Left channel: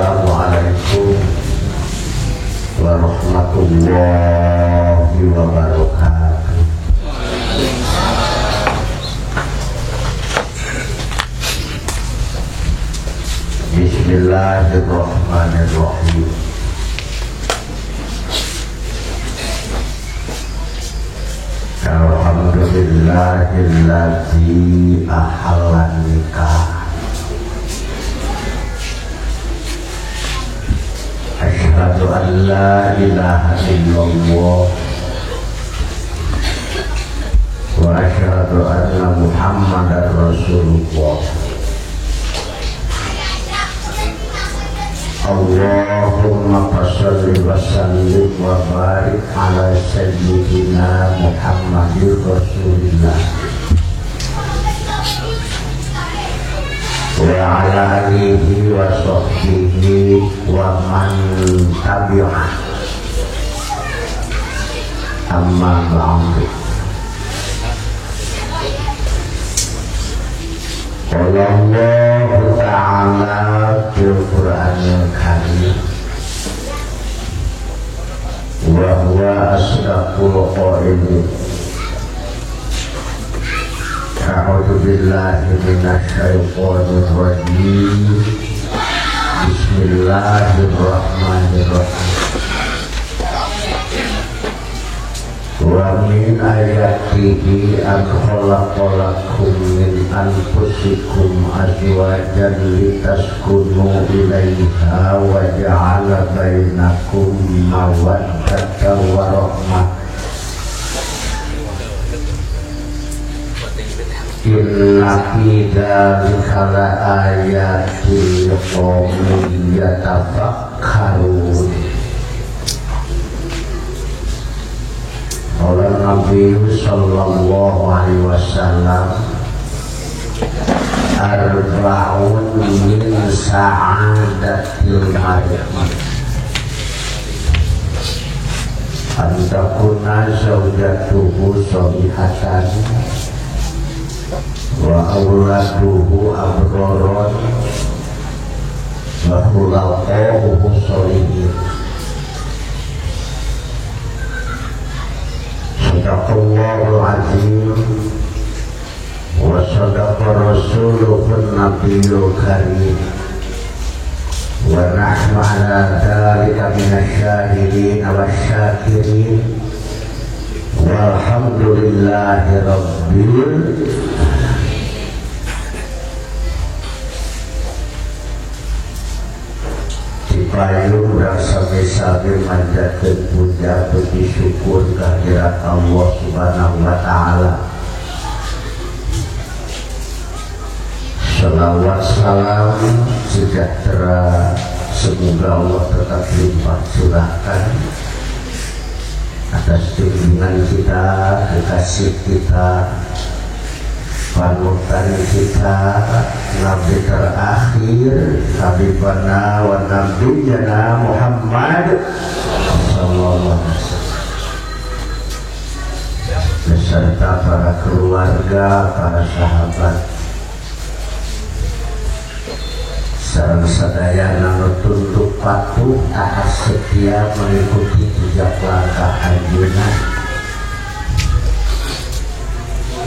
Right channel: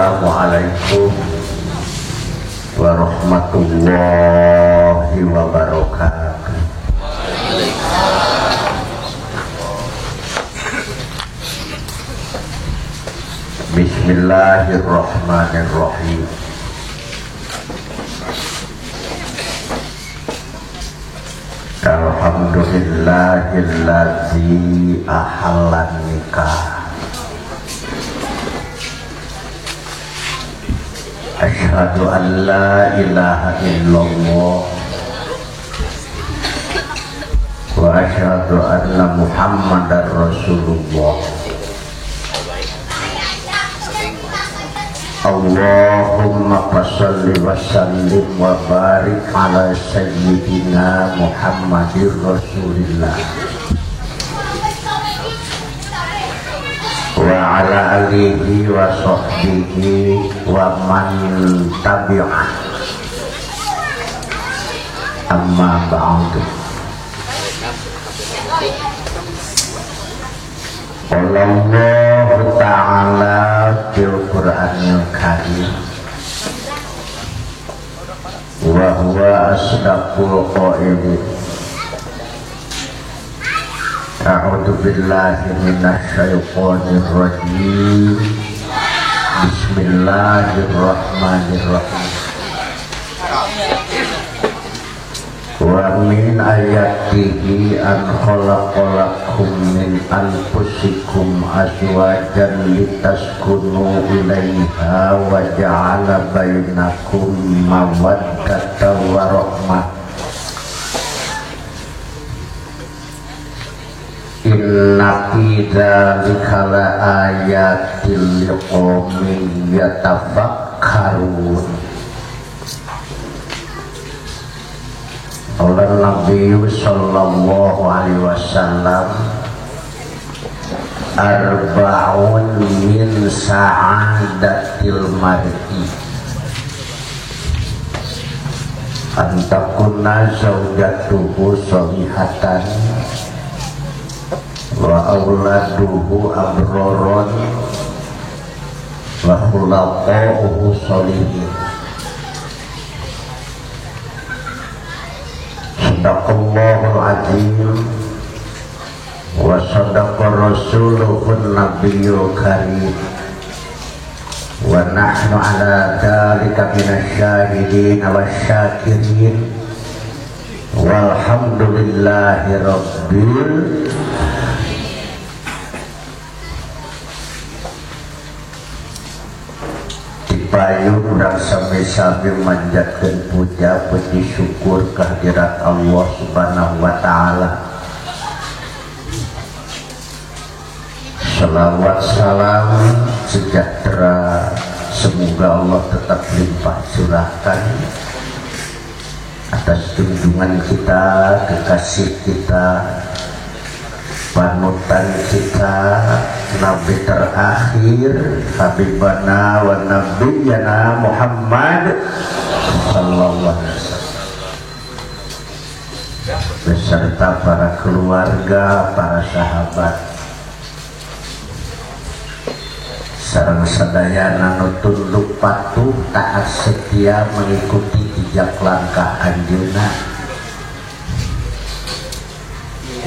Assalamualaikum warahmatullahi wabarakatuh. Bismillahirrahmanirrahim. Alhamdulillahilladzi ahallan nikah. Asyhadu an la ilaha illallah wa asyhadu anna Muhammadar Rasulullah. Allahumma shalli wa sallim wa barik ala sayyidina Muhammadir Rasulillah wa ala alihi wa sahbihi wa man tabi'ah. Amma ba'du. Allah Ta'ala fil Qur'anil Karim wa huwa asdaqul qailin. A'udzu billahi minasy syaithanir rajim. Bismillahirrahmanirrahim. Wa min ayatihi an khalaqalakum min anfusikum azwajan litaskunu ilaiha wa ja'ala bainakum mawaddatan wa rahmah. Inna fi dzalika la ayatin liqaumin yatafakkarun. Qala Nabi sallallahu alaihi wasallam, arba'un min sa'adatil mar'i antakuna zawjatuhu sholihatan wa auladuhu abraron wa khulaqahu sholihin. Sadaqallahul azim wa sadaqa rasuluhun nabiyyul karim wa nahnu ala dzalika minasyahidin wasyakirin walhamdulillahi rabbil. Payung dan sampai manjatkan puja puji syukur kehadirat Allah Subhanahu wa Ta'ala. Salawat salam sejahtera semoga Allah tetap limpah curahkan atas junjungan kita, kekasih kita, panutan kita, Nabi terakhir, Habibana wa Nabiyana Muhammad sallallahu alaihi wasallam beserta para keluarga, para sahabat sareng sadaya nanu tunduk patuh taat setia mengikuti jejak langkah anjeunna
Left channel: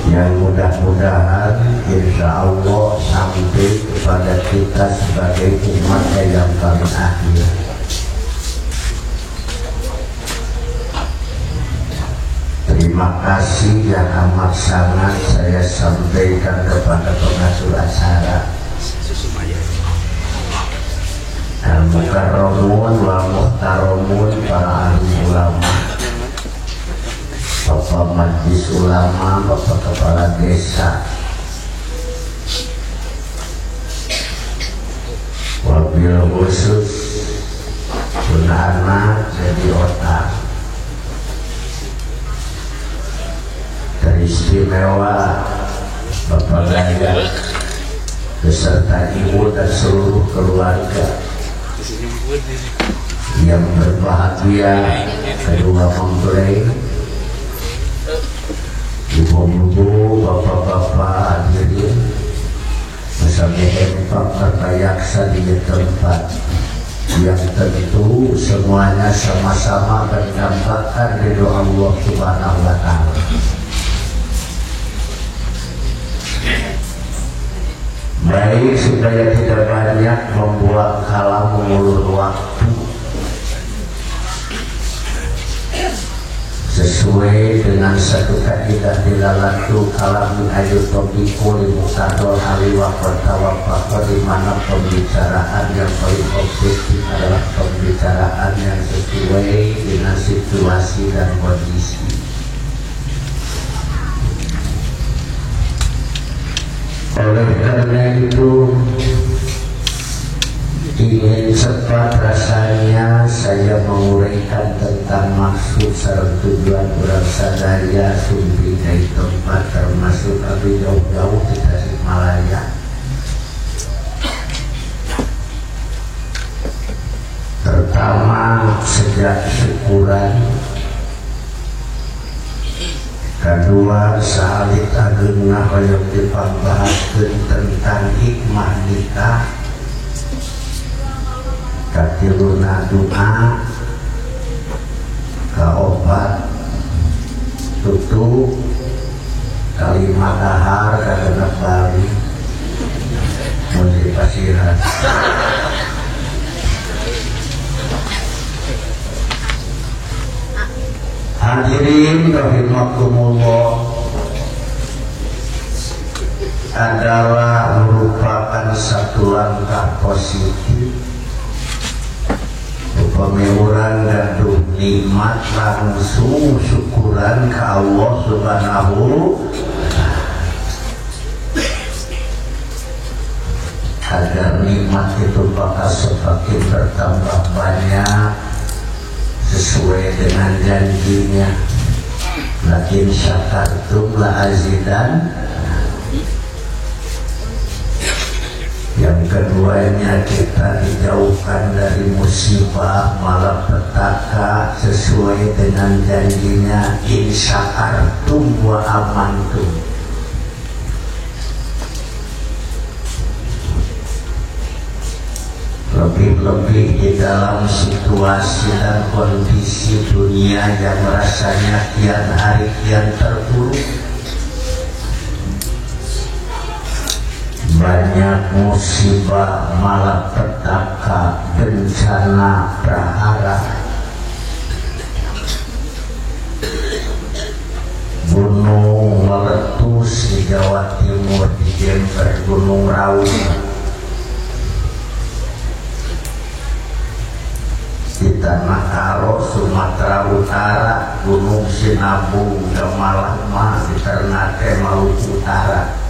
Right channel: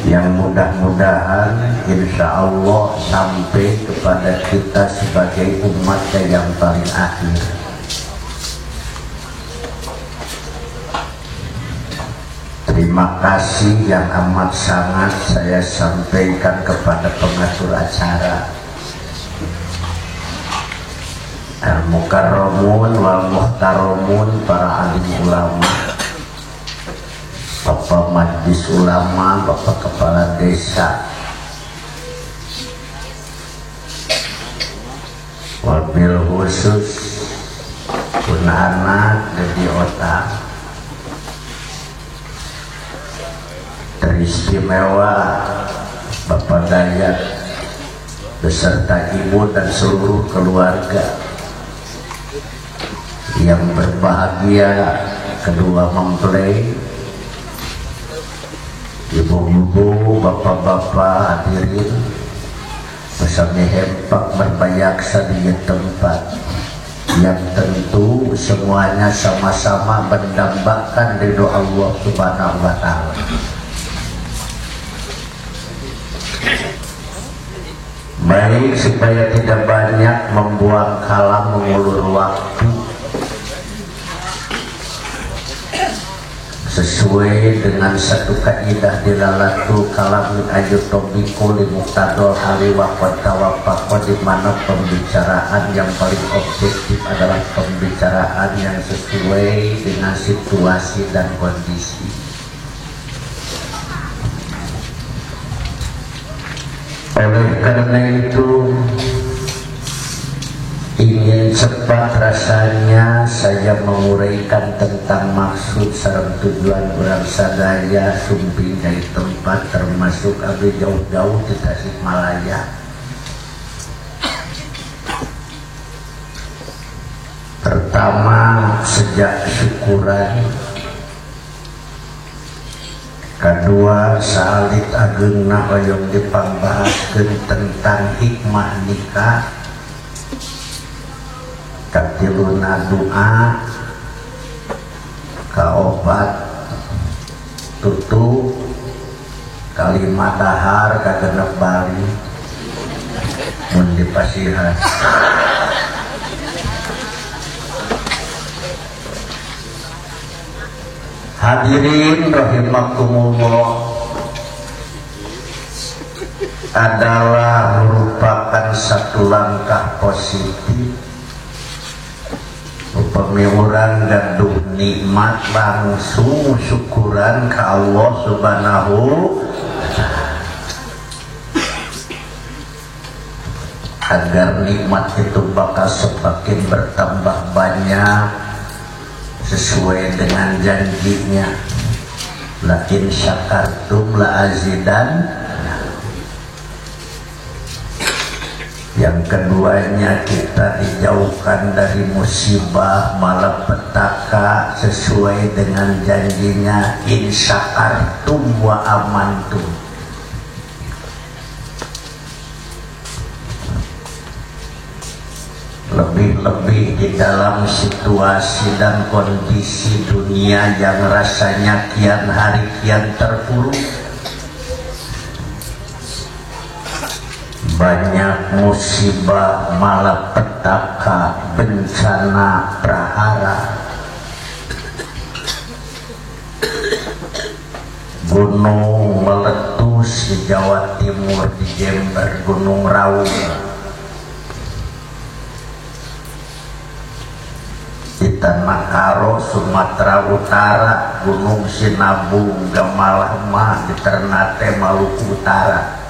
yang mudah-mudahan insya Allah sampai kepada kita sebagai umat yang paling akhir. Terima kasih yang amat sangat saya sampaikan kepada pengatur acara Al-Mukarramun wal Muhtaromun, para alim ulama, Bapak Majlis Ulama, Bapak Kepala Desa, wabil khusus anak dari otak teristimewa Bapak Gaya beserta ibu dan seluruh keluarga yang berbahagia, kedua mempelai, ibu-ibu, bapak-bapak hadirin bersama Pak berbayaksa di tempat yang tentu semuanya sama-sama berdambakan ridho Allah Subhanahu wa Ta'ala. Baik, supaya tidak banyak membuang kalam mengulur waktu, sesuai dengan satu kaidah di dalam kalamin ayat topiko di muktadol hari wafat tawafah, di mana pembicaraan yang paling objektif adalah pembicaraan yang sesuai dengan situasi dan kondisi. Oleh karena itu, ingin cepat rasanya saya menguraikan tentang maksud sareng tujuan urang sadaya sumbi dari tempat termasuk agak jauh-jauh di Tasikmalaya. Pertama, sejak syukuran. Kedua, salit ageuna hoyong dipambahaskeun tentang hikmah nikah. Katiluna doa, kaopat tutup, kalimat dahar kagena bali menuju pasiran. Hadirin rahimakumullah, adalah merupakan satu langkah positif pemimuran gaduh nikmat langsung syukuran ke Allah Subhanahu agar nikmat itu bakal semakin bertambah banyak sesuai dengan janjinya. La in syakartum la azidan. Yang keduanya, kita dijauhkan dari musibah malapetaka sesuai dengan janjinya, in syakartum wa amantum. Lebih-lebih di dalam situasi dan kondisi dunia yang rasanya kian hari kian terpuruk, banyak musibah malapetaka, bencana prahara, gunung meletus di Jawa Timur, di Jember, Gunung Raung, di Tanah Karo, Sumatera Utara, Gunung Sinabung, Gamalama, di Ternate, Maluku Utara.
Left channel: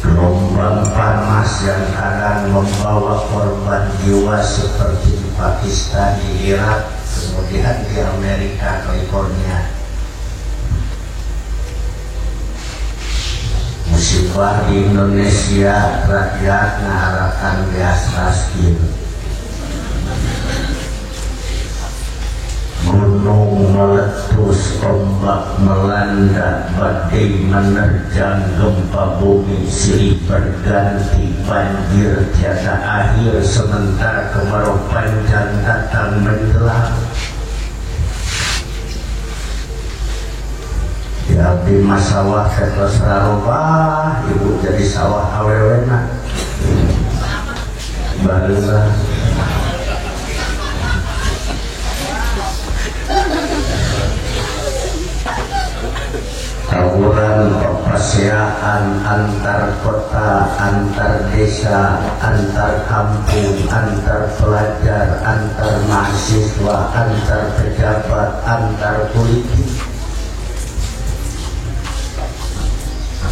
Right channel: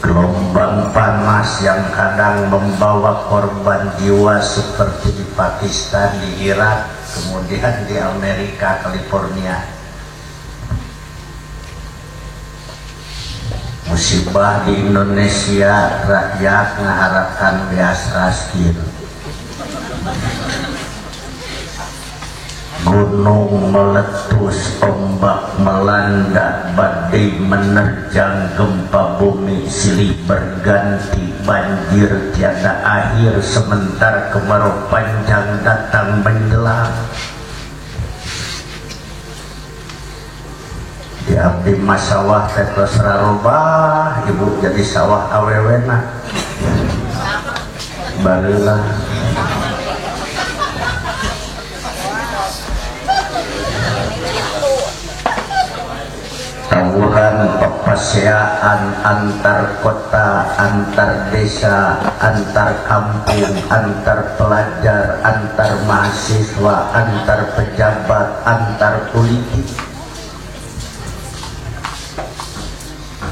Gelombang panas yang kadang membawa korban jiwa seperti di Pakistan, di Irak, kemudian di Amerika, California. Musibah di Indonesia, rakyat mengharapkan gas raskin. Gunung meletus, ombak melanda, badai menerjang, gempa bumi silih berganti, banjir tiada akhir, sementara kemarau panjang datang menjelang. Di abdi masawah ketos rarobah, ibu jadi sawah awewena barulah tawuran perpasyaan antar kota, antar desa, antar kampung, antar pelajar, antar mahasiswa, antar pejabat, antar politik.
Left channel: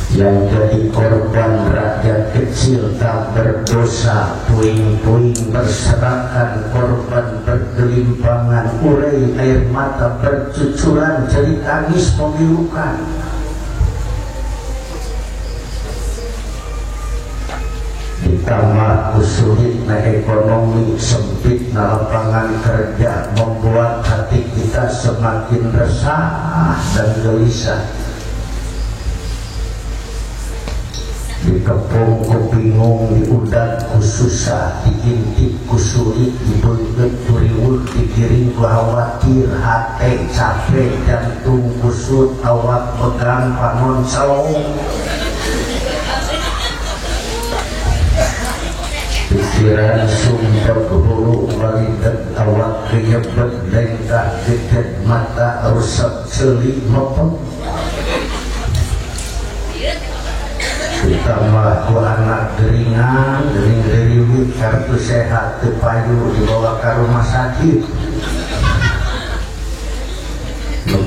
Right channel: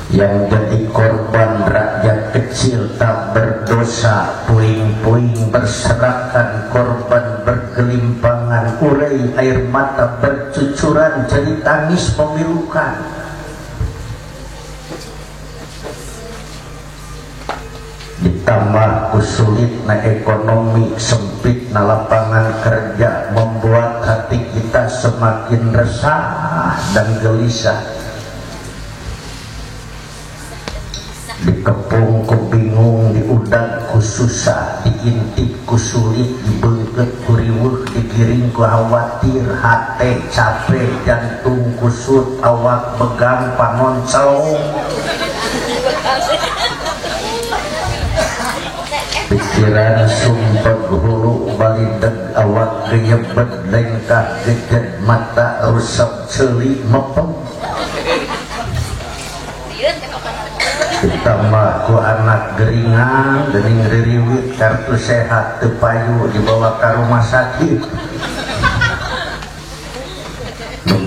Yang jadi korban rakyat kecil tak berdosa, puing-puing berserakan, korban bergelimpangan, urai air mata bercucuran, jeri tangis memilukan. Ditambah sulitnya ekonomi, sempitnya lapangan kerja, membuat hati kita semakin resah dan gelisah. dikepung ku bingung, diundang ku susah, diintip ku sulit, dibengket ku riweuh, digiring ku khawatir, hate capek, jantung kusut, awak pegang panon salong. Pikiran sumpah hulu balideg, awak keyebet, lengkah geget, mata rusak celi mepeng. Ditambah ku anak geringan, gering geriwit, kartu sehat tepayu, dibawa ke rumah sakit.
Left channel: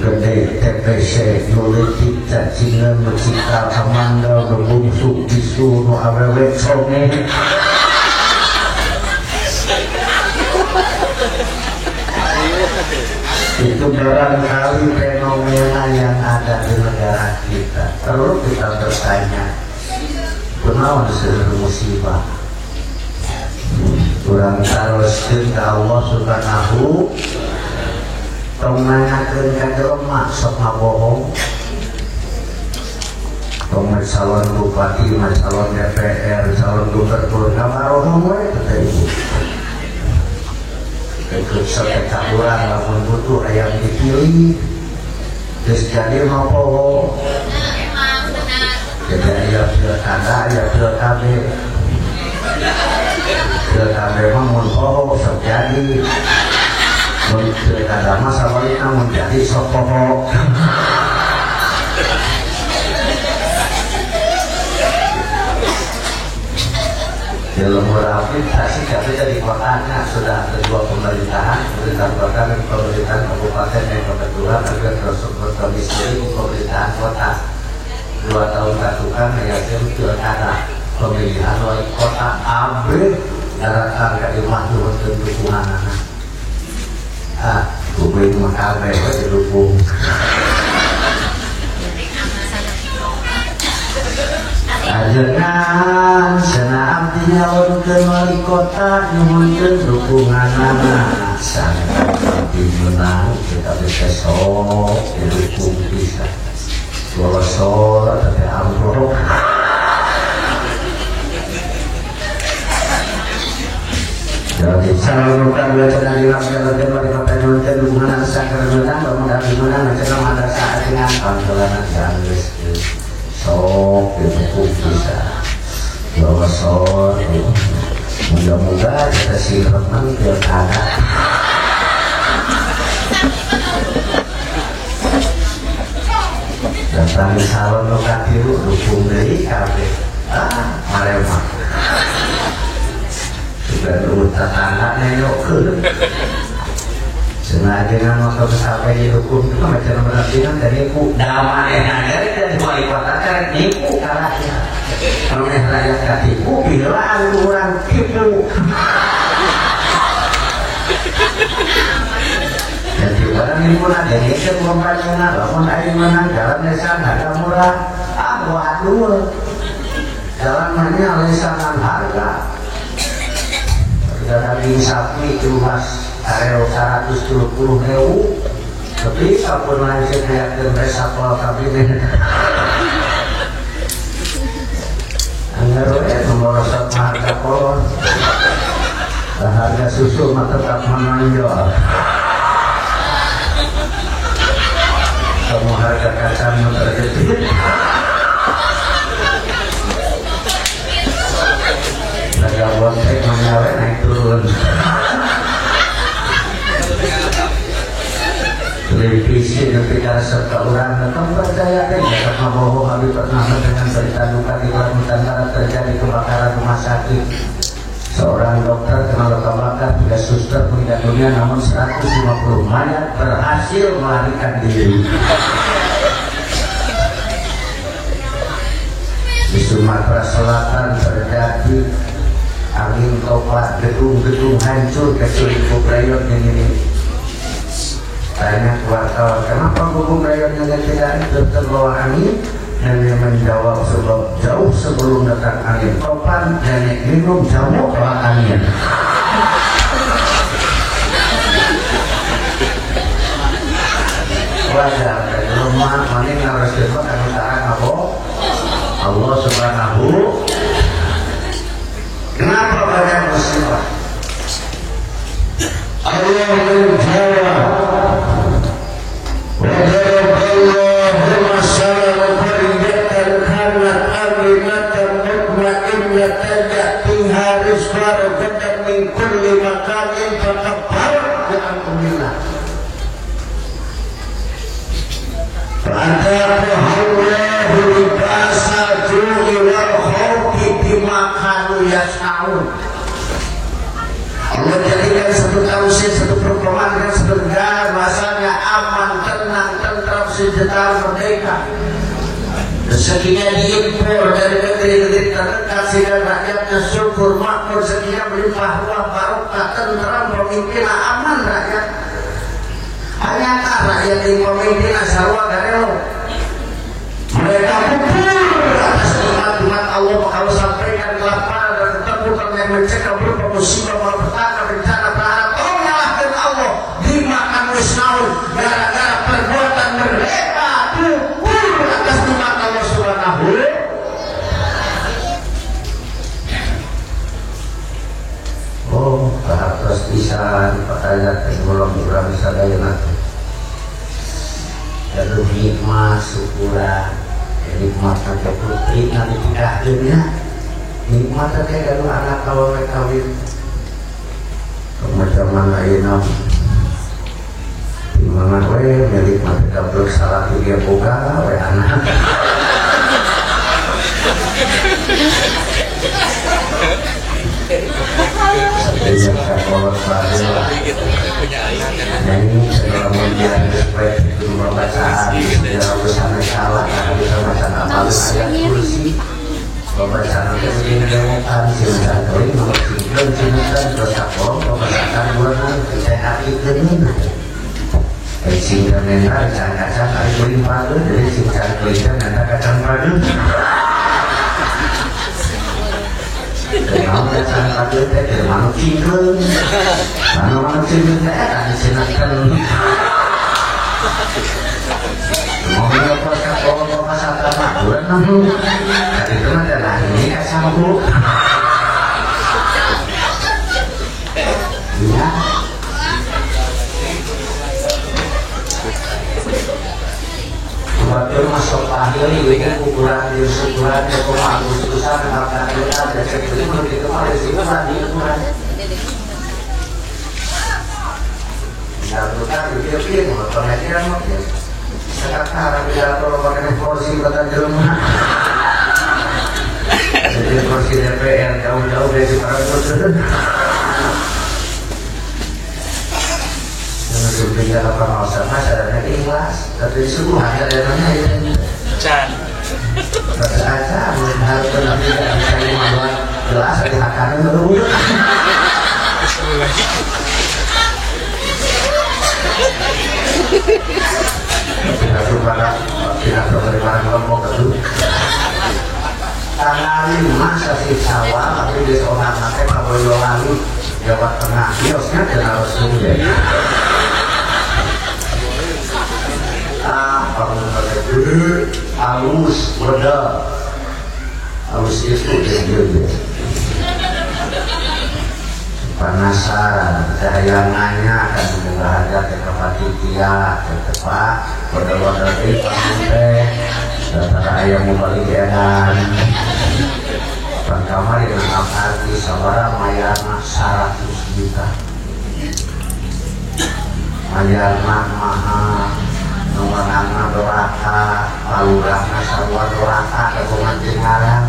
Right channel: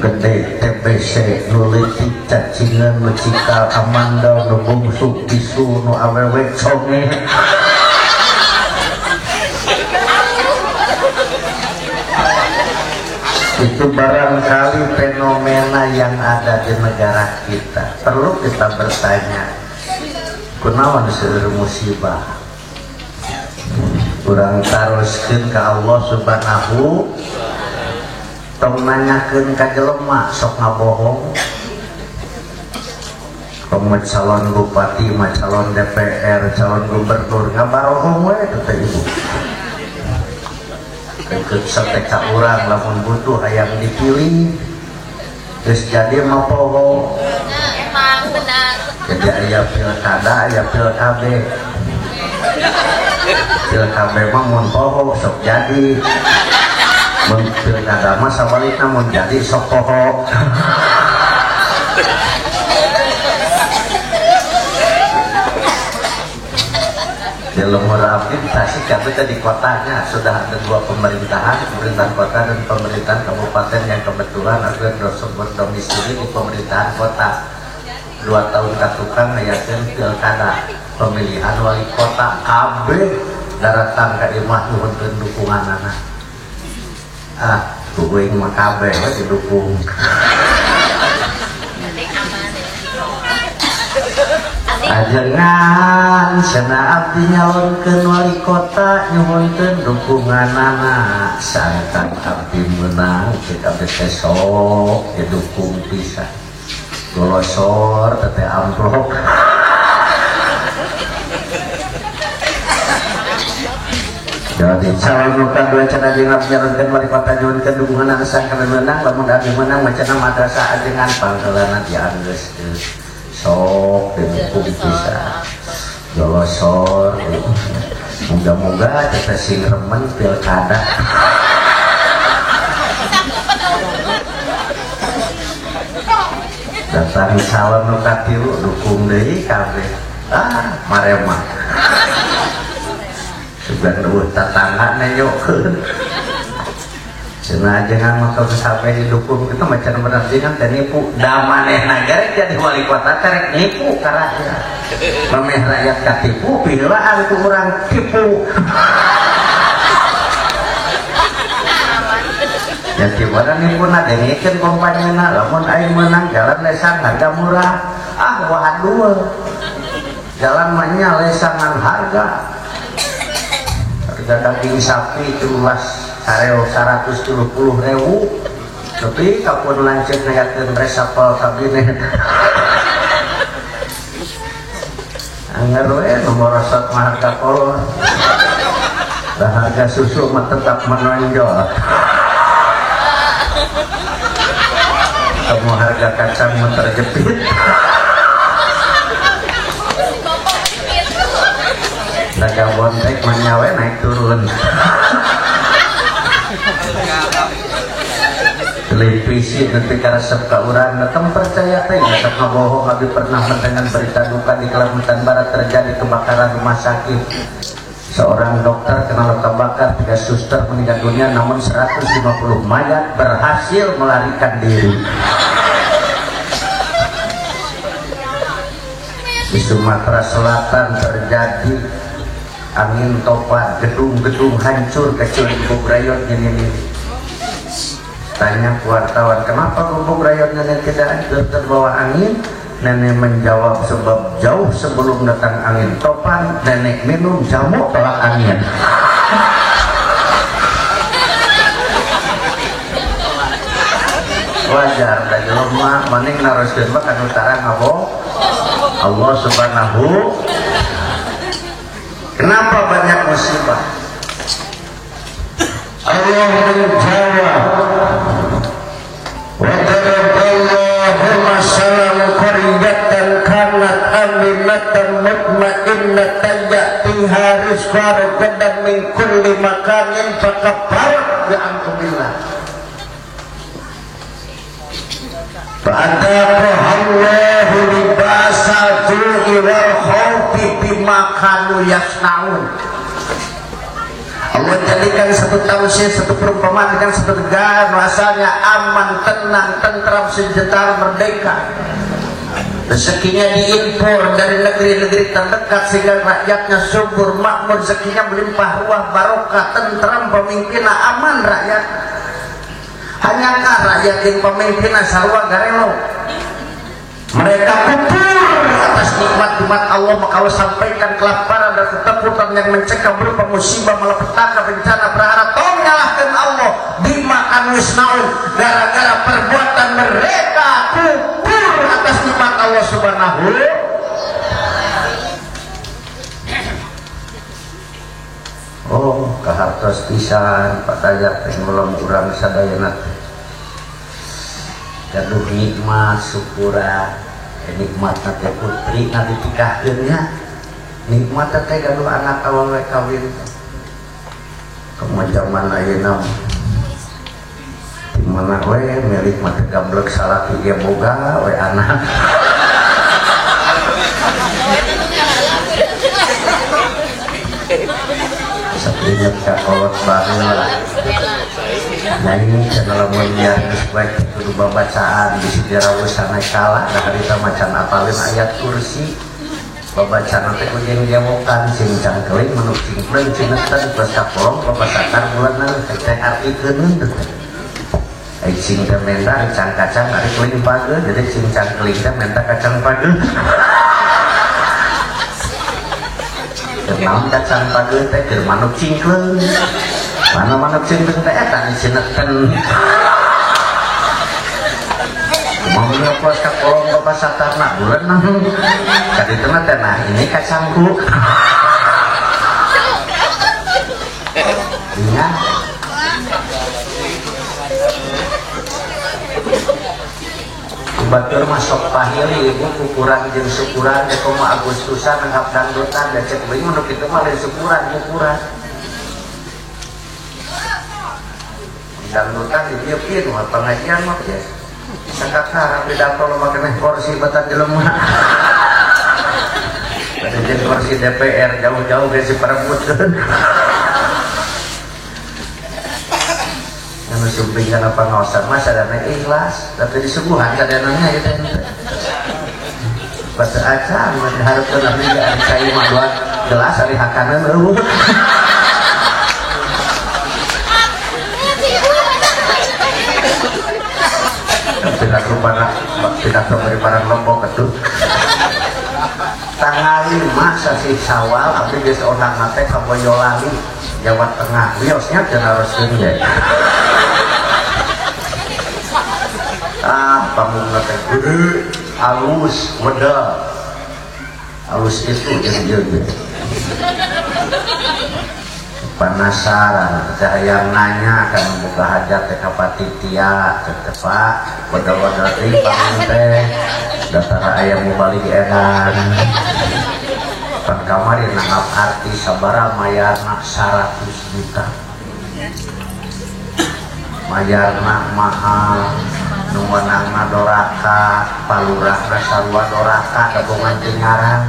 Gede TPC, nulitik cacingan, mencikal amandal, nubungsuk bisu, nu awewet songe. Itu barangkali fenomena yang ada di negara kita. Perlu kita bertanya, kunaon disebut musibah? Kurang taroskeun ka Allah Subhanahu, tong nanyakeun ka jelema sok ngabohong. Tong calon bupati, calon DPR, calon gubernur, ngabohong we kata ibu. Ikut sepeka ulang lamun butuh yang dipilih, terus jadi ngabohong. Jadi ya pilkada, ya pilkade. Pilkade mah mun poho sok jadi. Mun pilkada mah sabalikna mun jadi sok poho. Dalam rehabilitasi kami di kotanya sudah ada dua pemerintahan, pemerintah kota dan pemerintahan kabupaten yang kebetulan ada domisili di pemerintahan kota. 2 tahun katukan yakin pilkada pemilihan wali kota AB datang ke imah turunkan dukungan anak. Kuing makabe didukung. Ajengan sana abdi nyalonkeun wali kota nyuhunkeun dukungan anak. Saya abdi menang kita besok didukung bisa. Losor, tete amplop. Jadi calon dua cara dilaksanakan dan wali kota nyuhunkeun dukungan anak sakar menang, kemudian menang macam ada saat dengan panggilan yang geus. Sok didukung bisa. Losor. Moga-moga kita si teman pilkada. Datang calon lu katilu dukung deui kabeh. Marema. Sudah terus tetangga nyokeun. Cenah dengan motor sampai didukung itu macam berarti nanti nipu damanehna jadi wali kota kan nipu kalahnya. Pameh rakyat katipu bilang kurang tipu. Jadi orang ini pun ada mikir mempanjangnya, lamun aing menang jalan lesan harga murah, waduh, jalan banyak lesanan harga. Ketika daging sapi itu mas kareo 120.000, tapi kamu lanjut naik resapel kabinet. Hanya merosot marka kolon, dan harga susu mah tetap menonjol. Semua harga kacang terjepit. Harga bontek menyawe naik turun. Televisi ketika serta orang datang percaya tidak bohong. Kami pernah mendengar berita duka di Kalimantan Barat terjadi kebakaran rumah sakit. Seorang dokter kena luka bakar, 3 suster meninggal dunia, namun 150 mayat berhasil melarikan diri. Di Sumatera Selatan terjadi angin topan, gedung-gedung hancur, kecuali Bubrayon ini. Tanya wartawan, kenapa Bubrayon ini tidak terbawa angin? Nenek menjawab, sebab jauh sebelum datang angin topan, nenek minum jamu belakangnya. Wajar, dari rumah manik narus debat kami tarang ngabo. Allah Subhanahu. Kenapa banyak musibah? Allah menjawab, wa daraballahu masalan qaryatan kanat aminatan mutmainnatan ya'tiha rizqaha ragadan min kulli makanin fakafarat bi anbillah. Fa'ataqaha Allahu libasal ju'i wal khawfi bima kanu yasna'un. Allah jadikan satu tausiah, satu perumpamaan dengan satu negara bahasanya aman, tenang, tentram, sejahtera, merdeka. Rezekinya diimpor dari negeri-negeri terdekat sehingga rakyatnya subur, makmur, rezekinya melimpah ruah, barokah, tentram, pemimpinnya aman rakyat. Hanyakah rakyat yang pemimpinnya sarwa garelo? Mereka kubur atas nikmat-nikmat Allah, maka Allah sampaikan kelaparan dan keterpurukan yang mencekam berupa musibah, malapetaka, bencana, prahara. Tolonglah Allah dimakan wisnaun gara-gara perbuatan mereka kubur atas nikmat Allah Subhanahu. Oh, kahatos bisa pakayat orang-orang sadayana. Lalu nikmat syukuran, nikmat nanti putri nanti tidaknya, nikmat terkait dengan anak kalau mereka kawin. Macam mana ini? Dimana gue nikmat gambar salah tiga boga, gue anak. Sebenarnya kita kolot baru lah. Nah ini kalau melihat supaya berubah bacaan sejarah sampai salah karena kita macam amalin ayat kursi pembacaan itu yang dilakukan sehingga kali menurut singklan singklan bersakom pembacaan bulan kerjaan itu singklan mental kaca tadi kulit padu dari singklan kelihatan nanti kacang padu mau kacang padu itu manuk singklan mana singklan kayak kan disenatkan mau melepas kalau pembacaan mak bulan nanti tadi itu mah karena ini kacangku ya betul masuk panggil ini kan ukuran ukuran ya koma agus usaha makan makan dan sebagainya menurut itu mah resiko mah dia ukuran dan bukan dipilih mau pengajian mau ya sekarang tidak perlu pakai kursi batang di rumah. Jadi kursi DPR jauh-jauh dari para kursi. Karena sebetulnya apa mausan masyarakatnya ikhlas, tapi semua adanya itu. Baca aja, harus nanti tidak bisa membuat gelas dari hakanan dulu. Tidak berubah, tidak berubah ngomong itu. Tanggal 5 sasi Syawal, tapi di seorang pakai Boyolali, Jawa Tengah, biosnya dia harus sendiri. Apa menurut halus, modal, halus itu jadi penasaran saya nanya dan bahagia ke Kapatitia ke Pak berdoa dari Pak datang ayam balik edan dan kamar dengan arti sabara mayana 100 juta mayana maha numanana doraka palurah rasadua doraka gabungan tinggalan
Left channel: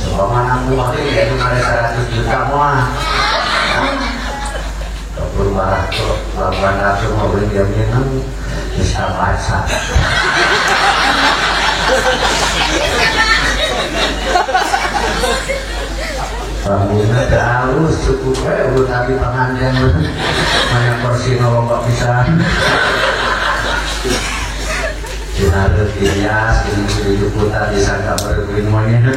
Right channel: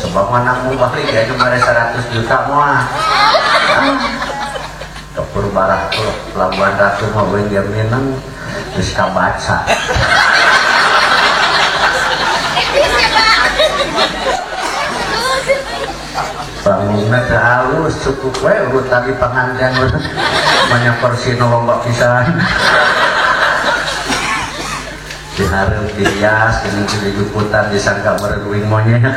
sebagaimana aku waktu itu mereka 100 juta muah kepul barah laluan ratu mobil jaminan bisa baca bangunnya harus cukup baik tadi pengajian banyak kursi nolong bisa diharus dihias ini tujuh putar disangka berduin monyet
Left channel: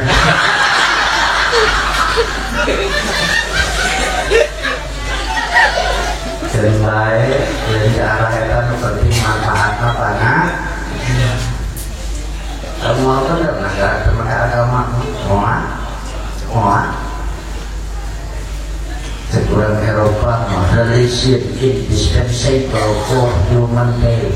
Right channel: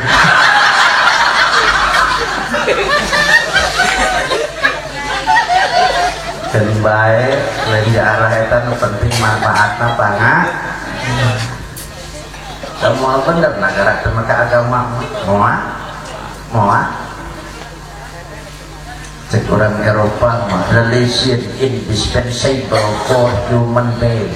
dan baik dari arah itu penting manfaatnya banyak Semua benar negara maka agama semua Sekurang Eropa religion indispensable for human being.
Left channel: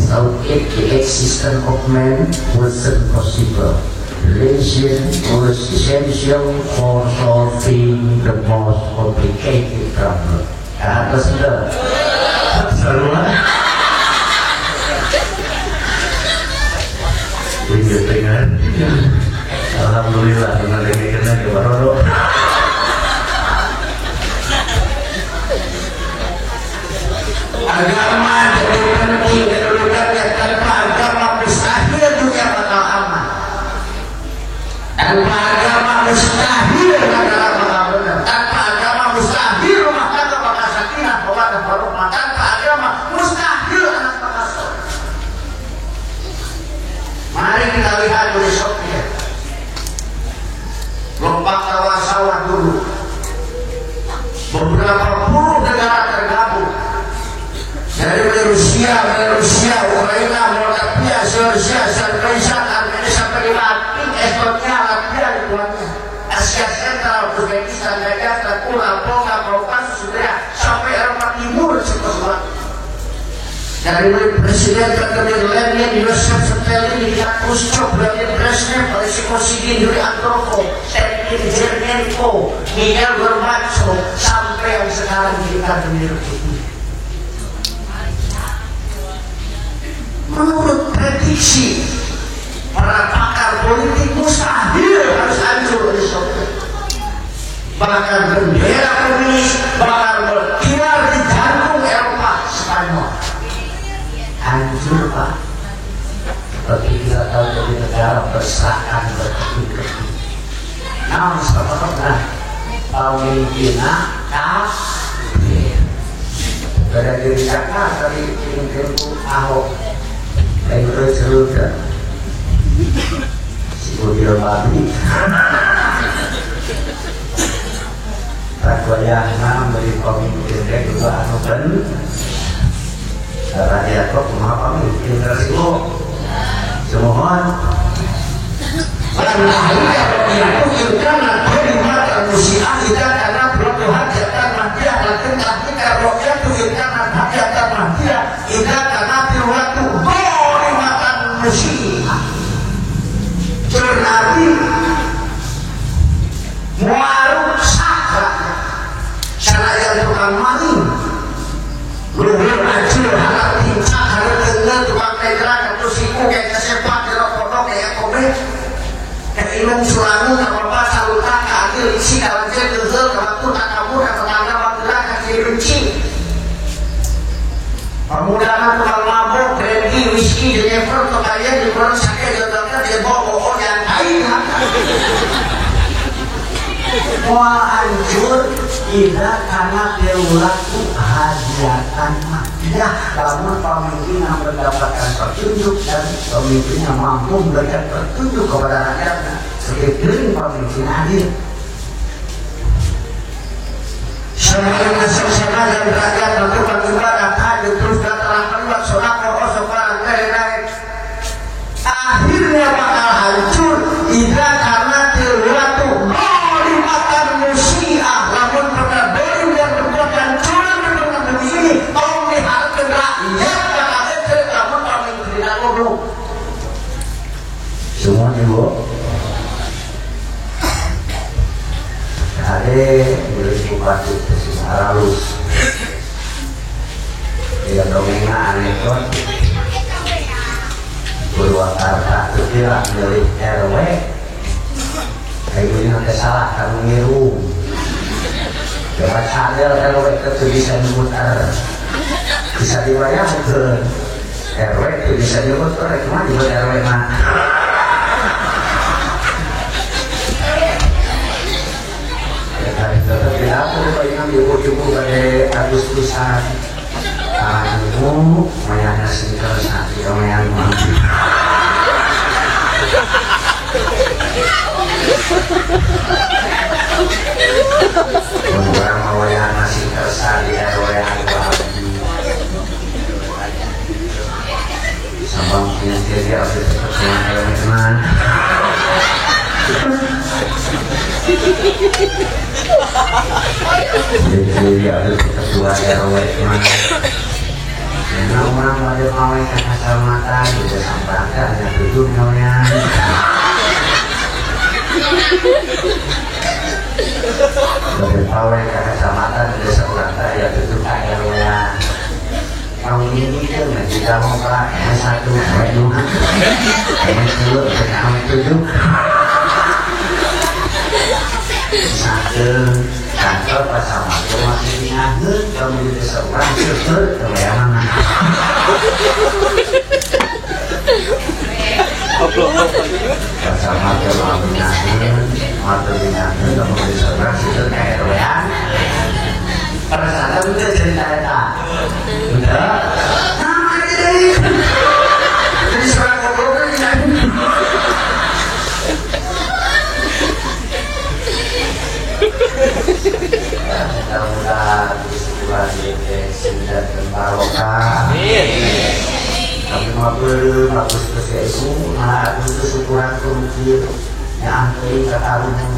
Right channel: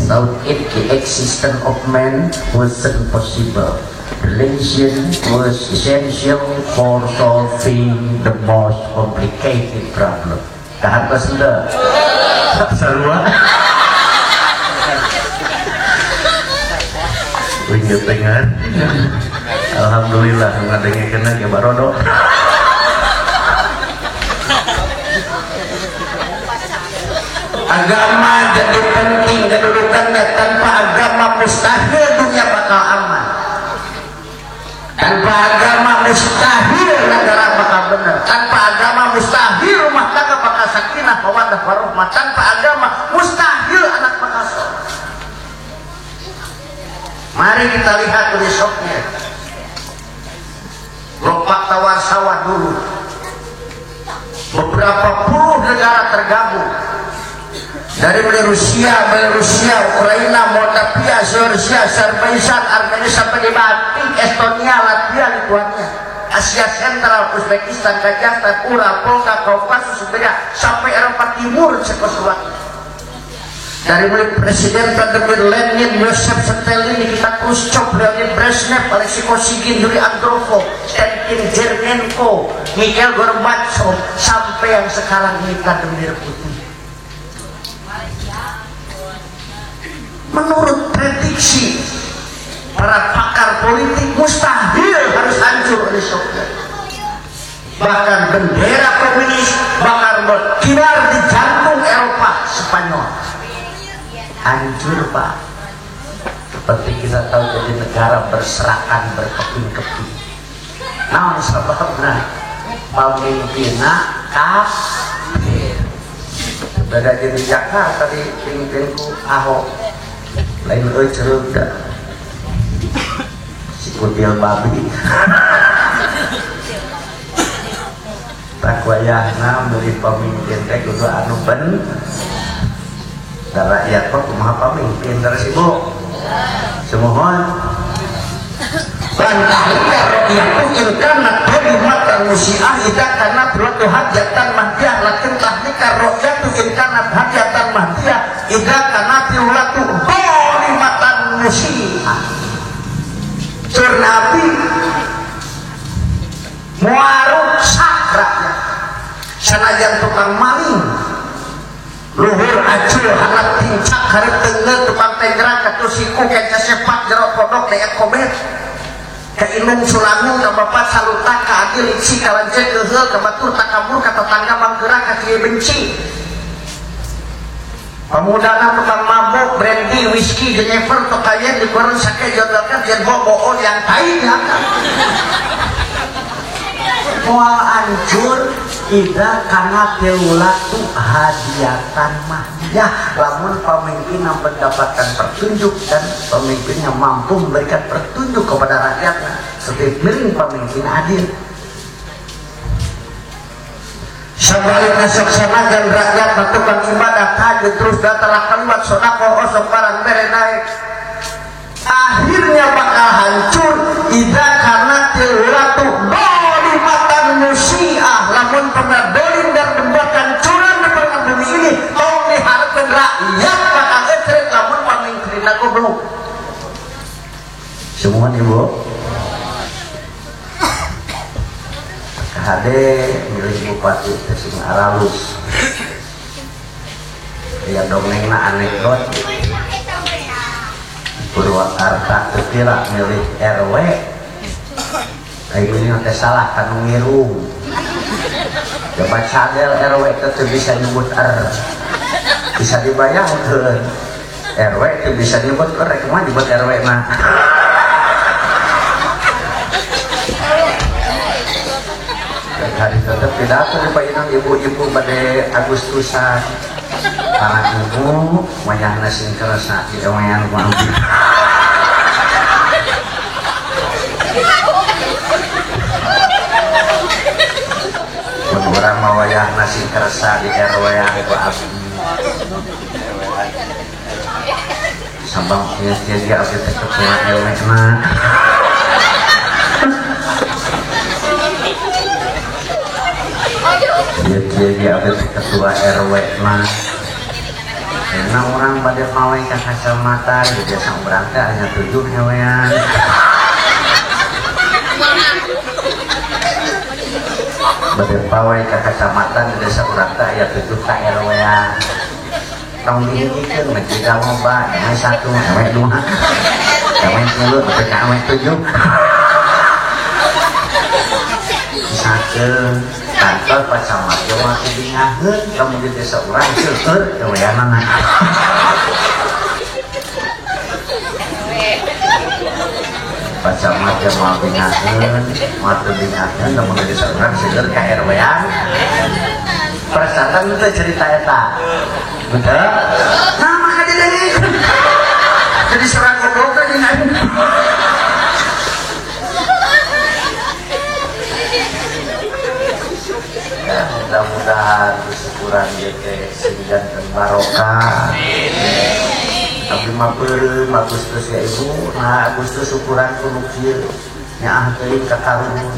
Without it, the existence of man wasn't possible. Religion was essential for solving the most complicated problem. Apa sudah? Semua. Punya dengan. Alhamdulillah dengan dengan ya barodo. Agama jadi penting kedudukan tanpa agama mustahil dunia bakal aman. Tanpa agama mustahil negara bakal benar. Tanpa agama mustahil rumah tangga bakal sakinah, mawaddah warahmah. Tanpa agama mustahil anak bakal soleh. Mari kita lihat besoknya. Lompat tawar sawah dulu. Beberapa puluh negara tergabung. Dari Rusia, Ukraina, Moldavia, Georgia, Azerbaijan, Armenia sampai Latin, Estonia, Latvia, Lithuania, Asia Sentral, Uzbekistan, Dagestan, Ula, Volga, Kaukasus, Siberia, sampai Eropa Timur, Cekoslovakia. Dari Presiden Vladimir Lenin, Yosef Stalin, Nikita Khrushchev, Vladimir Brezhnev, Boris Kosygin, Yuri Andropov, Sergei Zhirnenko, Mikhail Gorbachev, sampai yang sekarang kita Vladimir Putin. Menurut prediksi para pakar politik mustahil harus hancur Uni Soviet. Bahkan bendera komunis bakal berkibar di jantung Eropa Spanyol. Hancur Pak. Seperti kita tahu dari negara berserakan berkeping-keping. Nah, sebabnya pemimpinnya kafir. Ada di Jakarta tadi pemimpinku Ahok. Lagi cerita si mobil babi tak wayahna menjadi pemimpin kayak gitu anu ben Raja Jakob maha pemimpin tersebut semohon itu karena perkhidmatan musiah tidak karena berutuh hajatan mahdiah lakin tahnikah rokyat itu karena hajatan mahdiah tidak karena tiwatu musibah ternabi muaruk sakra sanajan tukang maling luhur ajul harap tincak harap tenggel tukang tegerak atau siku kayak sepak gerok kodok kayak komet kayak inung selamu kapapat salutan keadil isi kalanjel gezel kabatun takabur kata tangga manggerak kaki benci pemuda tukang mabuk, brandy, whisky, jenever, pekalian di koran sakit jodohnya dia bawa yang kaya. Wah hancur tidak karena perilaku hajatan mahdiah. Namun pemimpin yang mendapatkan petunjuk dan pemimpin yang mampu memberikan petunjuk kepada rakyatnya sebagai pemimpin adil. Sambil nasab-nasab dan rakyat melakukan ibadah haji terus datang kalimat sonakoh sekarang naik. Akhirnya bakal hancur tidak karena terwatu dolimatan musiah namun pernah dolim dan perbuatan curang di tengah bumi ini kau melihatkan rakyat bakal ecek namun pemimpin dan goblok semua ibu ada milik bupati halus ya domina anekdot Purwakarta itu lah milik RW ibunya kesalahan ngiru coba cadel RW itu bisa nyebut bisa dibayangkan RW itu bisa nyebut cuma nyebut RW mana tetap tidak lupa yang ibu-ibu pada Agustusan ibu mayang nasi terasa tidak mayang mampu kemudian mayang nasi terasa tidak mayang mampu sambang punya tiga tetap teman-teman. Jadi ada ketua RW mah. Karena orang pada mau yang kacamata juga sampai hanya duduk namanya. Pada pawai kacamata juga sampai ya duduk RW ya. Tahun ini kan nanti kamu pak, yang satu RW 2, yang 10 tahun 7. Satu kantor pas sama itu masih diingatkan kamu di seorang itu kemudian pas sama itu mau diingatkan kamu di seorang itu kayak RW-an perasaan itu cerita ya udah nama jadi seorang goblok kan ini mudah-mudahan bulan sembilan barokah. Tapi mabur Agustus ya itu, Agustus ukuran kecil yang angkiri ketahuan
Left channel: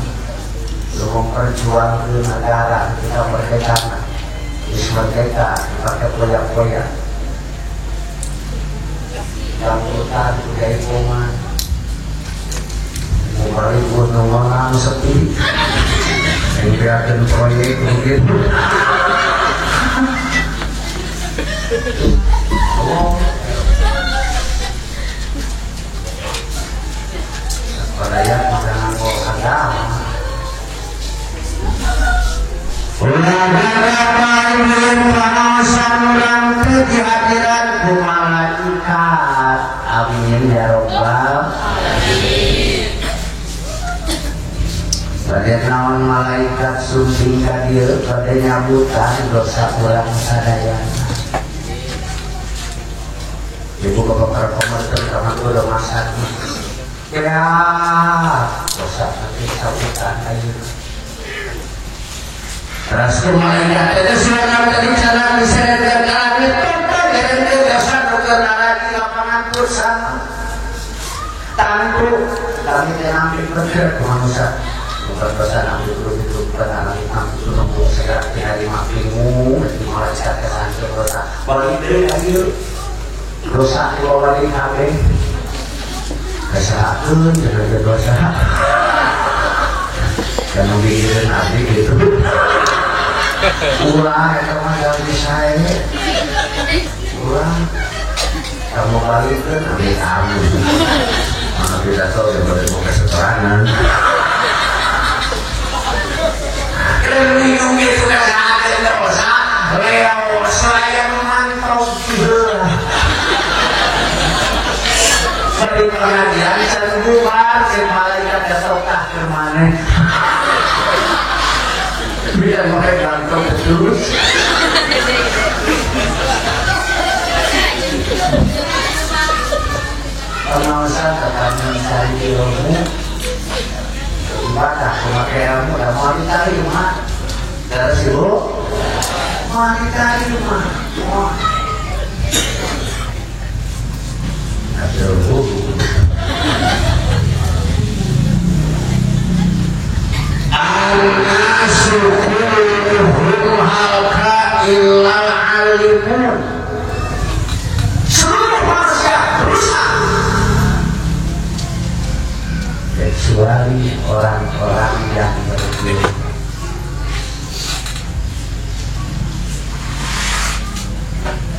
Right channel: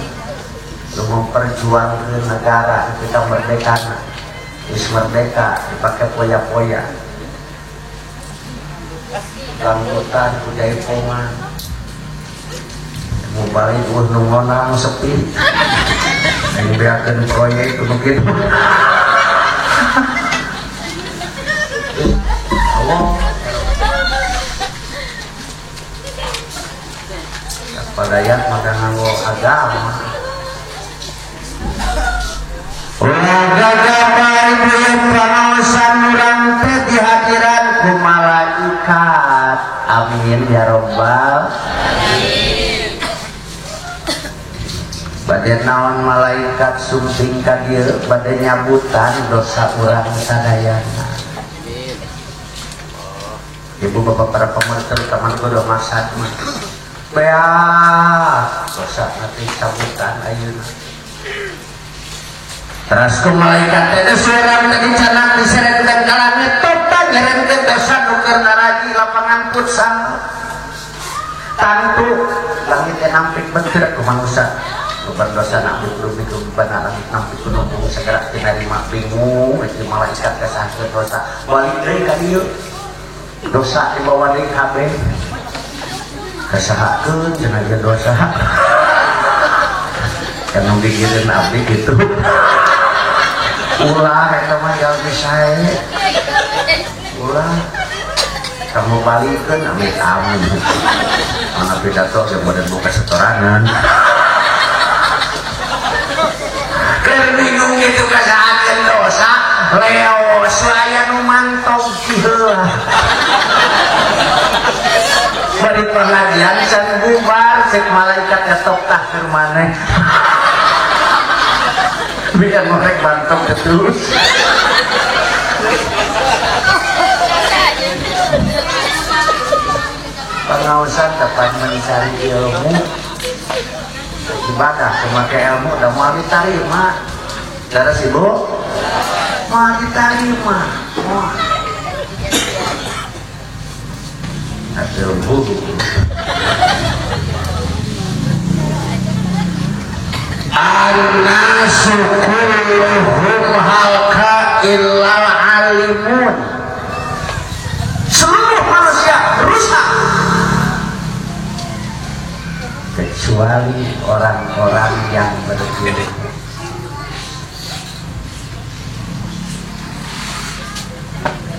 memperjuangkan negara kita merdeka, merdeka dipakai poyak-poyak. Rambutan dari koma, membalik gunung orang sepi. Membiarkan proyek begitu. Pada yang menanggung agama. Di hadirat malaikat. Amin ya Rabbal. Pada naon malaikat sunting kadir pada nyambutan dosa ulang sadaya. Ibu bapak para komentar teman gue udah masak ya dosa nanti sambutan aja. Terus malaikat itu sudah dari jalan diserahkan ke langit total dari dosa nuker lagi lapangan bersama tantu kami nampil bergerak ke manusia. Bukan dosa nak hidup bukan alam ampun nombor segera di hari makimu di malah jatuh santai dosa balik dari lagi dosa di bawah lagi habis kesalahan dengan dosa dan membikin nabi gitu ulah itu mah yang bisa ini ulah kamu balik ke nabi kamu maka tidak tahu sebagai buka setoranan bingung itu kesalahan dosa leo saya memantau gila dari pengajian saya bubar malaikat ketokah kemana biar mereka mantau terus pengawasan katanya saya ilmu bakal memakai ilmu udah mau dicari rumah dari situ mau dicari rumah kasih ilmu an-nasu kulluhum halka illa alimun seluruh manusia rusak kecuali orang-orang yang berilmu.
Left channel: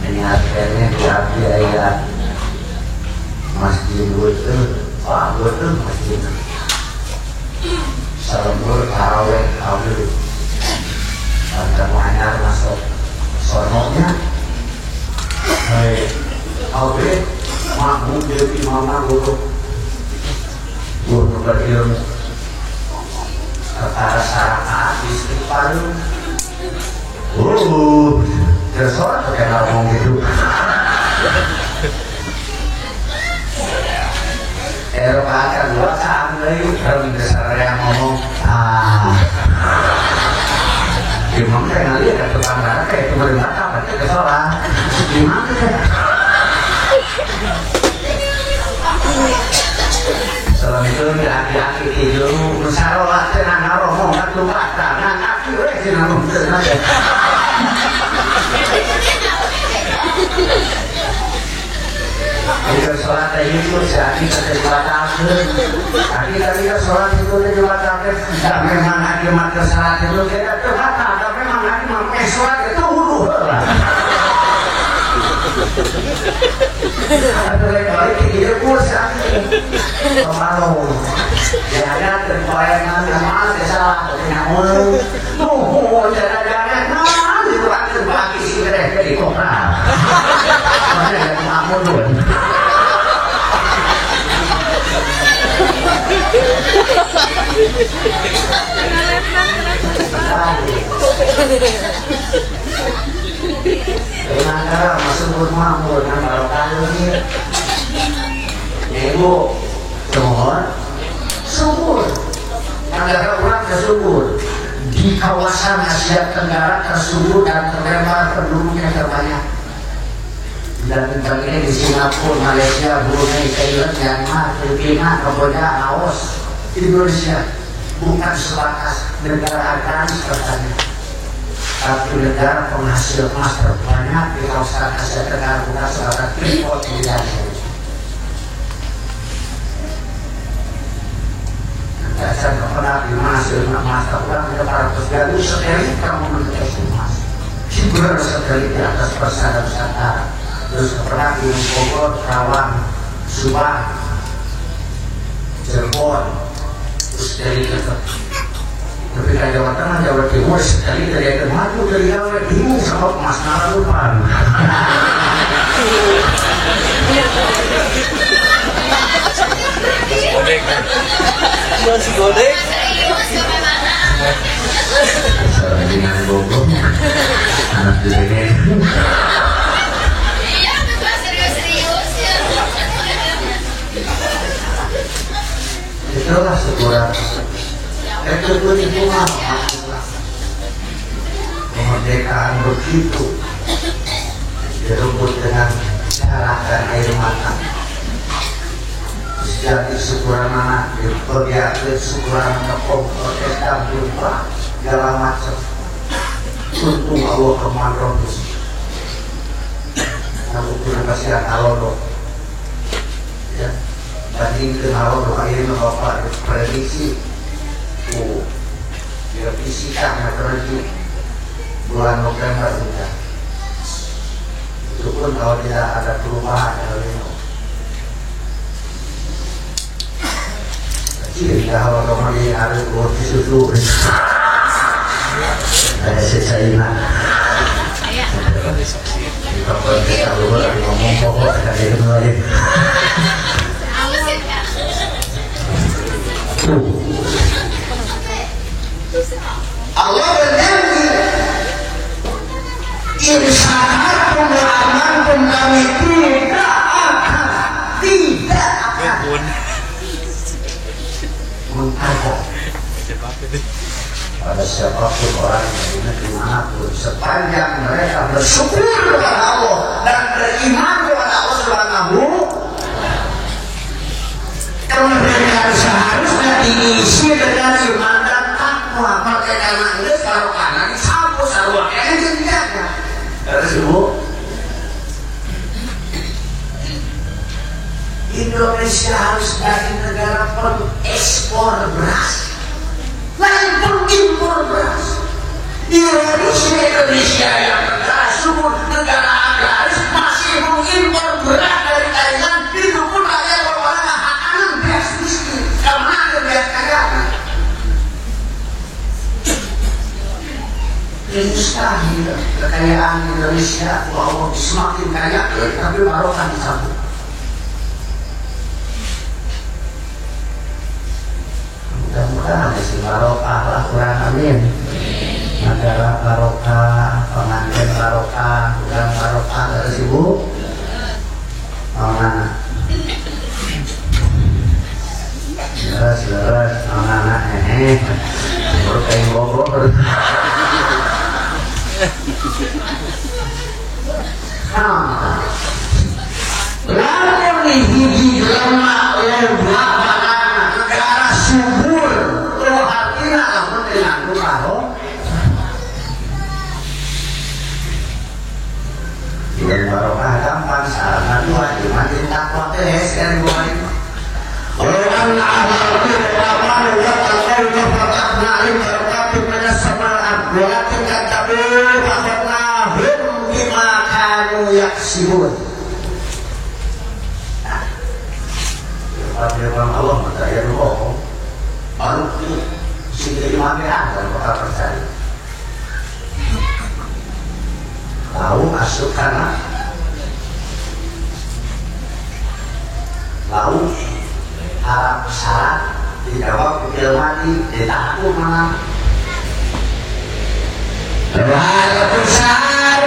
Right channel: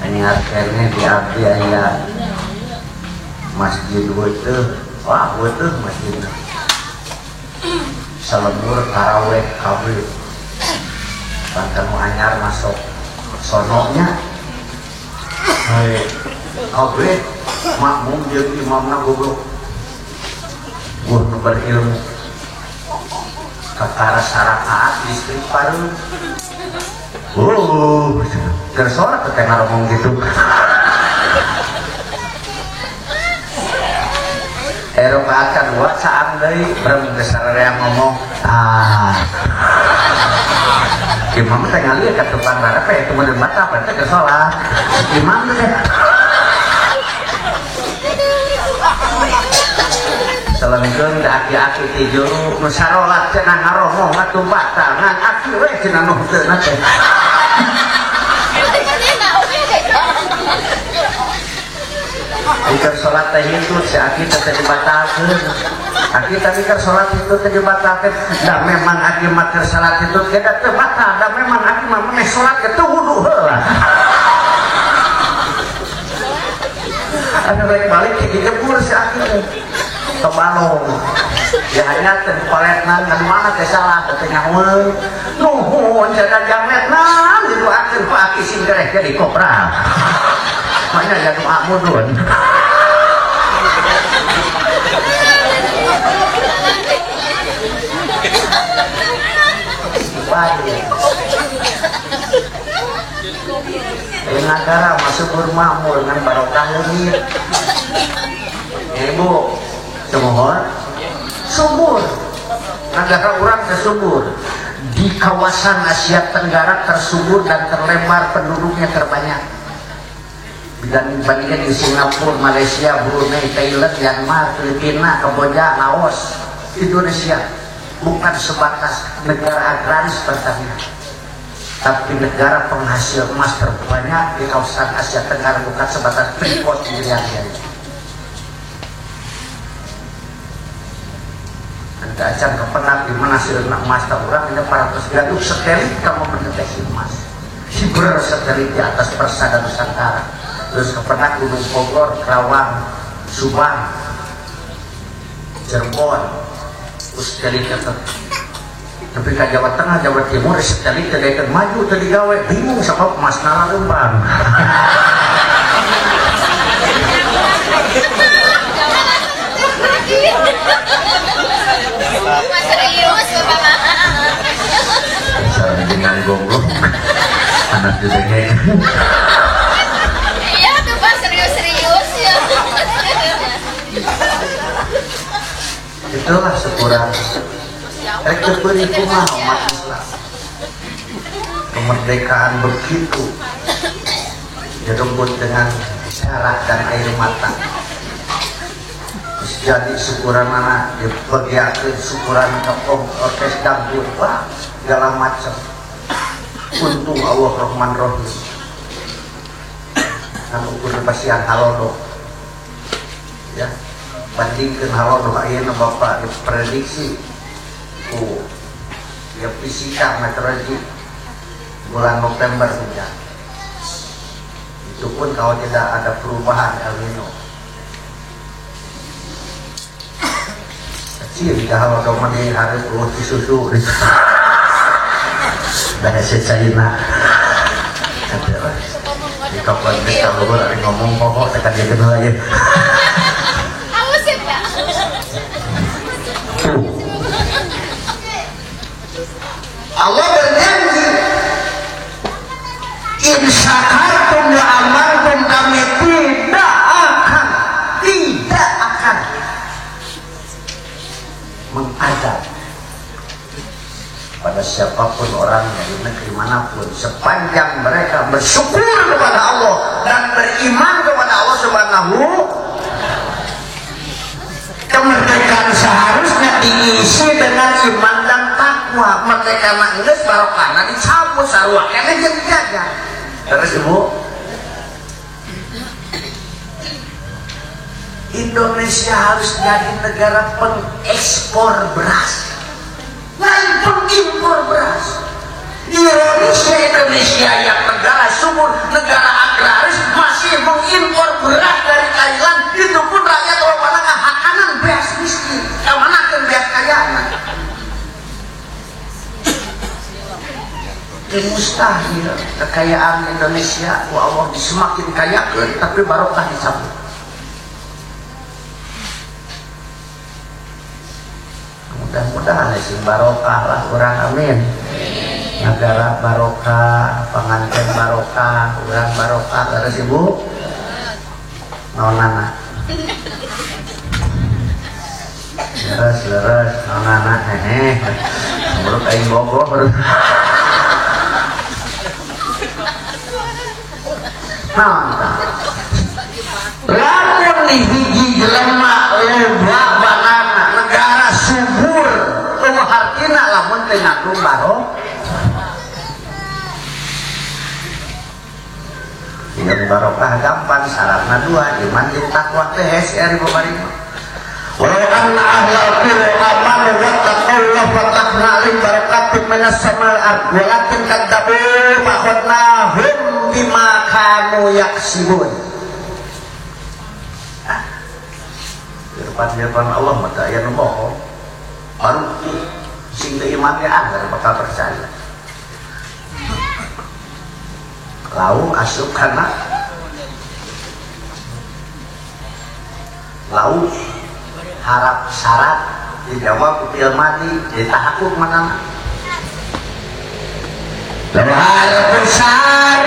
Ini akhirnya dibiaya masjid itu, wah itu masjid. Selembur tarawih kawin, semuanya masuk sononya. Oke, makmum jadi mana guru. Guru berilmu kata syarat istighfar tersorak terkenal ngomong gitu Eropa akan buat saat lagi besar yang ngomong gimana saya ngeliat ke depan mereka itu bermata berarti kesolah gimana ya selengkeun aki-aki tidur musyawarah cenah ngomong ka tumpata ngan aki we cenah ngomongkeun ade. Jika sholat itu jadi terbatalkan. Tapi ketika sholat itu terbatalkan, dan memang akibat sholat itu tidak terbatal, dan memang akibat sholat itu hulu. Ada kali tidak pun sakit. Kemarau. Ya ada terkoyak nama salah dengan mulu. Nuh, jangan-jangan itu akan bagi sigaret di kopra. Mana yang makmur dulu. Dengan masuk rumah dengan barokah ini. Ibu, subur. Negara orang tersubur. Di kawasan Asia Tenggara tersubur dan terlebar penduduknya terbanyak. Dan dibandingkan di Singapura, Malaysia, Brunei, Thailand, Myanmar, Filipina, Kamboja, Laos, Indonesia bukan sebatas negara agraris pertanian, tapi negara penghasil emas terbanyak di kawasan Asia Tenggara, bukan sebatas impor miliarder. Dasar kepada di menghasil emas terbanyak di 400 gaduh sekali kita memiliki emas. Hiburan sekali di atas persada Nusantara. Terus kepada Gunung Bogor, Karawang, Subang, Cirebon, terus dari ketika Jawa Tengah, Jawa Timur, sekali dari maju dari Jawa bingung sama emas nalarupan. Dengan Bogor, anak dirinya. Itulah sekurang itu bunga kemerdekaan begitu direbut dengan cara dan kehormatan. Jadi sekurang anak dibagiakan sekurang ngepong protes dan lupa segala macam. Untung Allah Rahman Rahim. Namun pun pasti halono. Ya. Tadi kenal hari ini Bapak prediksi biar fisika terjadi bulan November ya. Itu pun kalau tidak ada perubahan El Nino. Kecil kalau kemudian ada roti susu, ada secaina. Kalau kita lupa ngomong pokok akan jadi lagi. Allah berjanji, insyahatum amantum kami tidak akan mengangkat pada siapapun orang dari negeri manapun sepanjang mereka bersyukur kepada Allah dan beriman kepada Allah Subhanahu. Kemerdekaan seharusnya diisi dengan iman dan takwa. Merdeka Inggris kalau kanan dicampur sarwa kayaknya jadi-jadi. Terus ibu, Indonesia harus jadi negara pengekspor beras, lain pengimpor beras. Indonesia yang negara subur, negara agraris masih mengimpor beras dari Thailand. Itu pun rakyat orang-orang hakanan beras miskin. Kemana beras kayaan? Ini mustahil kekayaan Indonesia Allah semakin kaya, tapi barokah dicabut. Mudah-mudahan isi barokah lah kurang amin. Negara barokah, pengantin barokah, kurang barokah. Terus ibu mau mana? Terus mau mana? Baru kayu Bogor. Lalu nih gigi lemak lembab banana barokah gampang, syaratnya dua, iman dan takwa beres dari bawah ini. Orang ahlul amal wa taqallu fatahna alim barakatun minas sama'an walakin kadzabu fa'akhadnahum bima kanu yaksibun. Nah, firman Allah maka ya ngomong baru ini sehingga imannya ada bakal percaya. Lalu masuk karena lalu harap syarat dijawab kepil mati ditaku mana hal besar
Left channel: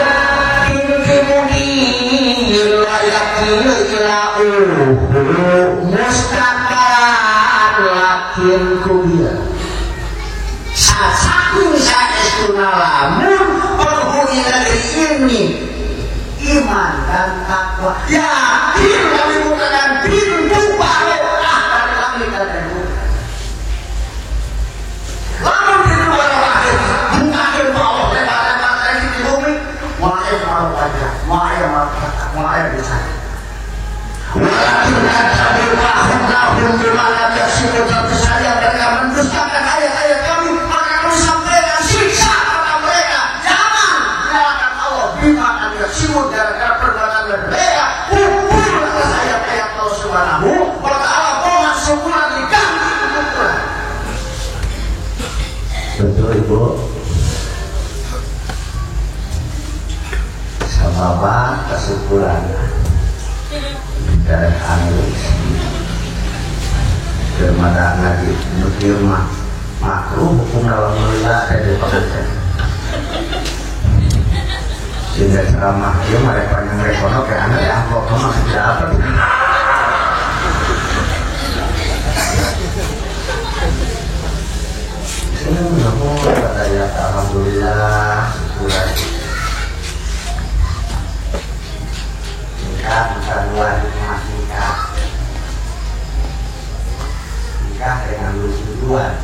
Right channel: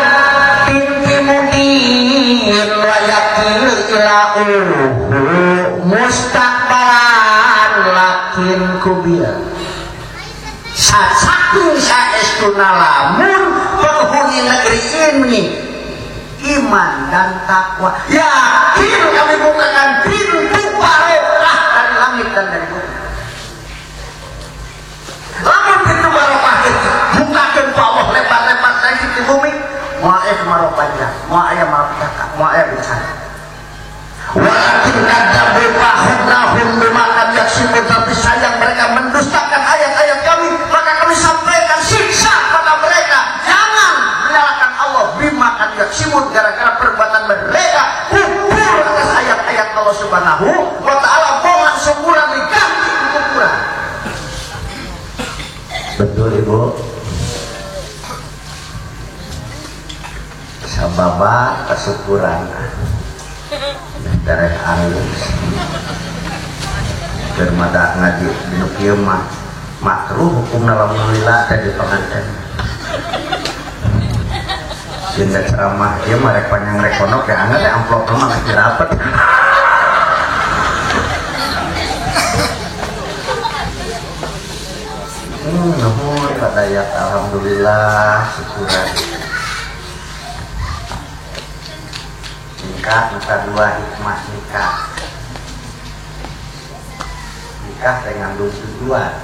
inti mungkin layakil ila'uhu mustaqbalan lakin kubia sasaking saestuna lamun penghuni negeri ini iman dan takwa yakin kami bukan pintu barokah dan langit dan bumi. Lamun pintu barokah bukan bawah lebar-lebar dari di bumi, maaf barokahnya, maaf bicara. Walakin ada berpahun-tahun bermana biasa tapi saja mereka mendustakan ayat-ayat kami, maka kami sampaikan siksa kepada mereka. Jangan menyalahkan Allah bima akan yaksibun gara-gara perbuatan mereka. Kubur atas ayat-ayat Allah Subhanahu wa ta'ala bohong sempurna diganti ukuran. Betul Ibu. Sababa kesyukuran dari halus bermada nabi nukir makruh hukum alhamdulillah dari pengajian sehingga ceramah dia mereka panjang rekono kayak anda yang amplop nama tidak dapat kata ya alhamdulillah syukuran nikah dua hikmah nikah dengan tujuan.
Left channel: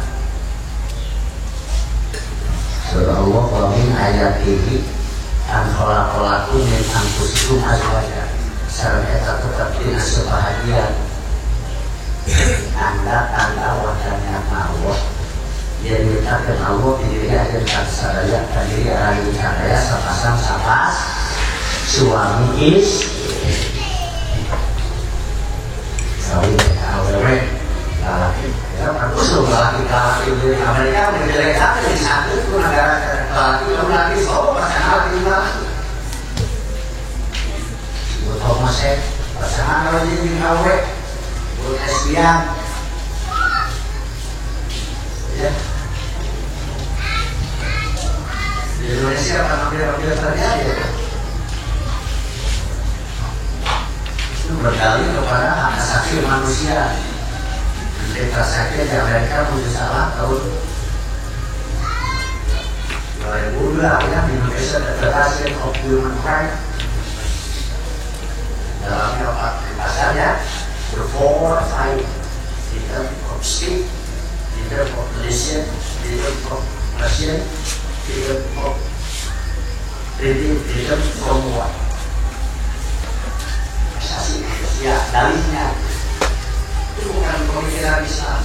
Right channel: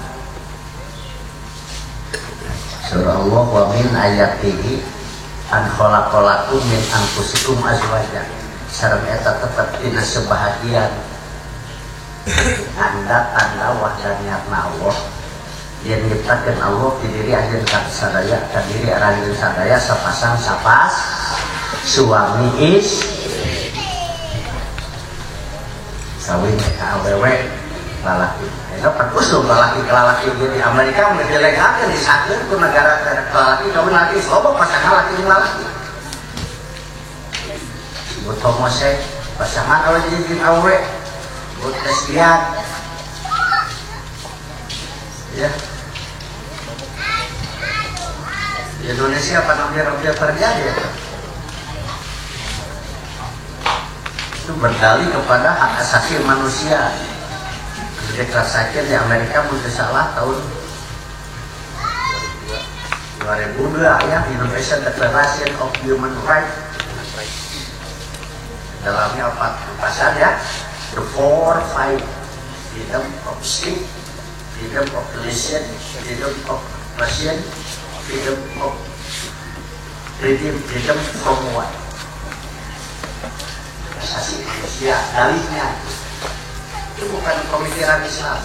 Surah Allah wa min ayatihi an khalaqalakum min anfusikum azwajan sareng eta tetep sebahagian tanda wajahnya Allah yang diletakkan Allah di diri akhir sadaya diri akhir sadaya sepasang sapas suami sawing awewe lalaki kita berusul lalaki di Amerika menjelekan di sana itu negara lalaki lalu nanti solo pasangan laki laki buat homosek pasangan kalau jadi awewe buat lesbian ya di Indonesia apa hampir terjadi ya berdalih kepada hak asasi manusia. Mereka saja di Amerika punya salah tahun 2002 ya Indonesia Declaration of Human Rights dalamnya apa? Bahasanya the 4-5 freedom of speech, freedom of religion, freedom of expression, freedom from what? Asasi manusia, dalihnya itu bukan pemikiran Islam,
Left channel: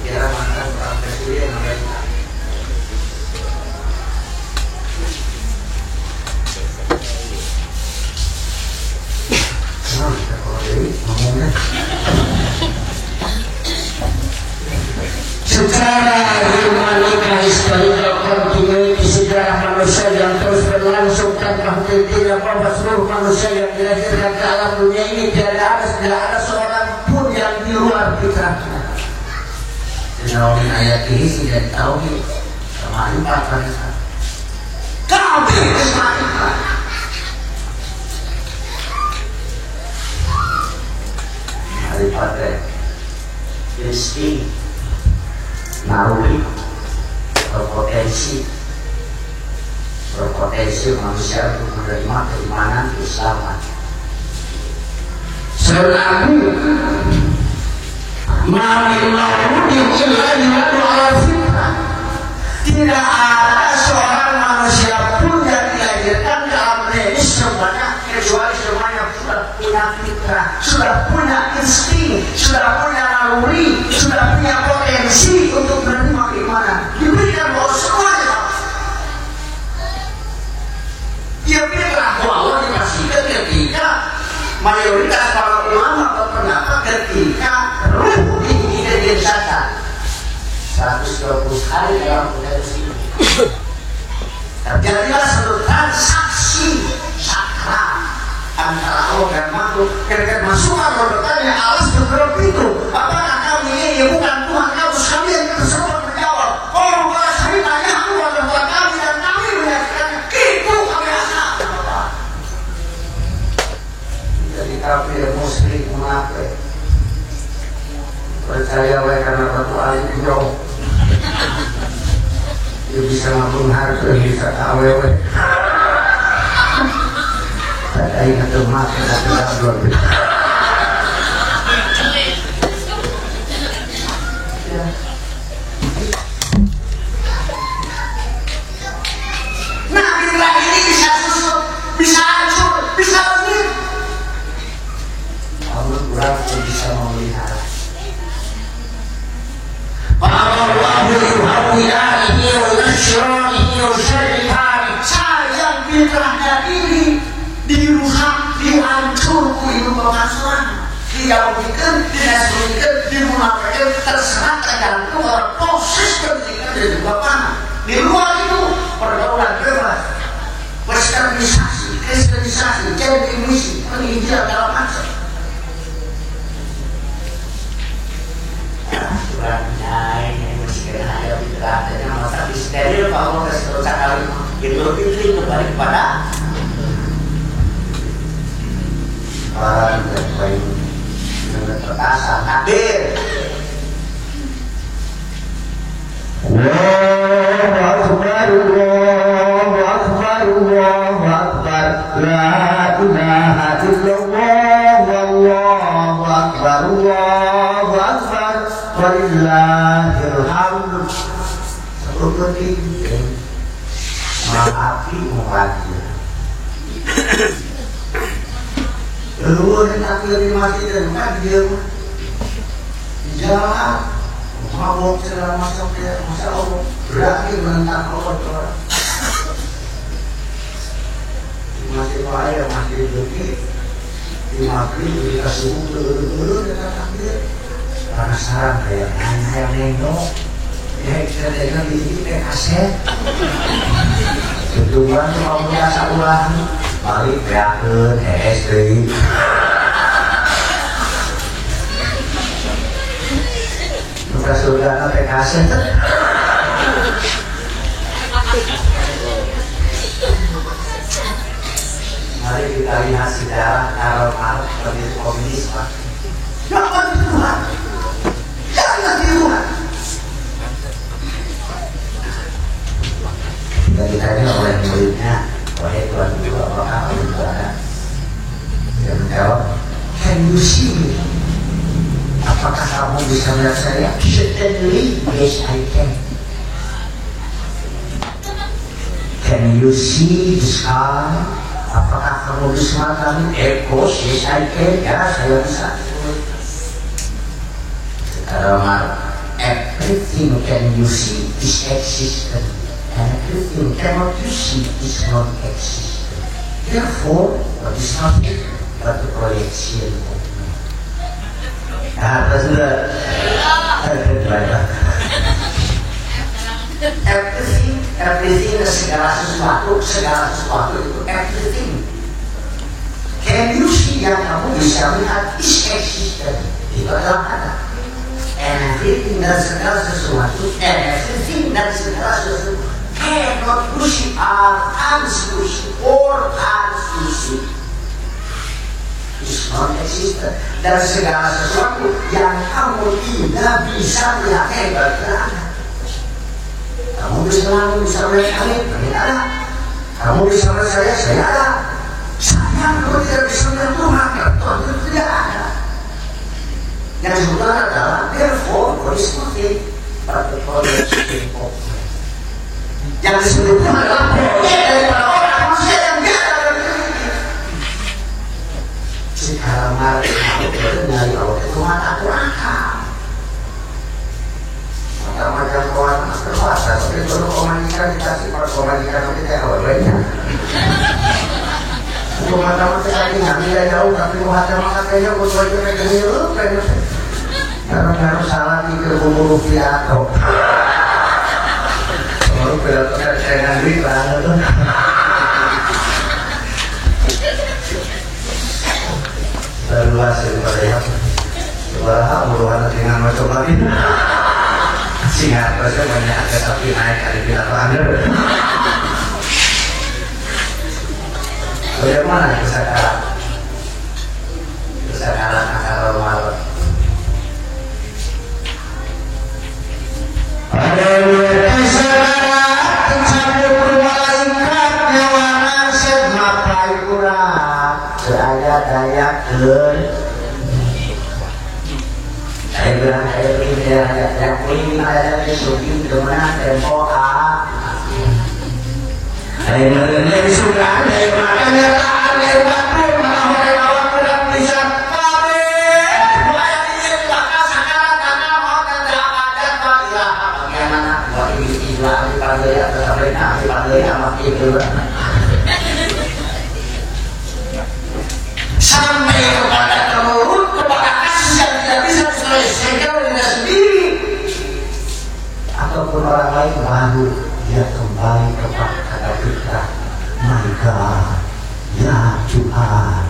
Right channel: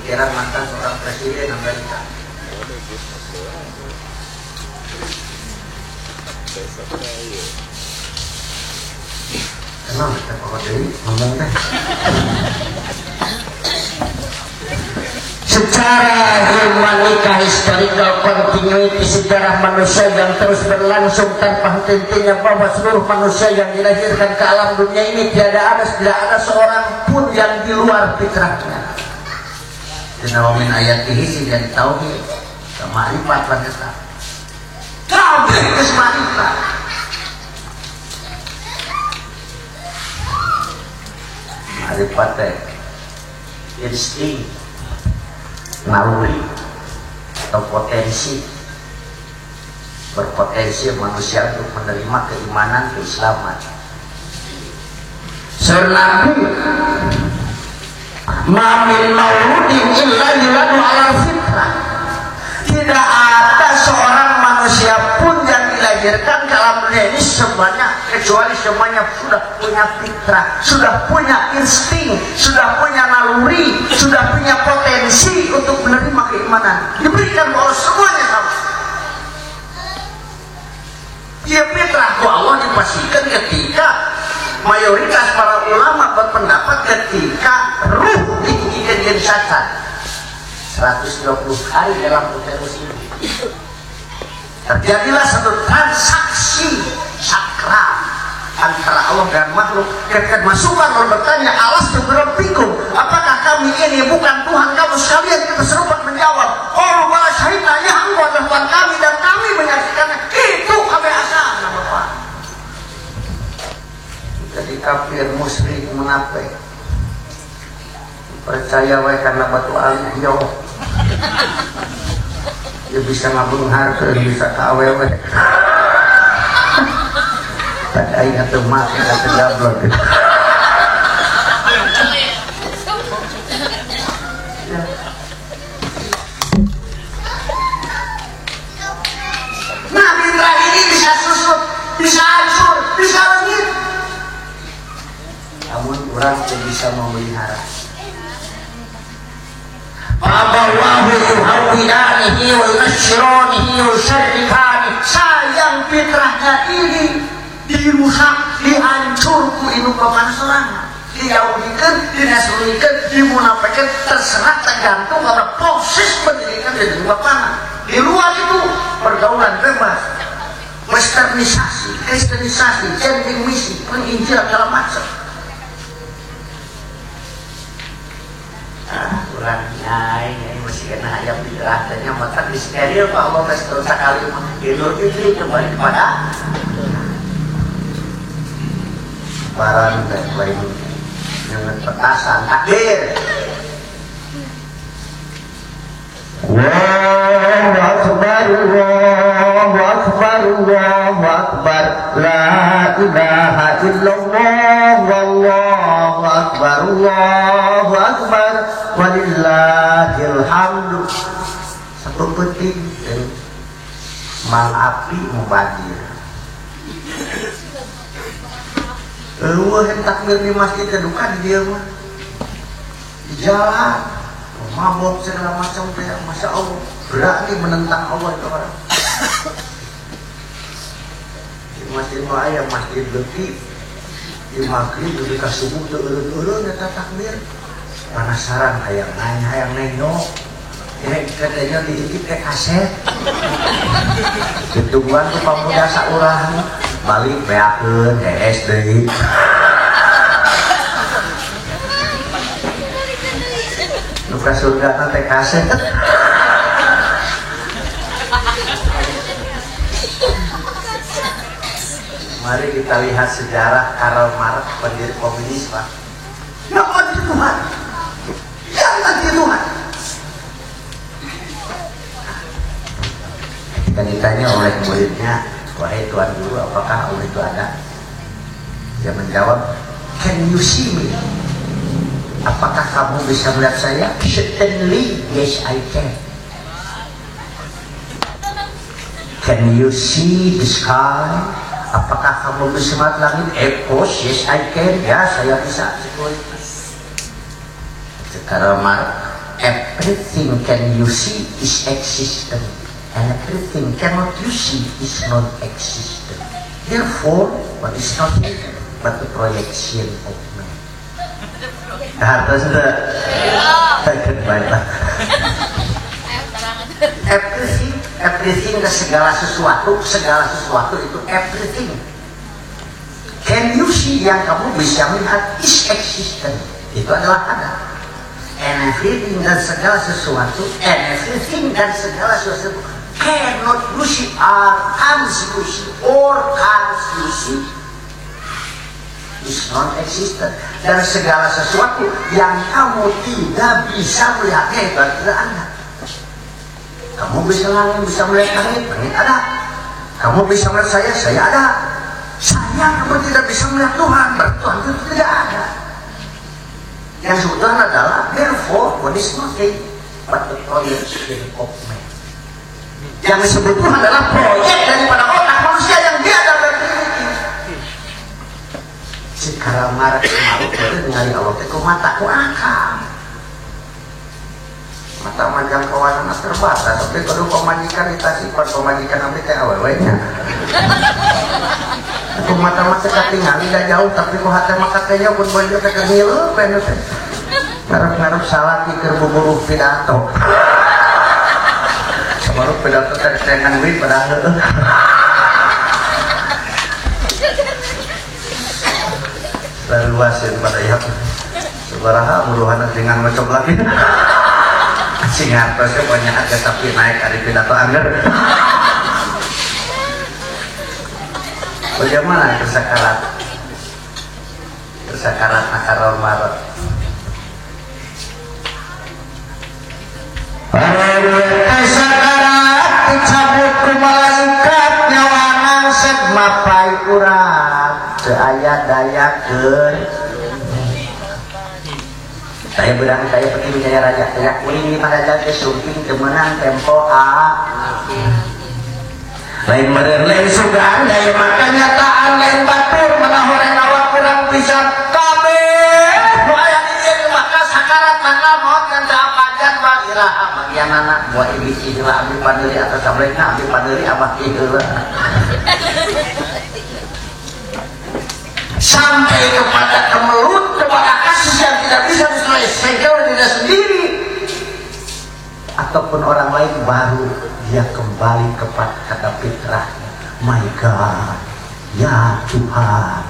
pikiran mantan seorang presiden Amerika. Senang kalau ini ngomongnya. Secara humanika historical continuity sejarah manusia yang terus berlangsung tanpa henti-hentinya bahwa seluruh manusia yang dilahirkan ke alam dunia ini tidak ada seorang pun yang di luar pikirannya. Dinaungin ayat ini tidak tahu sama empat mereka. Kami bersama daripada insting naluri atau berpotensi manusia untuk menerima keimanan keislaman. Selalu mamin mauludin illa yuladu ala fitrah. Tidak ada seorang manusia pun yang dilahirkan dalam dunia ini semuanya kecuali semuanya sudah punya fitrah, sudah punya insting, sudah punya naluri, sudah punya potensi untuk menerima keimanan. Diberikan bahwa semuanya dia fitrah bahwa Allah dipastikan ketika mayoritas para ulama berpendapat ketika ruh diidentifikasikan 120 hari dalam proses ini terjadilah satu transaksi sakral antara Allah dan makhluk. Ketika masukkan Allah bertanya, Allah sebelum itu, apakah kami ini bukan Tuhan kamu sekalian? Tersebut menjawab, oh bukan saya tanya aku adalah Tuhan kami dan kami menyaksikan itu kami asal. Jadi kafir musyrik munafik percaya mereka karena alim jauh. Dia bisa ngabung harga, dia bisa awewe. Katanya temat, katanya temat. Nah, bila ini bisa susut, bisa hancur, bisa lenyit. Namun kurang bisa memelihara. Allahu yuhawwilanihi wa yusyronihi wa syarifani. Sayang fitrahnya ini dirusak, dihancur ku ibu pemasaran, dijauhkan, dinasruhkan, dimunafikan, terserah tergantung pada proses pendidikan dan juga panah. Di luar itu pergaulan bebas, westernisasi, kristenisasi, changing misi, penginjil dalam macam. Kurangnya ini masih kena ada bicara dan yang masa di steril bahwa setelah sekali Idul Fitri kembali kepada barang dan lain dengan perkasan takbir. Allahu Akbar, Allahu Akbar, Allahu Akbar, la ilaha illallah, Allahu Akbar, Allahu Akbar, walillahil hamdu. Seperti itu maafi mubadi. Keluar yang takbir di masjid dan bukan di rumah, di jalan, mabuk segala macam dia, masa Allah berani menentang Allah Tuhan. Di masjid Maya, masjid Bukit, di maghrib dikasih buku dulu dengan takbir. Penasaran kayak nengok, kita di kaset. Ketujuan tuh mau biasa ulang. Balik beakeun es deui. Nugas sundana teh kaset. Mari kita lihat sejarah Karl Marx pendiri komunis, Pak. Jangan Tuhan. Jangan Tuhan. Dan ditanya oleh muridnya, wahai Tuhan dulu, apakah kamu itu ada? Dia menjawab, can you see me? Apakah kamu bisa melihat saya? Certainly, yes I can. Can you see the sky? Apakah kamu bisa melihat langit? Course, yes I can. Ya, saya bisa. Karena everything can you see is existent. And everything cannot you see is not existent. Therefore, what is not written but the projection of man. Everything segala sesuatu itu everything. Can you see yang kamu bisa melihat is existent. Itu adalah ada. And everything dan segala sesuatu, and everything dan segala sesuatu cannot you see or can't you see or can't you see is not existent. Dan segala sesuatu yang kamu tidak bisa melihat berada. Kamu bisa melihat langit, ada. Kamu bisa melihat saya ada. Saya kalau tidak bisa melihat Tuhan, Tuhan itu tidak ada. Yang sebenarnya adalah therefore what is nothing but the projection of man. Yang disebut Tuhan adalah proyek daripada orang manusia yang dia dalam dirinya. sekarang marah itu nyari Allah itu mata kurangkan mata macam kawan mas terbatas tapi kalau komunikasi dikasih pas komunikasi nanti kayak awalnya mata-mata tadi ngambil jauh tapi mata kayaknya buat wajah ke kecil karena salah di berburu pidato baru pidato saya ngangguin banget terluas daripada yang sebuah muruhan dengan mencoba ini sehingga pasti banyak ada tapi naik kali pidato ambil bagaimana kesadaran akar normal saya bilang kayak ini ya ini ada syuting kemana tempo A dari mana sudah dari mana nyataan dari batu mana orang awak kurang bisa tapi banyak ini bakal sekarang karena mau kena akan kira bagian anak buat istilah dipanggil atau sabrina dipanggil apa gitu sampai kepada kemelut kepada kasus yang tidak bisa diselesaikan dengan sendiri ataupun orang lain baru dia kembali kepada fitrah my God ya Tuhan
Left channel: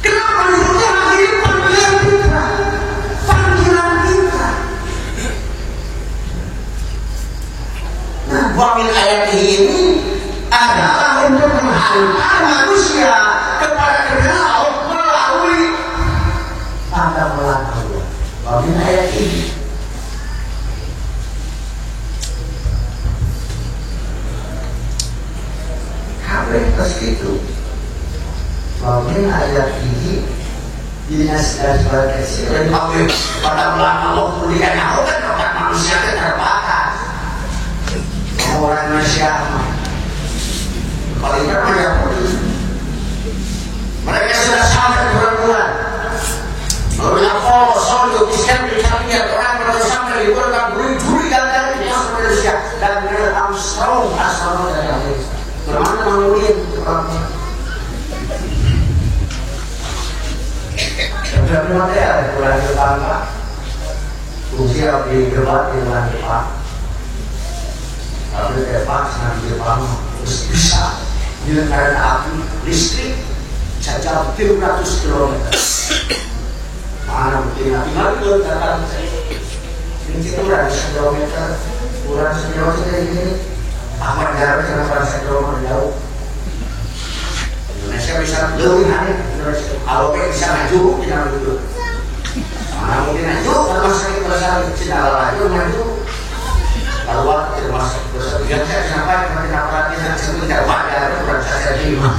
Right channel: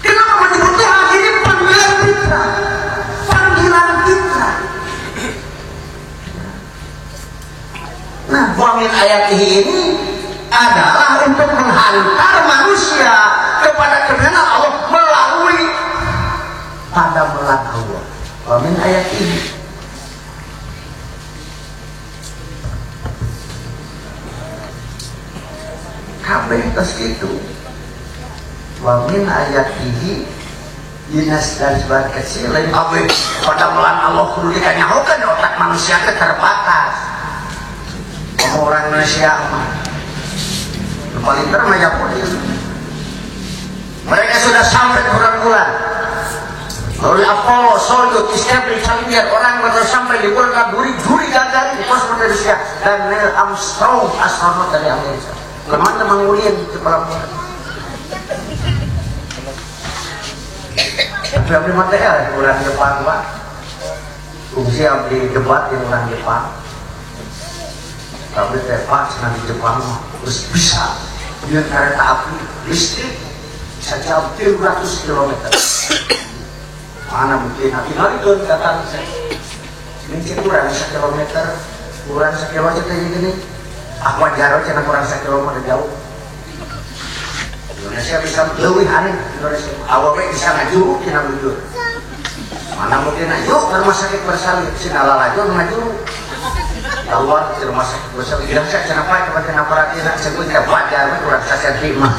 kenapa dibutuhkan ini panggilan fitrah nah bangin ayat ini adalah untuk menghantar manusia kepada kebenaran Allah melalui tanda belakang bangin ayat ini Habis itu Bangin ayat ini Dinas dan suara kecil Bangin pada bulan Allah Kulikan nyawa kan otak manusia itu terbatas Orangnya siapa Paling ramai yang mereka sudah sampai bulan-bulan Lalu Apollo, Soldo, Islam di sampingnya orang yang sampai di bulan Duri-duri datang di pos Malaysia Dan Neil Armstrong astronot dari Amerika teman-teman mulia itu tapi nanti ada di bulan depan Pak usia di debat di bulan depan tapi debat nanti depan terus bisa dengan kereta api listrik bisa jauh 300 km mana mungkin tapi nanti belum datang mungkin kurang 1 km kurang 1 km ini apa jarak yang merasa kilometer jauh Indonesia bisa lebih hari Awalnya bisa maju kita maju mana mungkin maju rumah sakit bersama Cina laju maju bahwa rumah sakit bersama yang saya sampai kepada kenapa tidak sebentar wajar kurang saya terima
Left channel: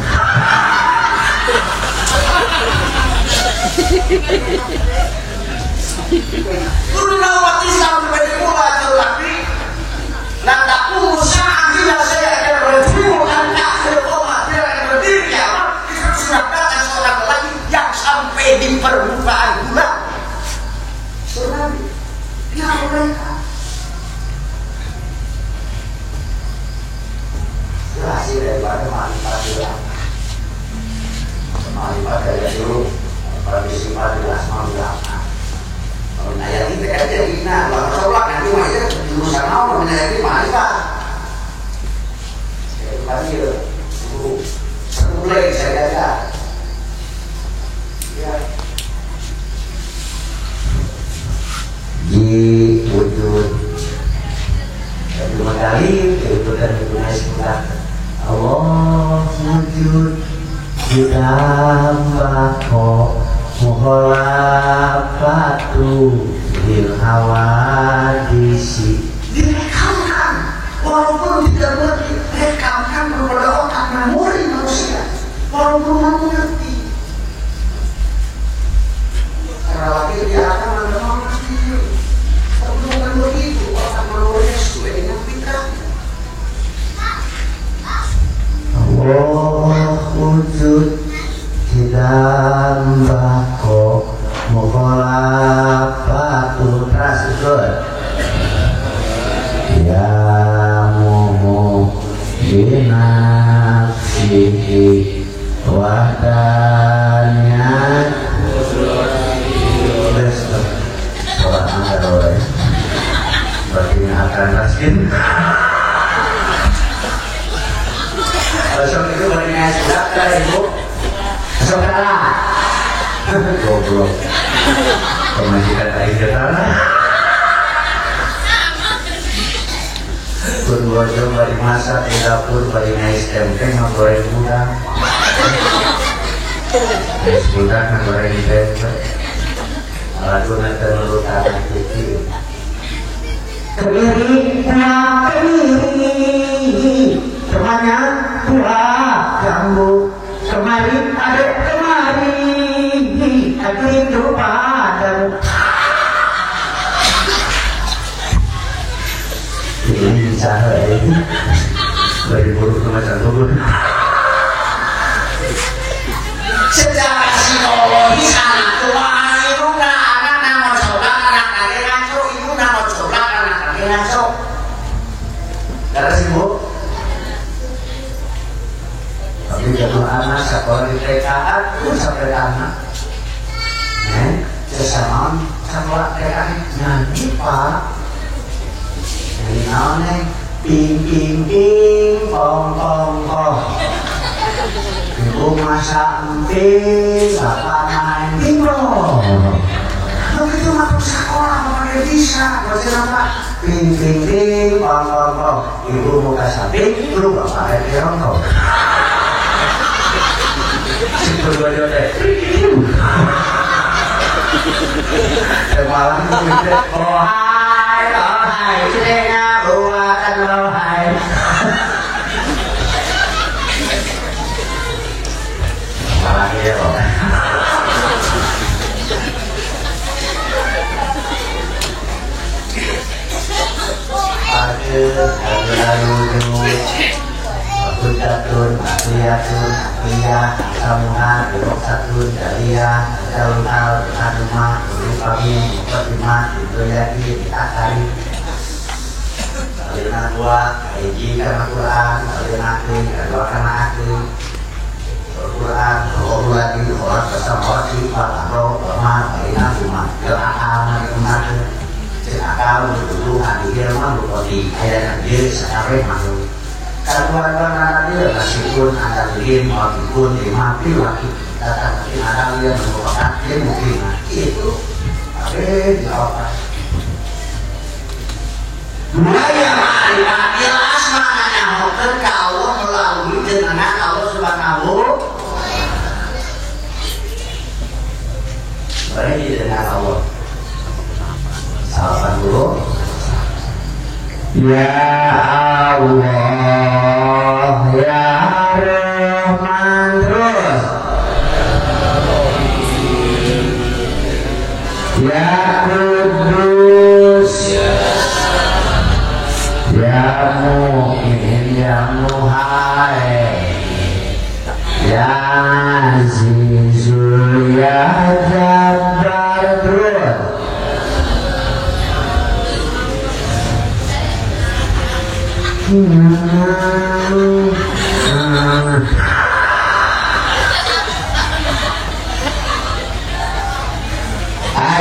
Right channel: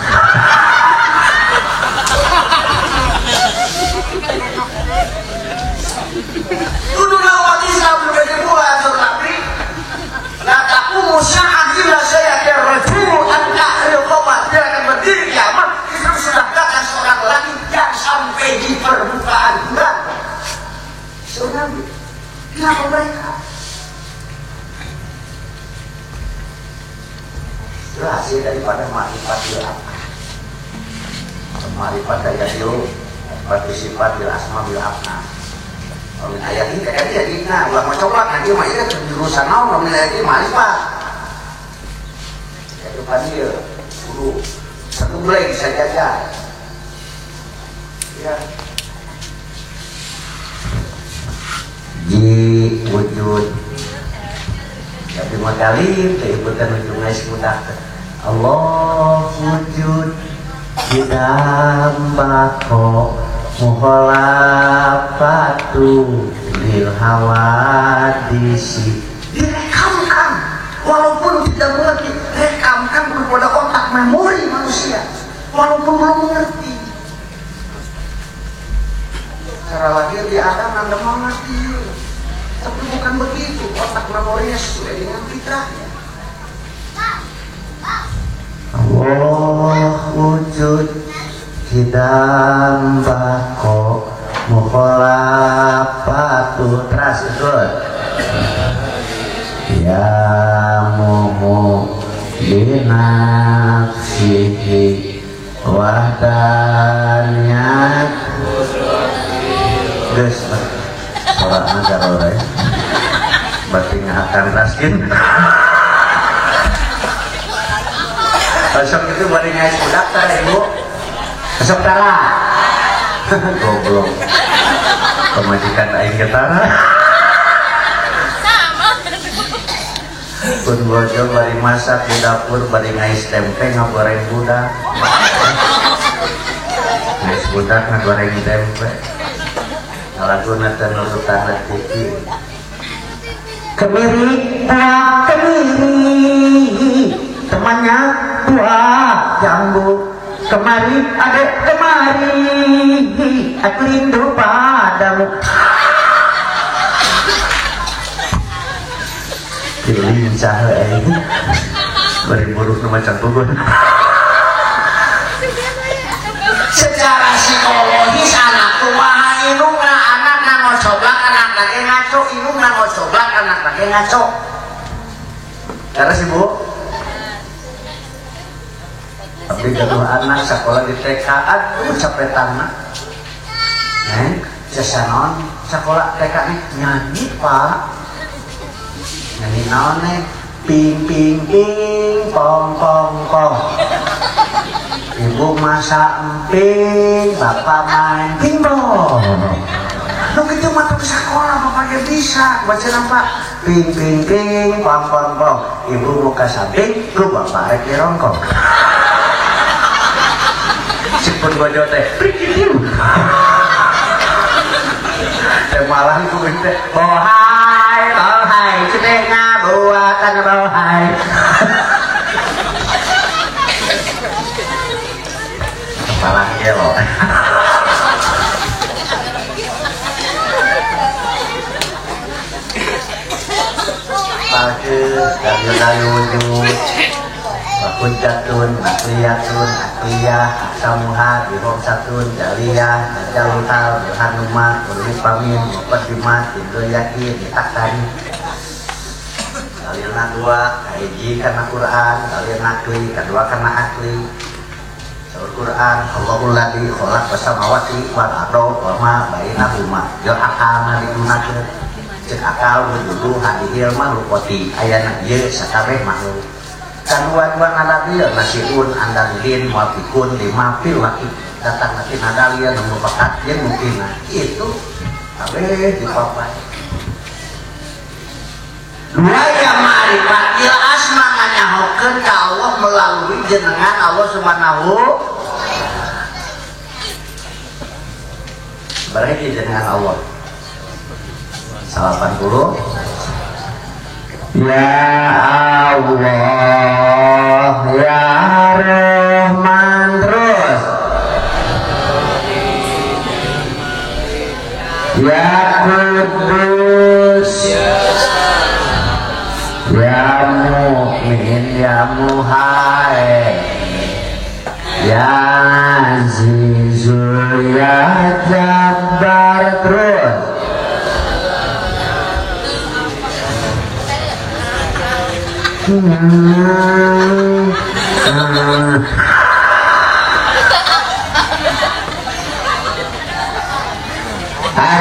Kurang waktu Islam berbeda pula tetapi Nadaku musahan tidak saya akan berjumpa anda berkoma tidak akan berdiri kiamat itu sudah datang seorang lagi yang sampai di permukaan bulan tsunami dia mereka berhasil daripada marifat bulan marifat daya dulu partisipasi asma bilang ayat ini kan jadi nah kalau sholat nanti masih jurusan mau menayati marifat jadi tadi satu mulai saya baca ya di wujud jadi kali kehidupan dunia sekitar Allah wujud di dalam bako muholafatu bil hawadisi direkamkan walaupun tidak mengerti rekamkan kepada otak memori manusia walaupun mau mengerti cara lagi dia akan anda mengerti tapi bukan begitu otak memorinya sesuai dengan fitrah Allah wujud di Jambako mukhalafatu rasul ya muhu binafsihi wadanya terus sholat negara berarti akan raskin Asal itu baringnya sedekah ya Bu. Saudara. Goblok. Pemajikan kayak kita. Pun bojo baring masak di dapur baring ais tempe ngoreng udang. Ais udang ngoreng tempe. Malah guna telur tanah putih. Kemiri, temannya tua jambu kemari adek kemari aku ingin padamu ini cara itu beri buruk ke macam bubur secara psikologis anak tua itu anak nama coba anak lagi ngaco itu nama coba anak lagi ngaco karena sih Bu tapi kalau anak sekolah di TK itu sampai anak sesama sekolah TK nyanyi Pak nyanyi naonnya ping ping ping pong pong pong ibu masak emping bapak main bimbo begitu masuk sekolah bapak dia bisa baca nama ping ping ping pong pong pong ibu buka samping lu bapak ada rongkong berdua jodoh malah itu oh hai ceknya buatan oh hai malah iya loh lalu Kudatun, Akliyatun, Akliyah, Samuha, Dirobsatun, Daliyah, Jalunal, Anumah, Urupami, Pertimah, Ditoyaki, Ditakari Kalian dua, Kaiji karena Quran, kalian akli, kedua karena akli Al-Quran, kalau lagi, kalau kesamawati, Al-Aqrob, Al-Mar, kalian rumah Yang akal, nanti rumah Cek akal, dulu, hadir, malu, kodi Ayahnya dia, sekarang, malu Karuan ada dia nasibun ada dia mabikun dimapi lagi datang ke ada dia merupakan dia mungkin itu apa dua yang marifat jelas maknanya hoker Allah melalui dengan Allah Subhanahu baik dengan Allah salapan dulu ya Allah ya Rahman terus ya Kudus ya Mu'min ya Muhai ya Azizul ya Jabbar terus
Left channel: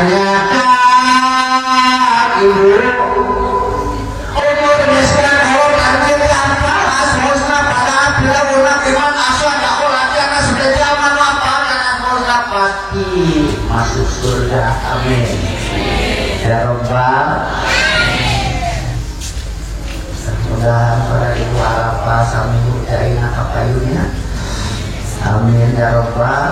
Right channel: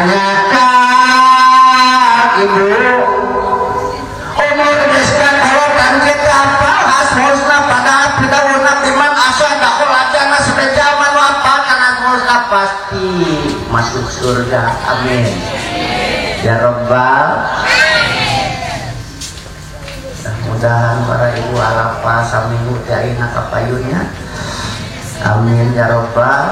Adakah ibu umur besar kalau tanjir apa asmusna pada bila ulang imam asal tahu latihan sepeda apa karena asmusna pasti masuk surga amin ya Rabbal mudah-mudahan para ibu Arafah sambut dari nafkah payungnya amin ya Rabbal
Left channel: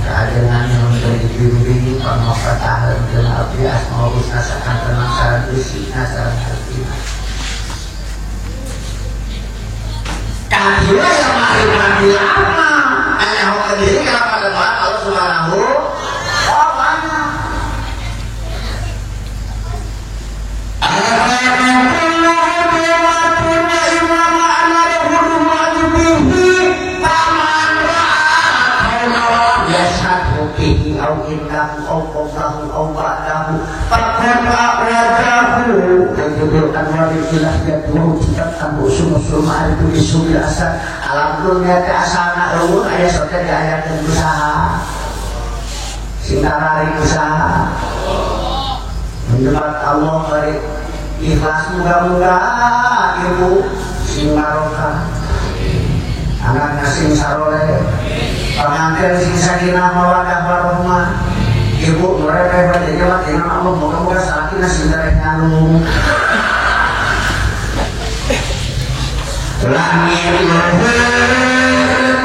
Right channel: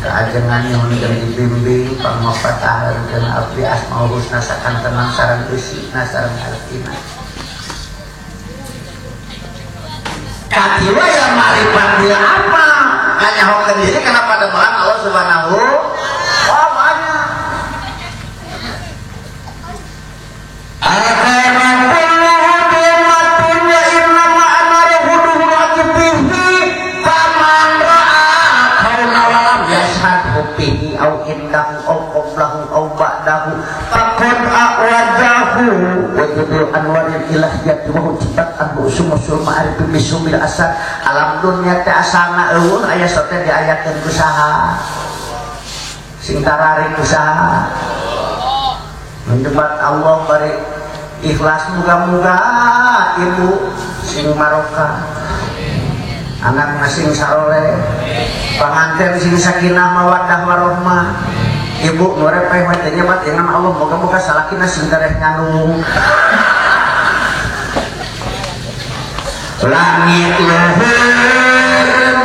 keajengan yang menjadi juri pengobatan dan arti asmaul husna sakan tenang saran usi nasaran hartina kajian sama ibadah apa hanya hoker di sini kenapa dengan Allah Subhanahu wa ta'ala anwarilah jadi mujizat anu usul ma'arif bisubil asal alam dunia teh asalna eueuh aya sote diayakeun usaha sintarari usaha mendebat Allah bari ikhlas mudah-mudahan ibu sing barokah anaknya sing sarore pamanten sing sakinah mawaddah warahmah ibu mereka yang nyewat dengan Allah moga-moga sakinah sing karek nganu langit luhur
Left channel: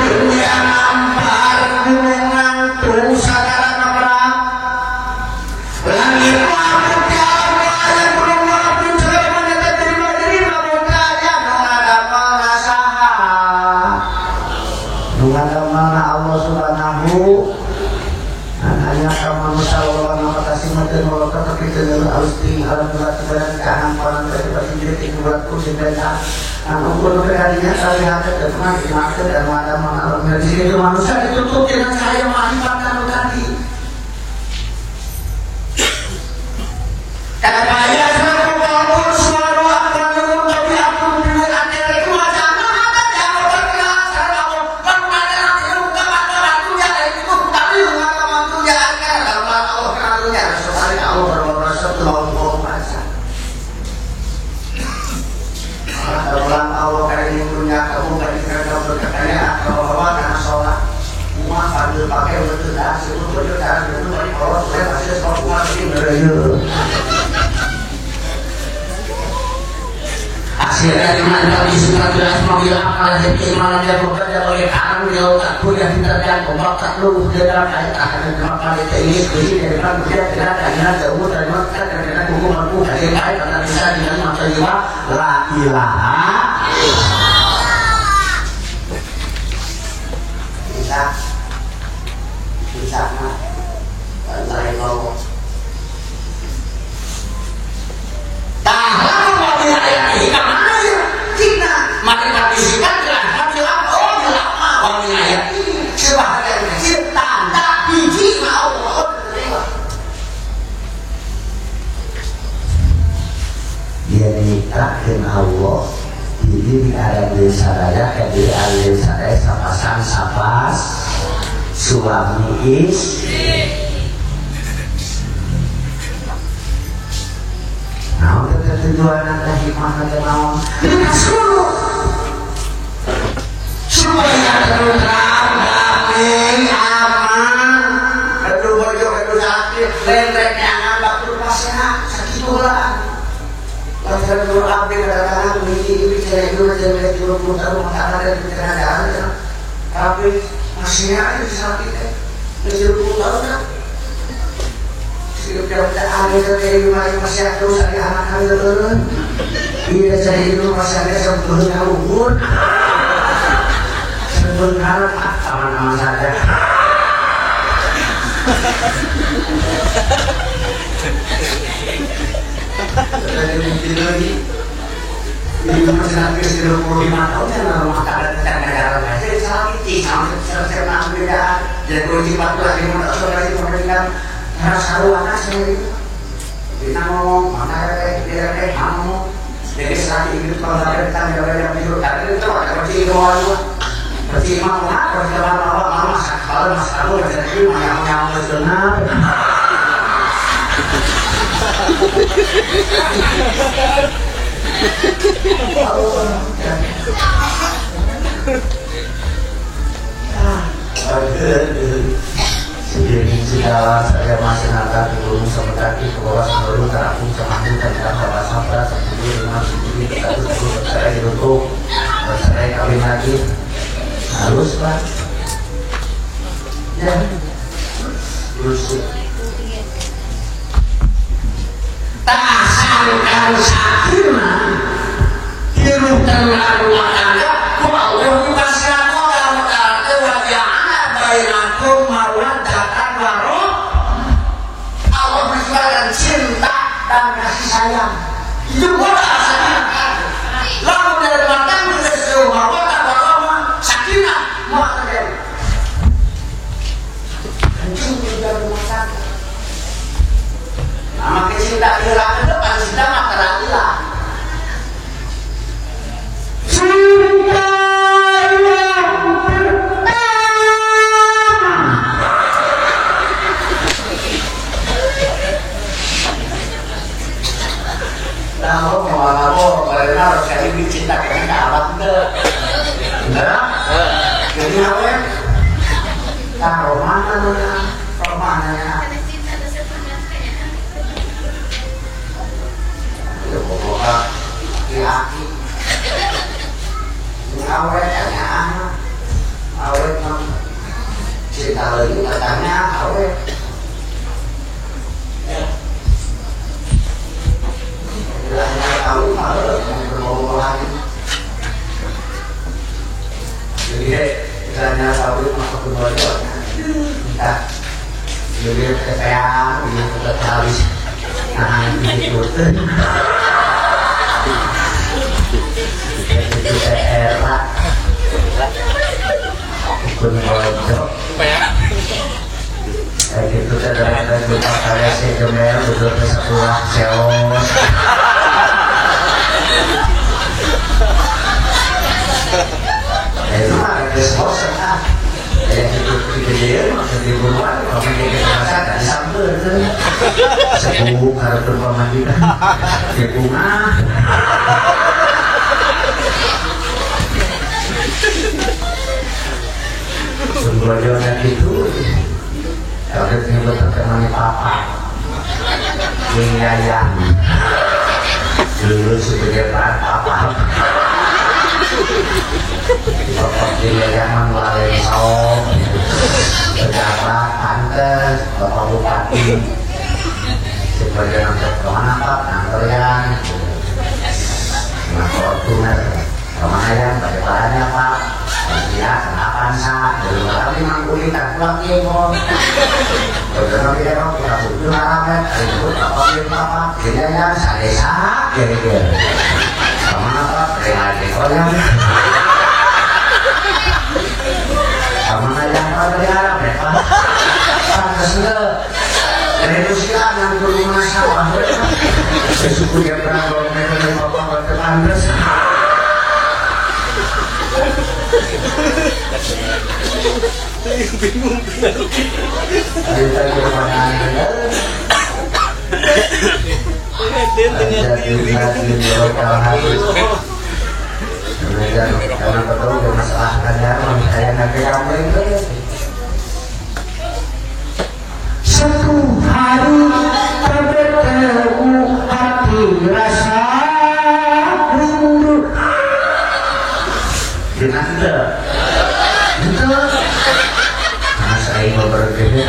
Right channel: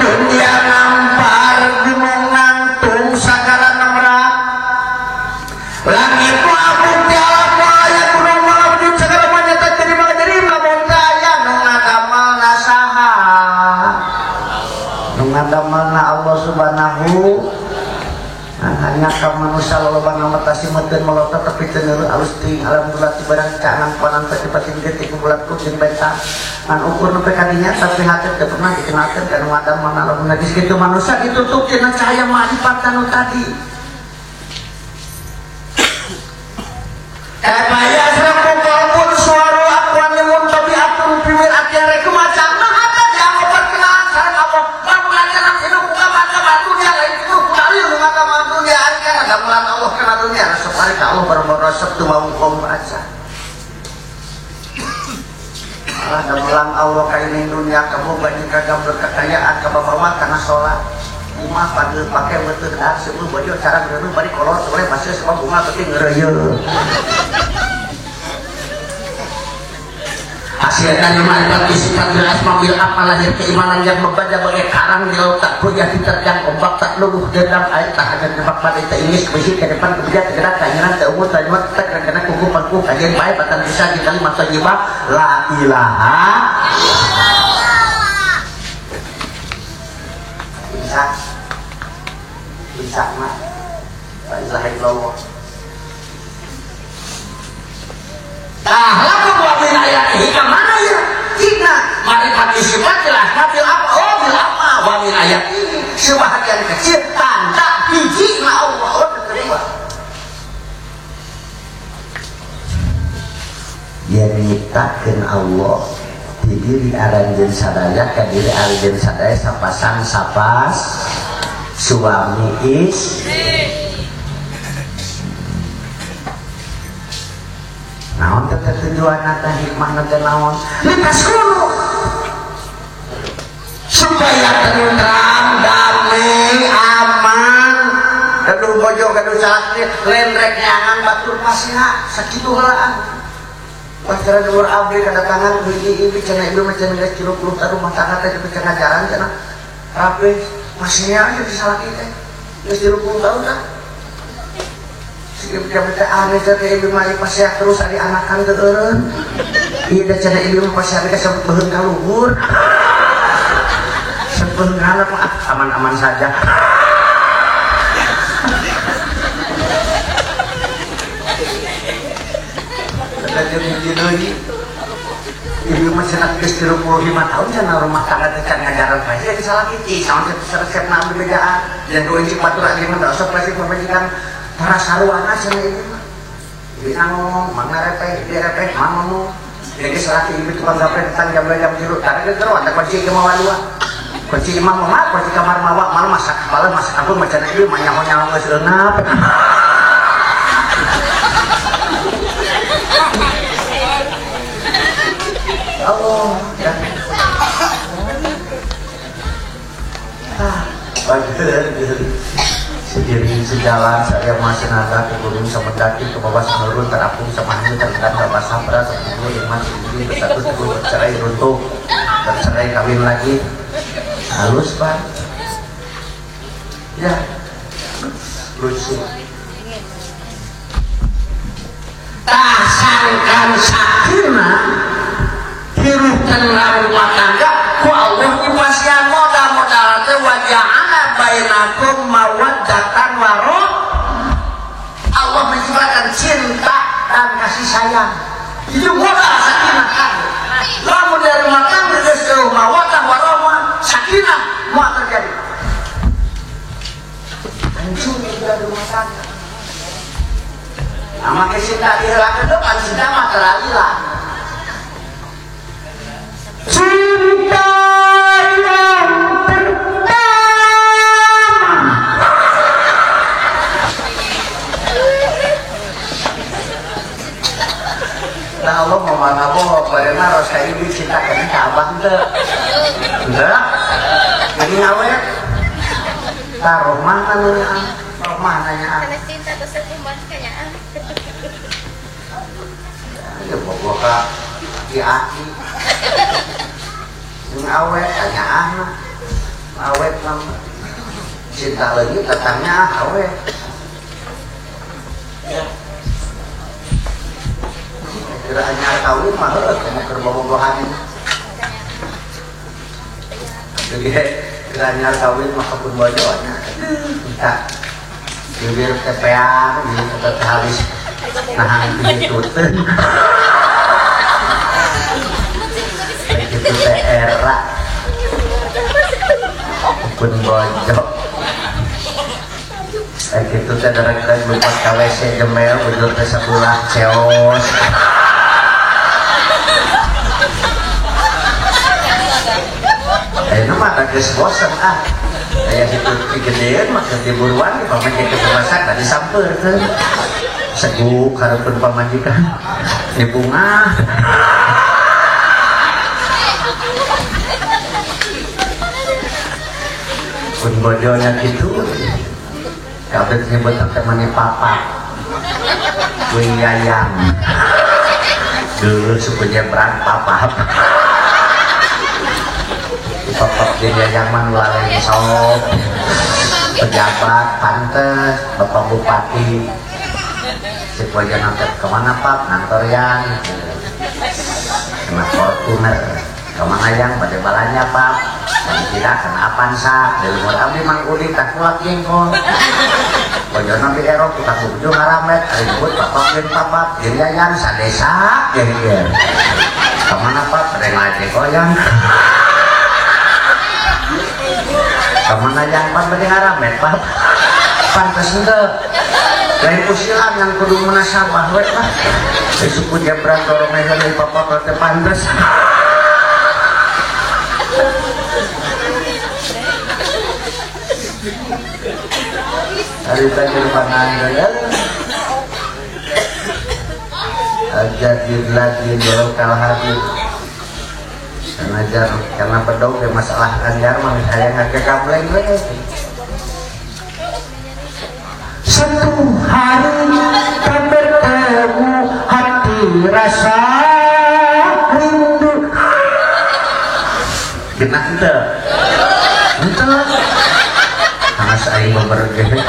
dunia nampar gunung ngantung sagala nabrak langit laut jawa yang rumah pincer meneta terima berkaya mengadamel nasaha mengadamel na Allah subhanahu hanya kamu masalah nama kasih mati molokat tapi tentu harus ting alam berat sebenarnya keanam palang dari paling detik membuatku sebenarnya ukur kekalinya saya lihat ke depan kenapa dan ada mana di situ manusia ditutup dengan cahaya mengakibatkan tadi karena saya suatu walaupun suara aku menurut tapi aku pilih akhir itu macam mana jauh bergerak karena Allah bagaimana itu bukan waktunya itu tapi bukan waktunya kalau Allah kenalnya sesuai kamu bermerasa tuh mau merasa dalam Allah kayak ini punya kamu gak dikagak berkekayaan kalau bawa karena sholat rumah sambil pakai betul das itu betul cara betul balik Allah supaya masih sebuah rumah ini akhirnya dimana tapi sifat jelas mobil amal dan keimanan yang berbeda oleh tangan di otak punya tindakan obat tak luluh dalam ayat akan memakai ini ke depan dia tidak akan ada umur dan waktu karena hukumanku dari baik pada bisa dengan masa lima la ilaha bisa mah saya bawa tahu mobil ayat ini kemana ya kita mari kami sifatlah kami apa mobil ayat ini sebahagian kecil tanda biji Allah dia nikahkan Allah jadi ada yang sadaya kan jadi ada yang sadaya sapasang sapas suami istri nah untuk tujuan ada hikmah dan naon nikah seluruh supaya tenang damai aman aduh bojo aduh sakit lendek nyangan bakul pasena sakitulah Pasal kalau abdi kadang-kadang ini kena hidup macam dia curug-curug taruh makanan dan kena jalan tapi masih aja disakit dia curug-curug taruh kan setiap kita ada dari masih terus ada anak-anak turun kita cari hidup masih ada sebetulnya luhur sebetulnya aman-aman saja lagi jadi masih sampai 25 tahun yang rumah tangga tidak negara aja disalahiti sampai selesai 6 bedaan dan kunci 14 lima tak saudara pemerintahan merasa luana saya ini namun mana kayak dia kayak kamu jadi selagi itu pada tangga beda biru tapi itu ada perci dua perci mau nak perci kamar bawa mama masak kalau masak lu macam itu banyak orang berjenap sendiri segala saya masih naga turun semendaki ke bawah sebelum terapu semakin dan tanpa sampras kemudian masuk di satu bercerai untuk bercerai kawin lagi halus pak ya bersih tahankan sakinah hidup tenang wakanda wa'udhu paskan modal-modal kewajahana bainakum mawaddatan warahmah Allah menciptakan cinta dan kasih sayang itu modal sakinah lalu dari makan menjadi mawaddah warahmah sakinah maka terjadi hancur tidak rumah tangga makin cinta hilang itu pasti cinta maka larilah taruh mana ya ya pokoknya aki ini awet tanya awet nom cinta lagi katanya awet bilangnya tahu malah yang berbohong jadi bilangnya tahu maka berbohong kita dilihat keteang dilihat habis nahan gitu itu era pun bodoh kayak gitu kadang-kadang kita kali segemel duduk di sebelah seos itu mah agak bosan kan kayak gitu kejadian maksud di rumah kalau kayak gitu masa tadi sambil kan sebuk kalau berpamajikan di rumah pun bodohnya gitu kalau disebut temannya papa yang dulu sebagai peran papa bapak Yayaman Laren Song pejabat pantes bapak bupati sebagai nanti kemana pak nangkorian nah Fortuner kemana yang bagaimana pak tidak kenapa sah kalau memang kuliah keluar timur bagaimana kita kok kita butuh malam disebut bapak Yayaman Saresa jadi kemana pak terima koyan kemana jalan berjalan pak pantas enggak dari usiaan yang guru masa bahwa sesuatu yang berang mereka dari bapak ke pantas ada dari pangan ada di dalam hari mengajar karena kedua bermasalah ngajar saya ngajar kamu satu hari bertemu hati rasa rindu binanda itu karena saya mau berdiri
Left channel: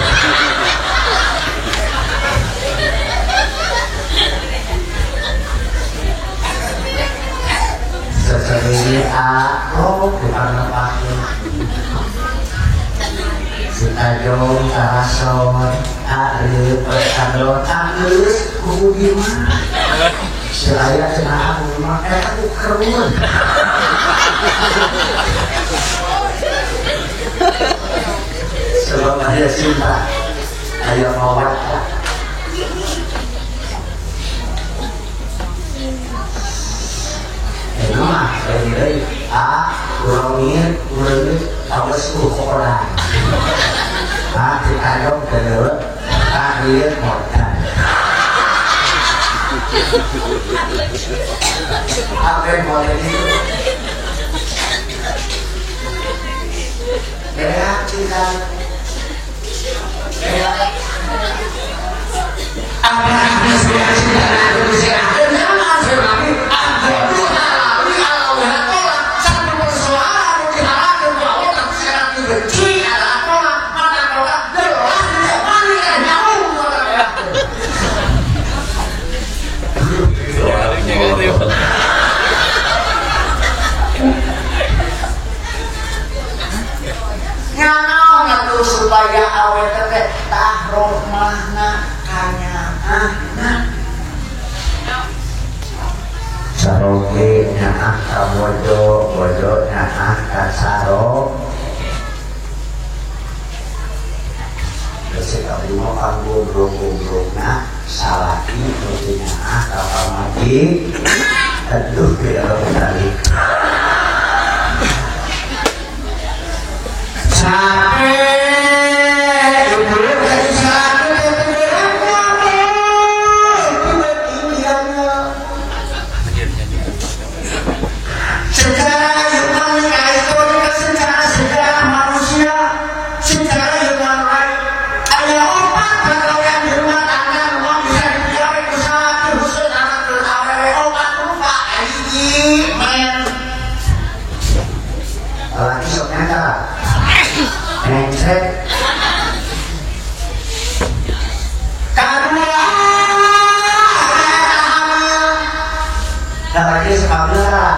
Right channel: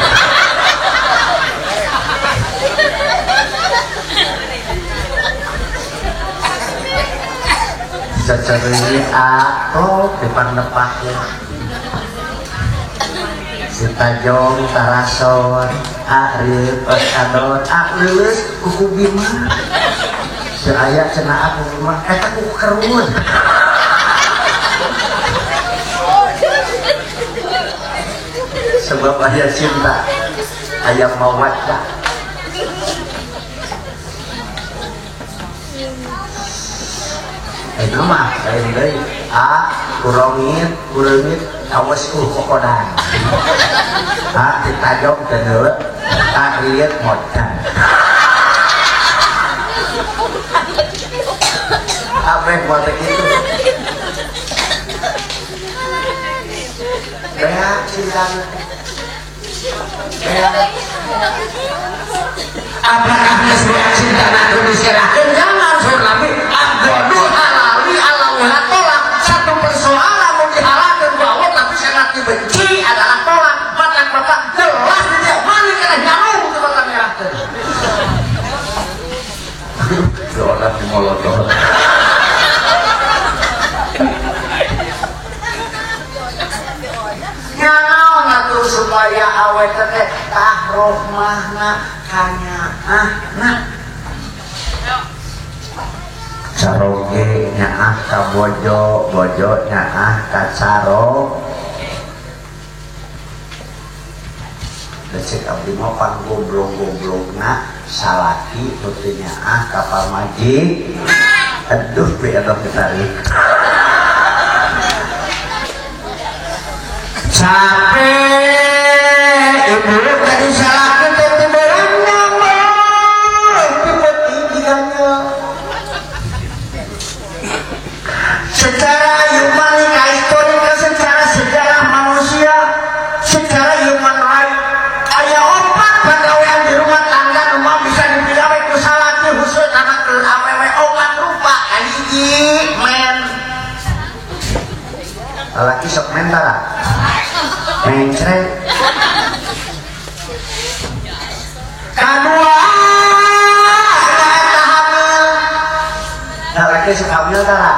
secerih aku kita lepasnya sitajong karasawan akhir pertandon akhir kuku gimana seraya cenah aku memang aku kerumun sebab ada cinta ayam obat nama dari ulangin awas kokoran kita dong kenal kalian modal apa yang boleh itu cinta apa cinta Indonesia supaya awet teh tahroh mahna kanya saroge nyaah ka bojo nyaah ka saro Desi tapi mau goblok-goblokna salaki kudu nyaah ka pamadi aduh biar balik capek secara brengsek. Kadua lagi sekali lah.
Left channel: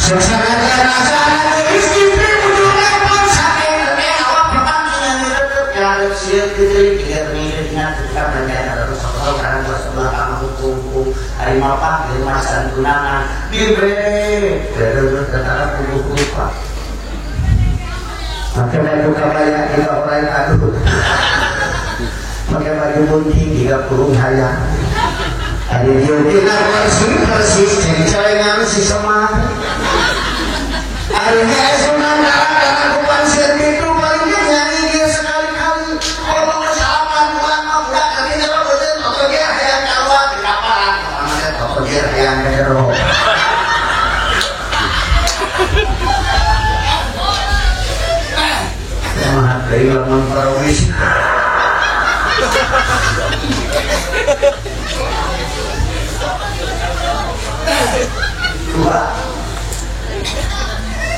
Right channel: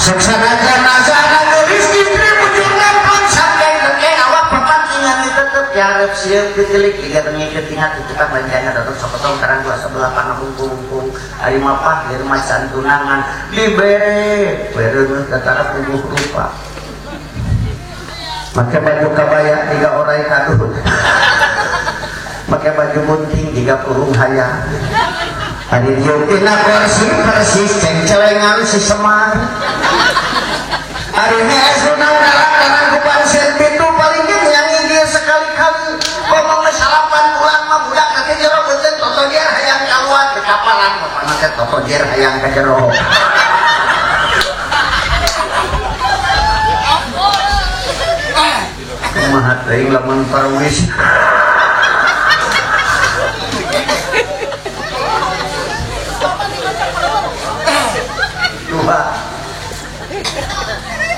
Suasana raja istri menjual sampai ke awak pertandingan itu terjadi siap ditelik lihat dengan tukang dan kayaknya atau soal karena kalau sebelah kamu hukum hari mapak dari masa tunangan diberi dari kata tubuh lupa pakai baju kebaya 3 orang kado pakai baju bunting 30 haya ada yang persis ceweknya si semangat akhirnya saudara karena bukan sendiri itu paling nyanyi dia sekali-kali kalau salapan bulan mah budak kaki jero betul toto dia hayang nyawa di kapalan karena dia toto dia hayang jero menghadiri laman parawis dua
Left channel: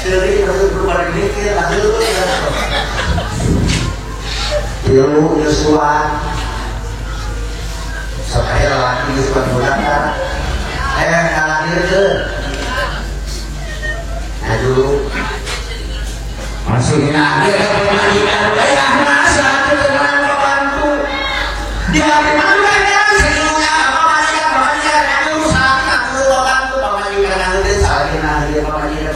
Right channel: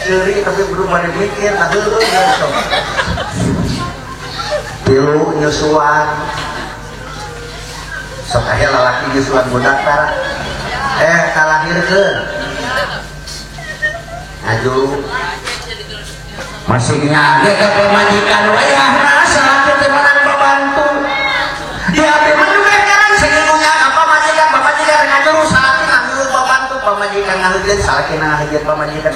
jadi masih belum ada mikir aku itu Pilu Yusua sekali lelaki Yusua Bunaka kalahir ke aduh maksudnya dia pemandikan wayah nasa ketemuan orangku di hari mana sehingga pemandikan aku saat aku orangku pemandikan aku dia saat dia pemandikan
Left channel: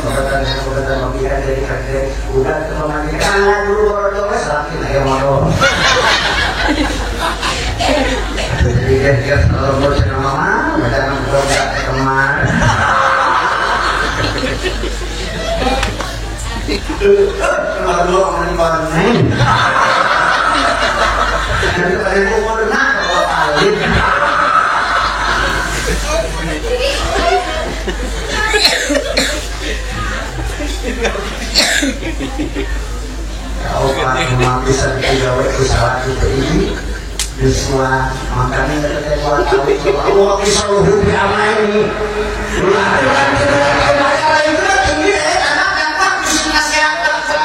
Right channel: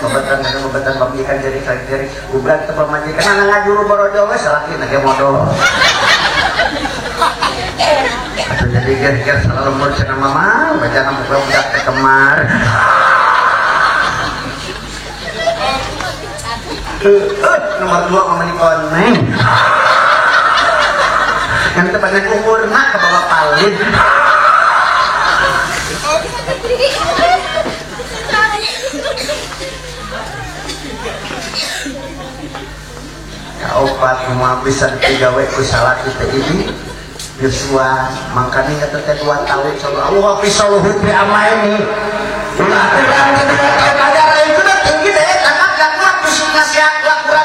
pembicara dari udah pemandikan anak dulu baru doang sapi naik motor jadi dia selalu bersama mama macam doa kemar dulu orang di bawah ini kan teman umur nak kalau paling kau pak bisa digawe usaha kita ini Yusua makanya kita buat tahu kalau Allah kisah luhur di amal ini udah kan sudah ada itu tinggi deh karena dapat mesti nasihat dapat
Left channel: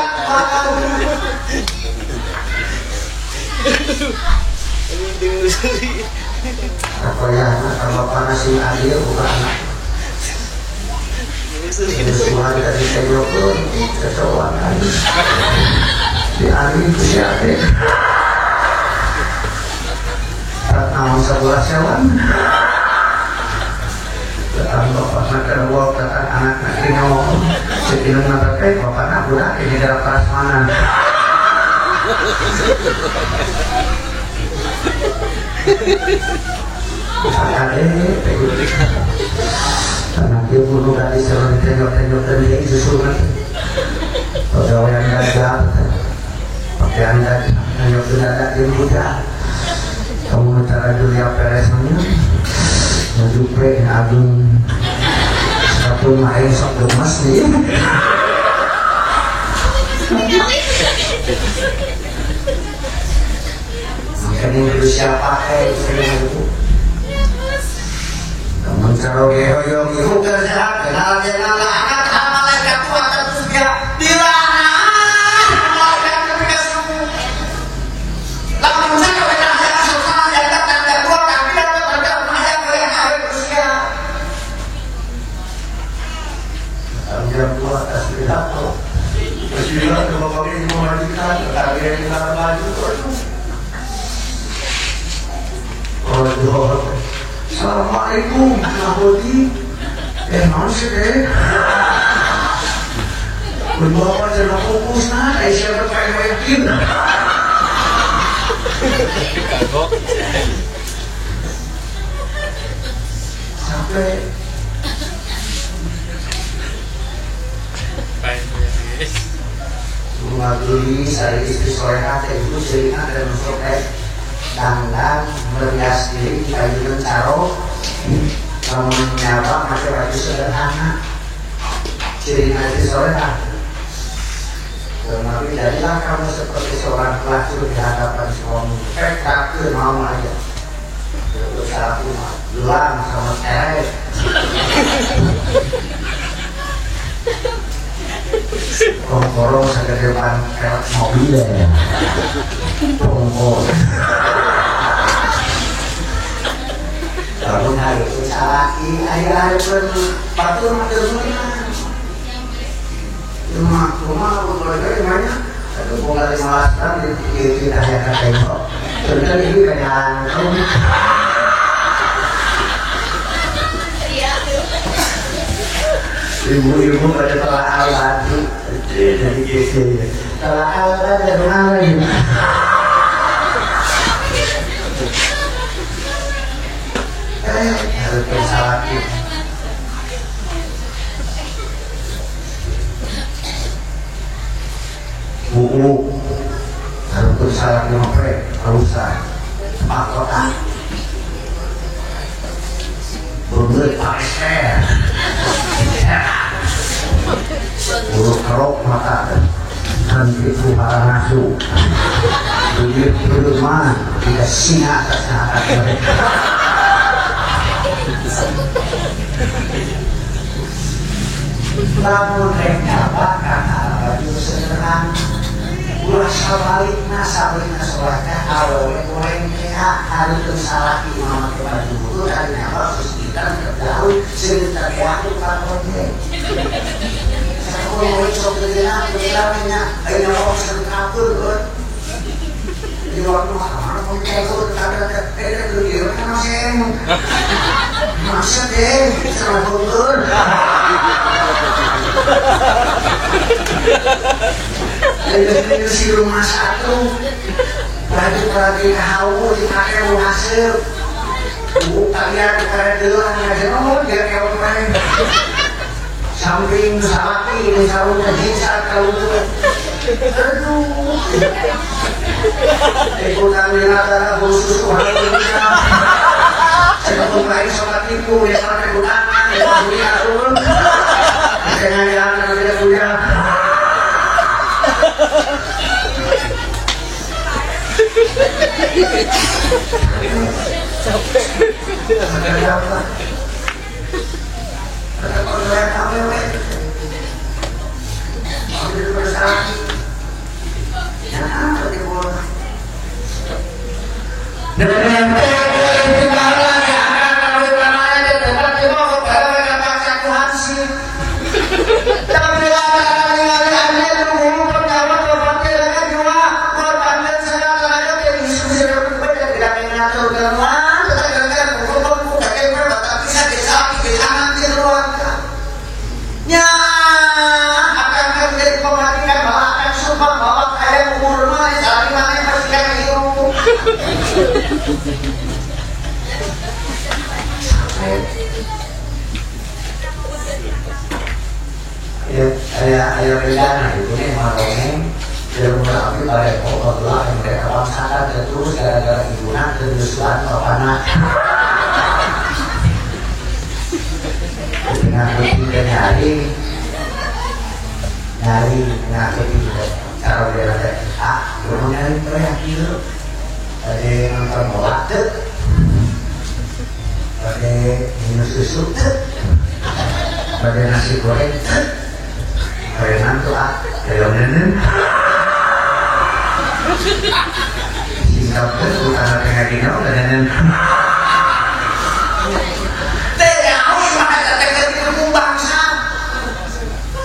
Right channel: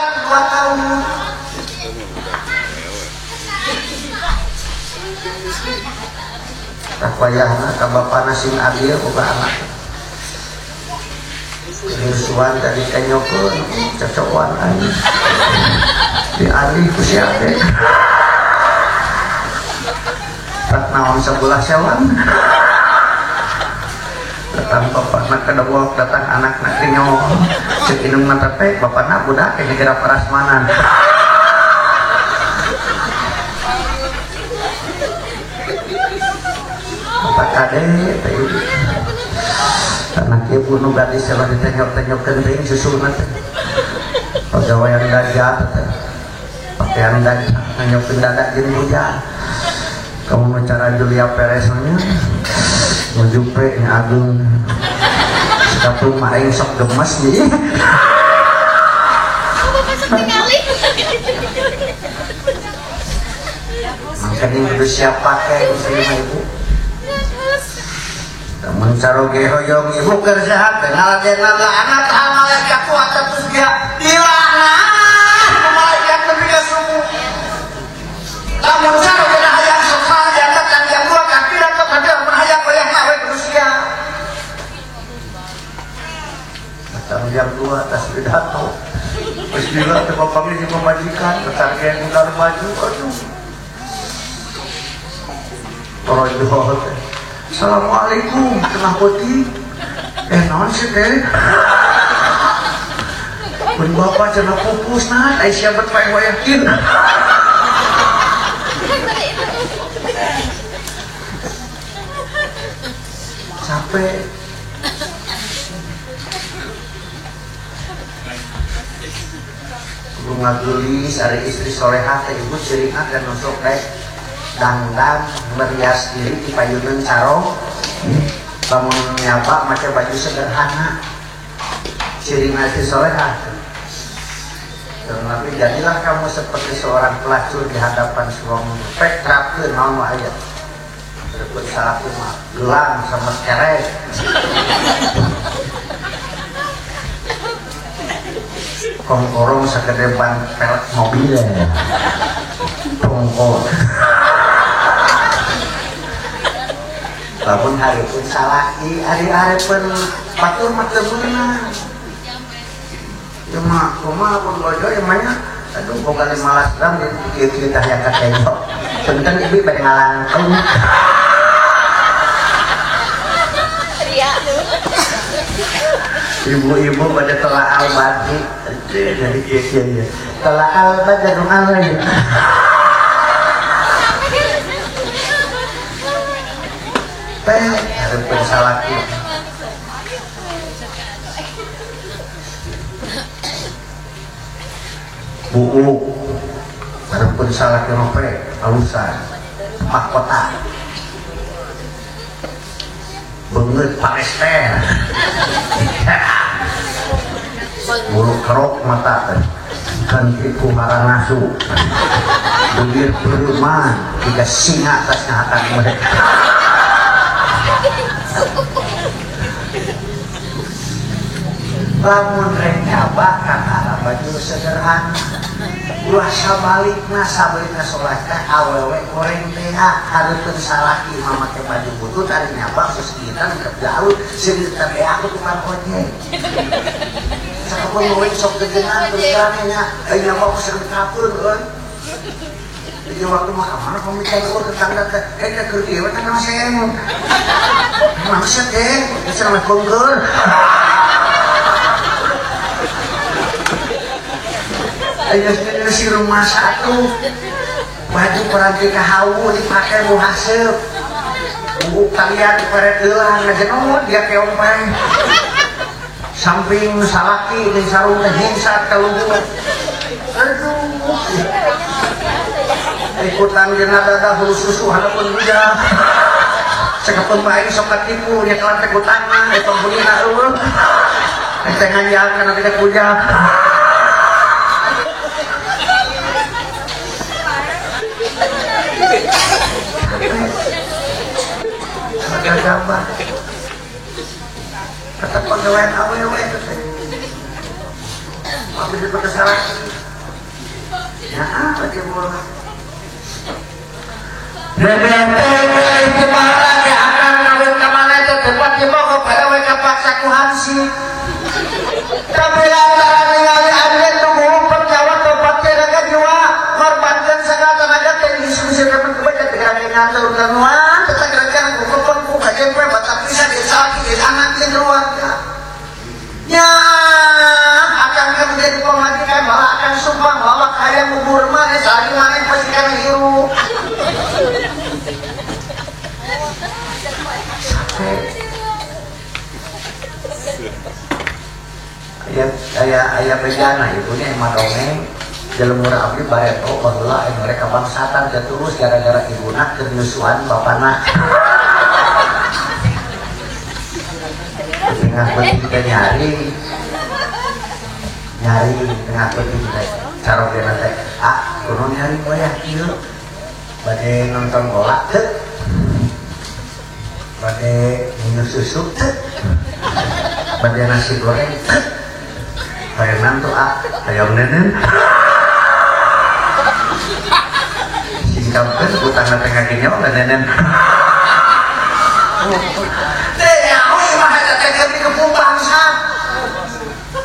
apa ya tambah panasin air ubah anak Yusua dari tengok pun kecocokan di air itu siapa Ratnawang sebulan sewan datang bapak nak kena bawa datang anak nak nyawang sekinung nak terkait bapak nak budak ini dalam prasmanan bukan ada anak dia bunuh gadis kalau ditengok-tengok terdiri susungan pegawai yang gajah pakai anda tengok tidak di budak kamu bicara Julia Pereznya menjumpai Agung satu main sok gemas dia makanya itu siapa itu teman caro gehoyong ibu kerja kenal kenal anak malaikat tua terus dia dilarang malaikat terkesu lamun caro biar tua atas pidato Bismillah bapak ini memajikan tetapi yang kita maju oh itu Assalamualaikum Nahodi non sih deh berbapak jenak fokus nah siapa yang yakin sampai mengadui saya istri soleha itu sehingga dan masuk dandan berhias diri kayu dan caro menyapa pakai baju sederhana ciri istri soleha tapi jadilah kamu seperti seorang pelacur di hadapan suami kafir mau aja Terus aku gelang sama kerek. Kongkorong segede ban kerek mobil ya. Kongkor. Bangun hari itu salaki, hari-hari pun batu maksudnya. Rumah keluarga di mana? Aduh, bukan di Malaskan, di kita yang kata itu. Sebentar ini pengen ibu-ibu pada telah awati dari kecil. Telah awati dari mana ini? Harus bersalaki. Buku harus bersalaki sampai usah mahkota. Bener pakai ser. Bulu kerok mata dan itu malah nafsu. Begitu berteman tidak singa atas atas mereka. Lamun mereka bakal baju sederhana. Ulah sabalikna sholatnya awewe goreng teh hareupeun salaki mama ke baju wudu dari napa susitan tergaul sebentar ya aku parpotnya. Kalau mau sok dengan bilangnya ayo mau sekapur kan. Di waktu mana pun kayak gue tanda kerja mana masih maksud sama kondur. Ayo si rumah satu baju lagi hawu dipakai mau hasil buku kalian karet doang aja nomor dia kayak orang samping salaki ini sarung kecil saat kalau juga aduh ikutan dinada bulu susu hari ini ya sebetulnya main sobat ibu dia kalau ikutan itu bunyi turun makanya yang tidak punya kenapa? Kata kondoran awewe. Aku juga bersalah. Ya, apa dia mau? Dan kita akan awet kemana aja tempat di bawah awewe apa satu hasil. Tapi ayah rencana itu nih marong jalur kami baik kalau mereka bangsakan dan terus gara-gara ibu nak kenyusuan karena kenapa nyari kenapa juga kalau dia ada belum nyari kayak gitu tadi nonton bola tuh tadi minum susu tuh tadi nasi goreng kayak nanti kayak nenen singkapkan bukan ada kayak gini oleh nenen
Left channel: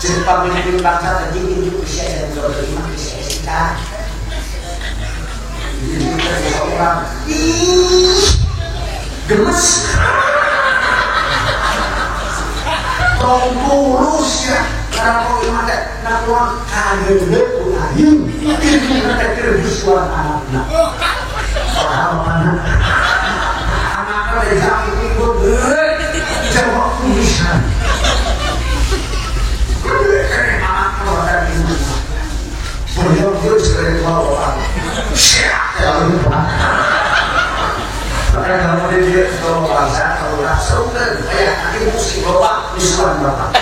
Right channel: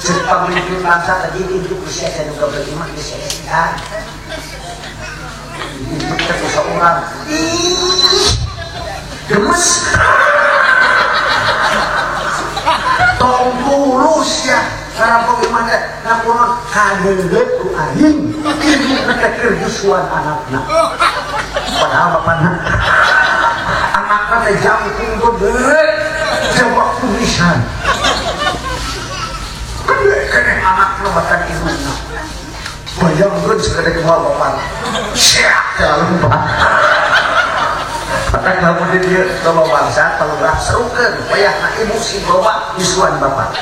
Jepang menjadi bangsa tadi itu usia dari 25 usia kita. Itu seorang gemes, tolong ya. Karena bagaimana nak orang kader lain, ini mereka terbusuan anak-anak. Padahal apa nak? Anak-anak dari kami itu jawab tulisan. Menjauh dari bawah, jangan lupa. Makanya kalau dia bawa bangsa, kalau dah seru kan, kayak kaki musik bawa isuan bapak.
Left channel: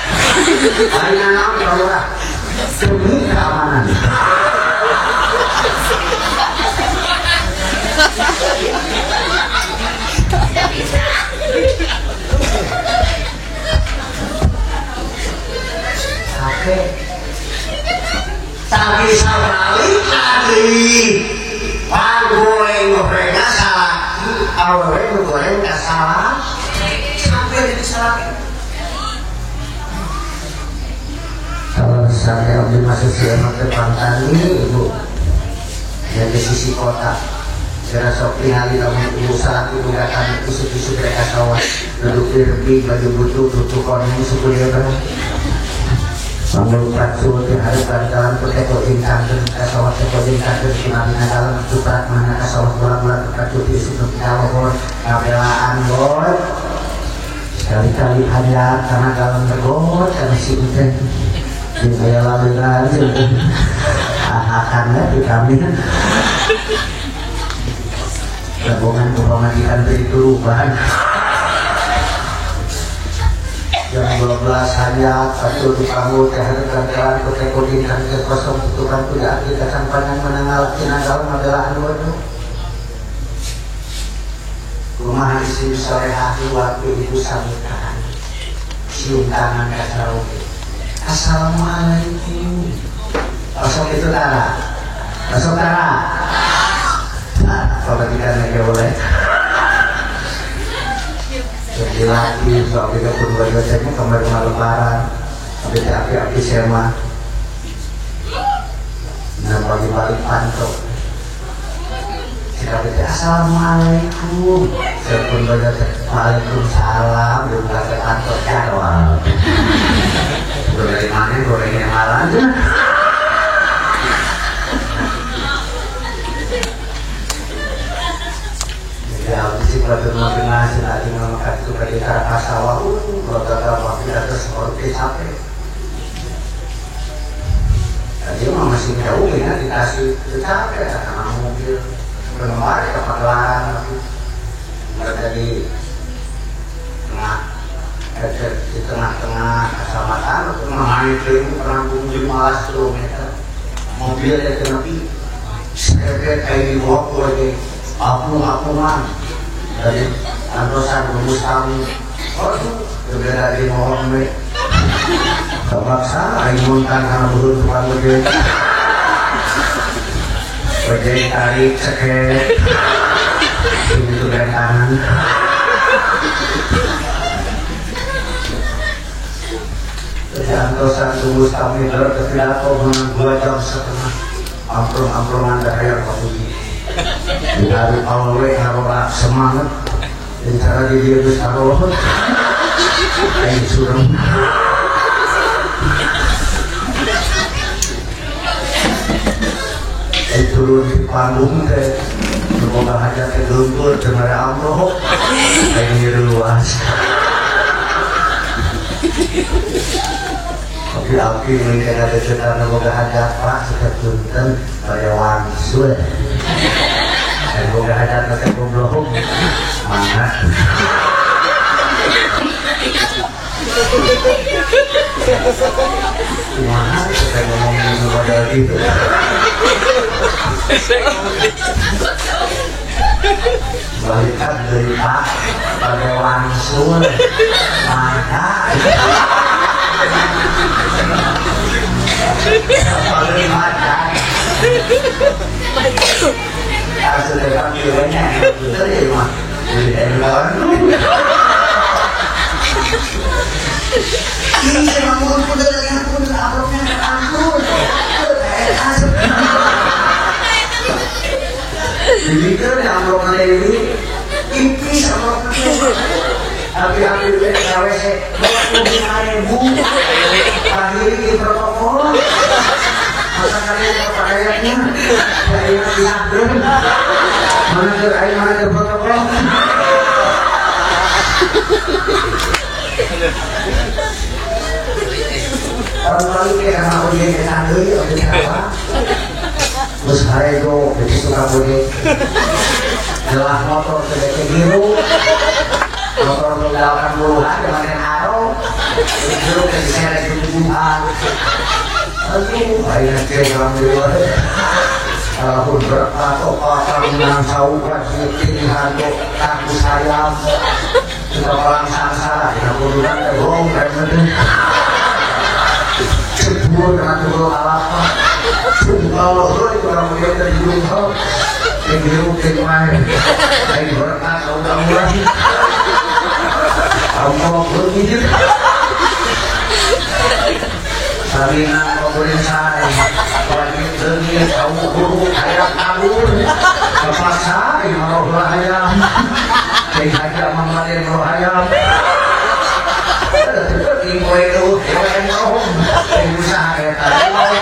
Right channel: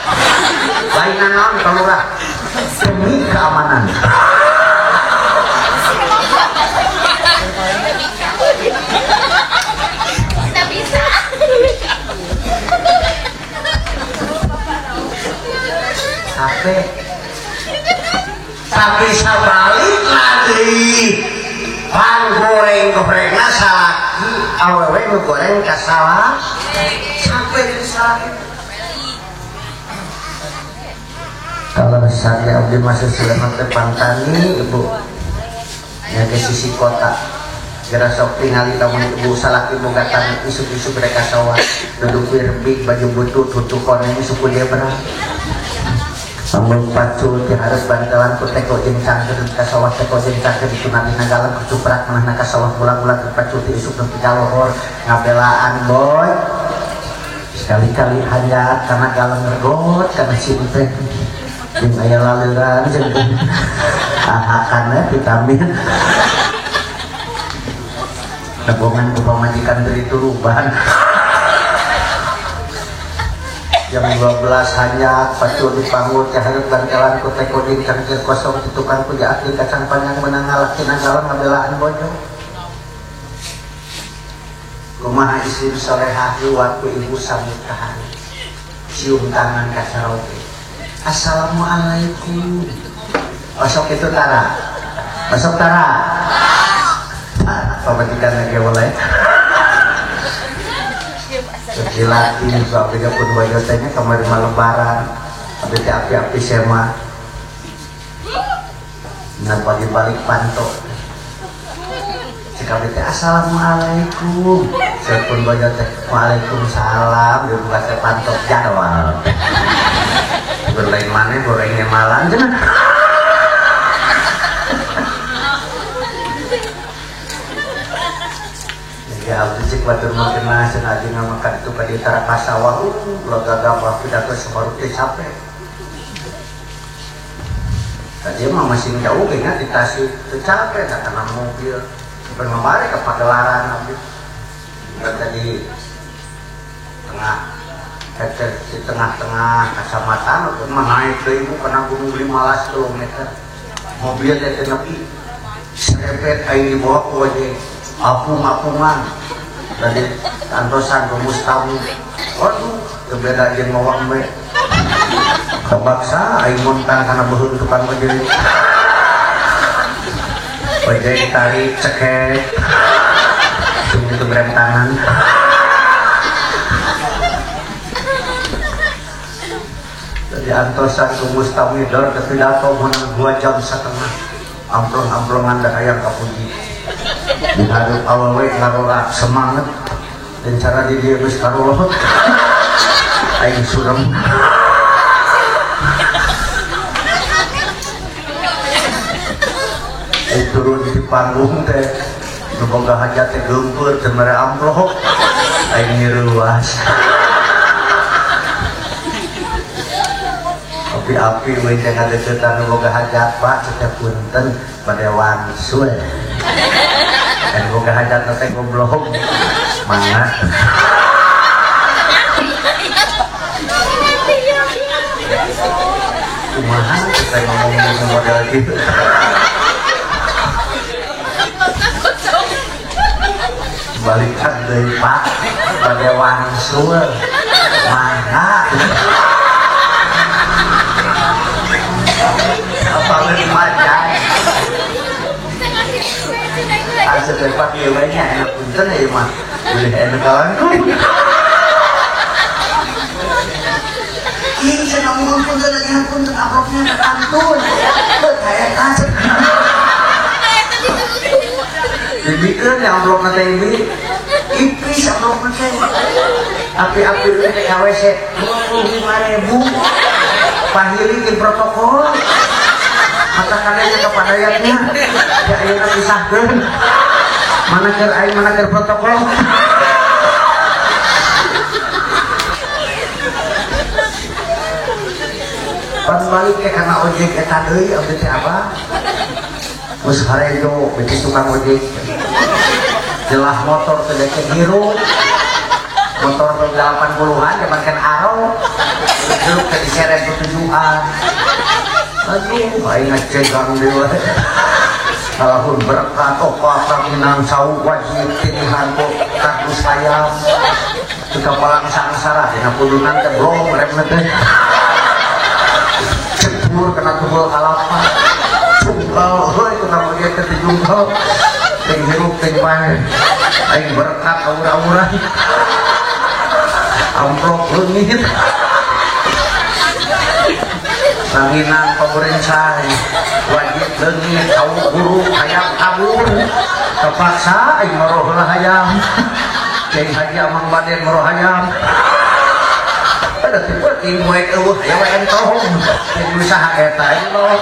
Hanya nama bawa demi keamanan. tapi sabalik lagi goreng-gorengnya sa awewe goreng gak salah sampai disalahin. Kalau saya udah masuk selama Pantani ibu yang di sisi kota kira sok tinggal kamu usaha ibu datang isu-isu mereka sawah duduk di baju butuh tutup konek isu dia berang namun pacu harus bantuan untuk teko inkan ke sawah teko inkan ke kinamin dalam suprat mana ke sawah tulang-tulang pacu isu berkalor ngabelaan boy sekali-kali hanya karena dalam bergot karena cinta ini ayah laluan ahakannya vitamin gabungan itu bahan jam 12 hanya satu di panggung terhadap kelan kota kodinkan ke kosong tutupan tidak aplikasi panjang menanggal tinanggal magelaan bodoh rumah istri sore hari waktu ibu sambutan cium tangan kacau assalamualaikum kosong itu darah kosong darah kalau tidak lagi boleh laki soal 32 Desember kemarin lebaran tapi api-api sema dan balik pantau sekali assalamualaikum serpun baca waalaikumsalam dan baca pantau jawab dari mana gorengnya malah aja ya bisik pada makin nasi lagi memakan itu tadi cara pasawah beragam waktu ada seperti capek dan dia masih jauh ya dikasih itu capek karena mobil bermawari ke pagelaran nggak dari di tengah-tengah kecamatan untuk mengenai keliling pernah 15 km mobil yang nabi sekret kayak di bawah kulit apung-apungan dari antosan Mustamu waduh berbeda di bawah me kebaksa rimunkan karena berhubung depan mobil berdiri tarik ceket ini tuh belah kanan dari antosan Mustamu itu kepidato menang 2 jam setengah amplong-amplongan dari kamu bukan awalnya taruh semangat dan cara dia harus taruh kayak suram turun di panggung teh semoga hajat yang lumpur temara amroh kayak luas api mereka ada sedang semoga hajat pak kita punten pada wangsul dan moga ada nanti ngobrol mana kita ngomong gitu balikan dari pak pada wangsul mana apa mana sudah panggilannya itu terima endon ini ngomong sudah yang pun amplopnya ampun begitu yang amplopnya ini tipis amplopnya tapi ambilnya KWC 25.000 panggil di protokol masalahnya kepadanya ya disahkan mana ke protokol orang lalu karena objek kita dulu objek apa terus hari itu begitu tukang objek jelas motor terdekat biru motor 80-an yang makin haro itu keseret tujuan aduh banyak cewek di luar aku berpatok apa yang tahu wajib tinggalku aku sayang kita orang samsara yang turunan terong dan dulu kena tunggal kalapa. Tunggal, itu kalau dia tadi tunggal. Kayak gitu, kayak main. Kayak berkat, kamu lagi. Kamu begitu. Salinan pemerintahan lagi dengit, kamu guru, ayam kabur. Terpaksa, roh ayam. Kayak saja mengwadir roh ayam. Ibu itu, yang tahu. Ibu saya tahu.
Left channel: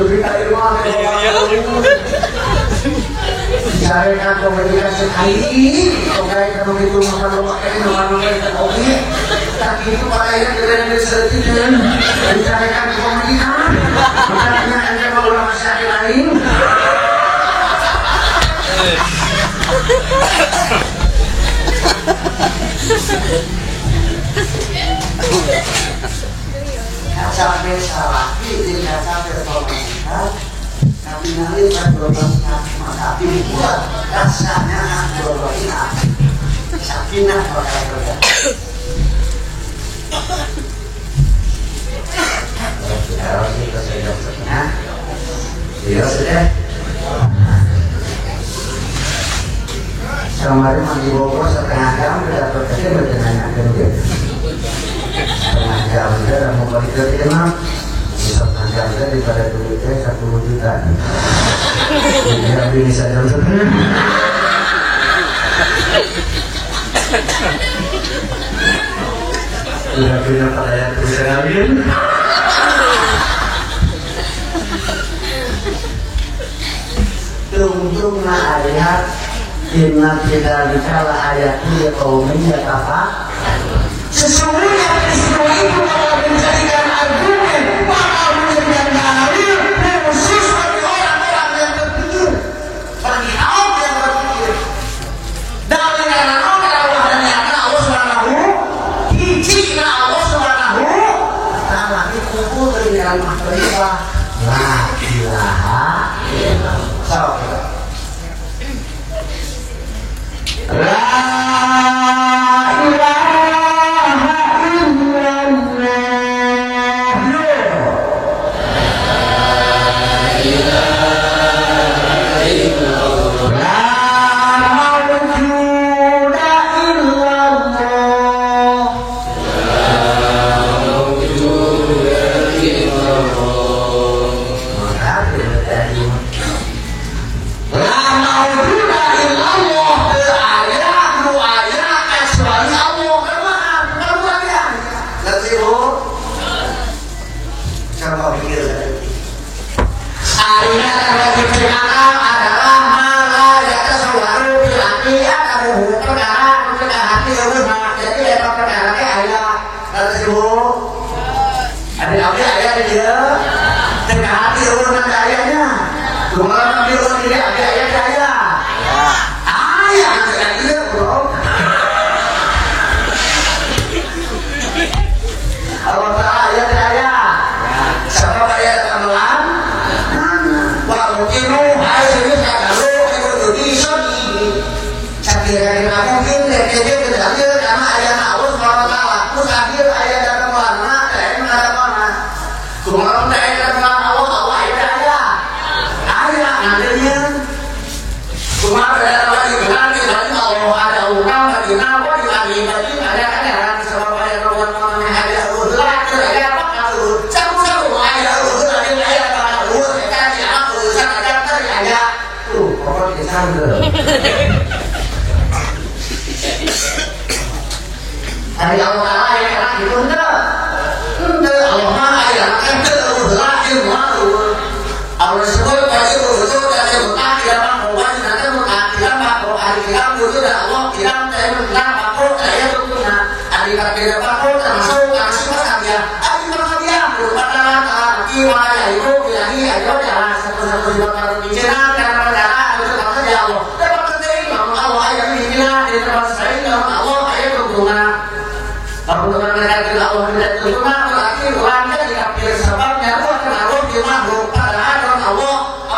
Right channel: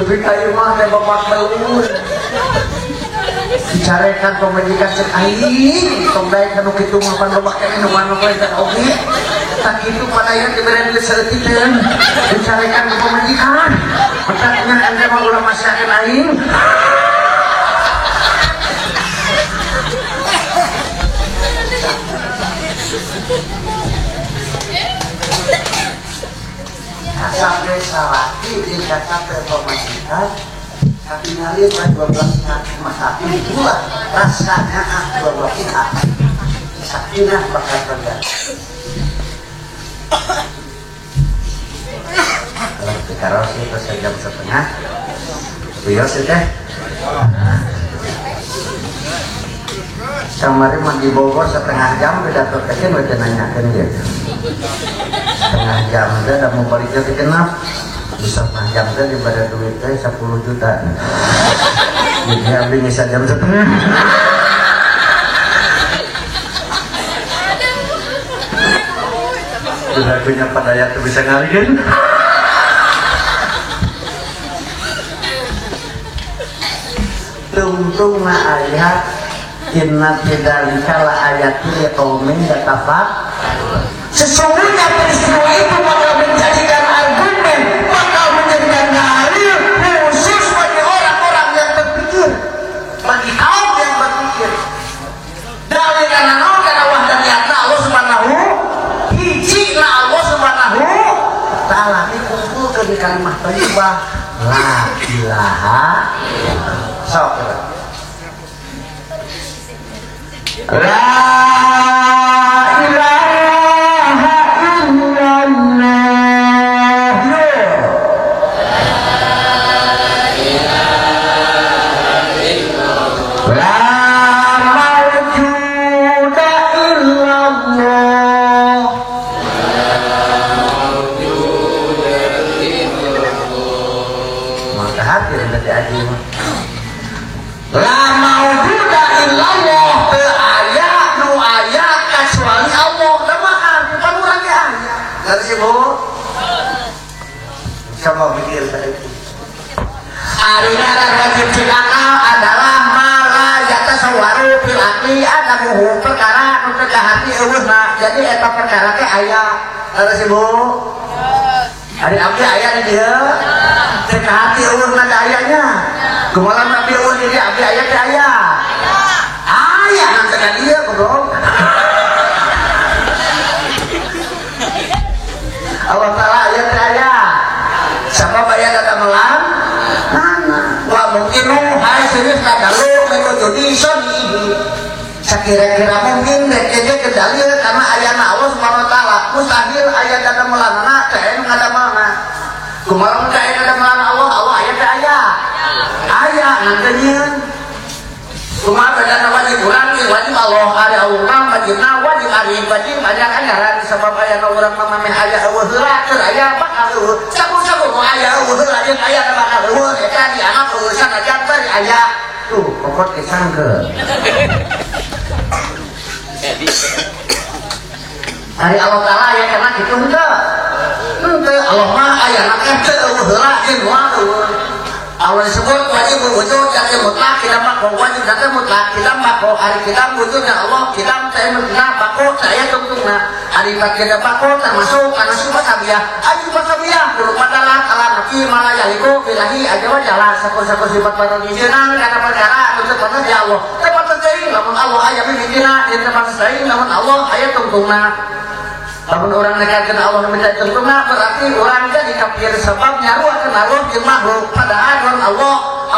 Lebih kali mana bapak kamu? Carikan pemberian sekali, pemberian begitu makan bapak kamu mana mereka oke. Tapi itu pakaian kita yang disertikan, dicarikan pemberian. Makanya anda mau masyarakat lain. Sampai salah, tidak sampai pemerintah. Tapi nanti berdorongnya tapi buat rasanya berdorongnya sakinah pakai kerja. Harus kita sudah setengah. Dia sudah. Kemarin mandi Bogor setengah jam sudah terkait berkenanya kerja. Setengah jam sudah mau kerja dikenal. Setengah jam saja daripada duitnya 10 juta. Ini lebih bisa jam setengah. Sudah punya pada yang tulisan kalian. Tungtungna ayat inna tidak kala ayat dia kaumin ya kafa. Sesungguhnya peristiwa itu bakal menjadikan argumen, bakal menjadikan dalil khusus bagi orang-orang yang berpikir, bagi kaum yang berpikir. Dalil yang Allah dan Allah Subhanahu, hijina Allah Subhanahu, taala itu dari kalimat thayyibah la ilaha illallah. La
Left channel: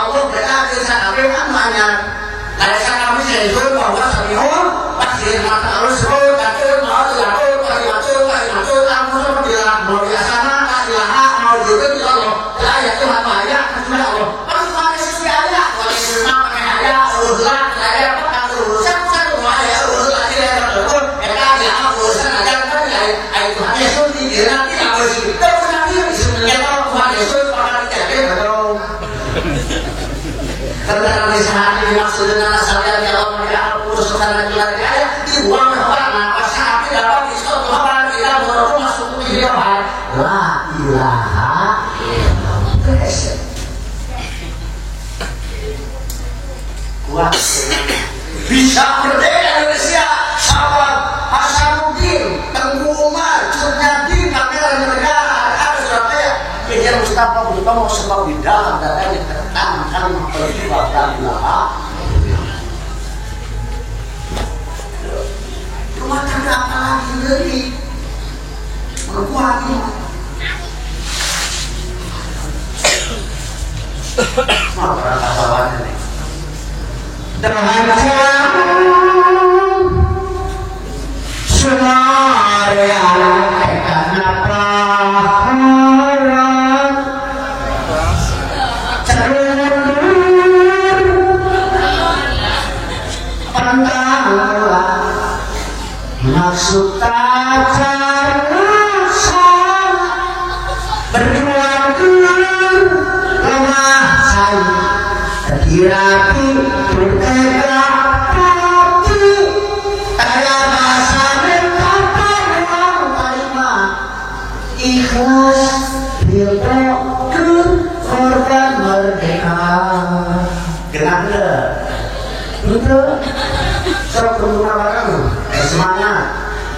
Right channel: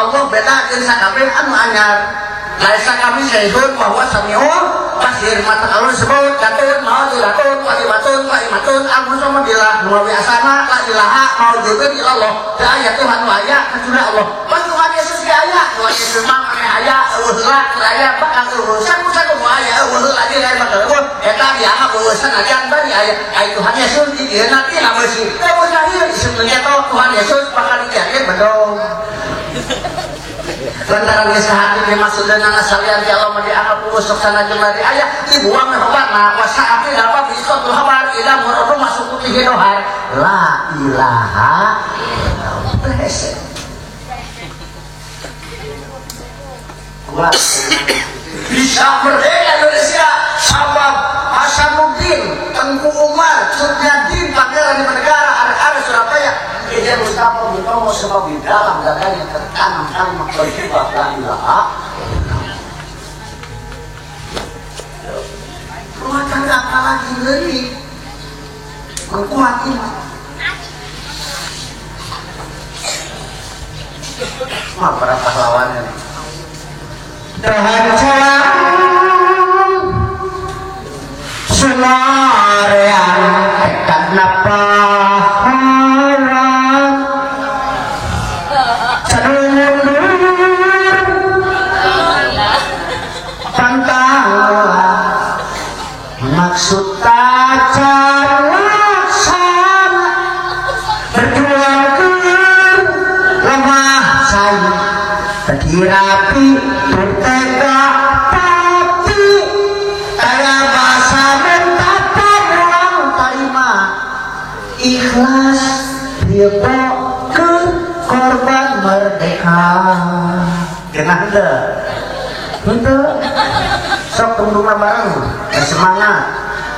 Allah berkata, "Saya akan mengajar." Nah, saya kami sehingga bahwa samiun pasir mata harus sebut datun mau dilatun kalimatun aku sama bilang mau biasana tak dilaha mau juga di Allah ya Tuhan Maria sudah Allah orang Tuhan Yesus ya kalau Yesus nama kaya urusan saya apa urusan Maria urusan lagi ya betul mereka dilaha urusan aja kan ya Tuhan Yesus di dia nanti apa sih urusan dia sebenarnya Tuhan Yesus bakal dikasih betul karena kesalahan ini maksud dengan asalnya dia Allah melihat urusan lagi ada dibuang apa nah sapi dapat diskon apa kita baru masuk ke dia la ilaha kuat bisa berbeda Indonesia sama Hasanuddin Tengku Umar Cudnyadin Makil Negara ada Surabaya Kiai Mustafa Butomo sebab di dalam dadanya tertanamkan peristiwa la ilaha rumah tangga apa lagi dari berkuati maaf para kawan ini dengan cara semua yang kenapa maksud tajar sama berjuang lemah saya terhirapi bertega tapi ada bahasa berkata ulang kalimat ikhlas dia ke korban merdeka genap itu sok penumpang barang semangat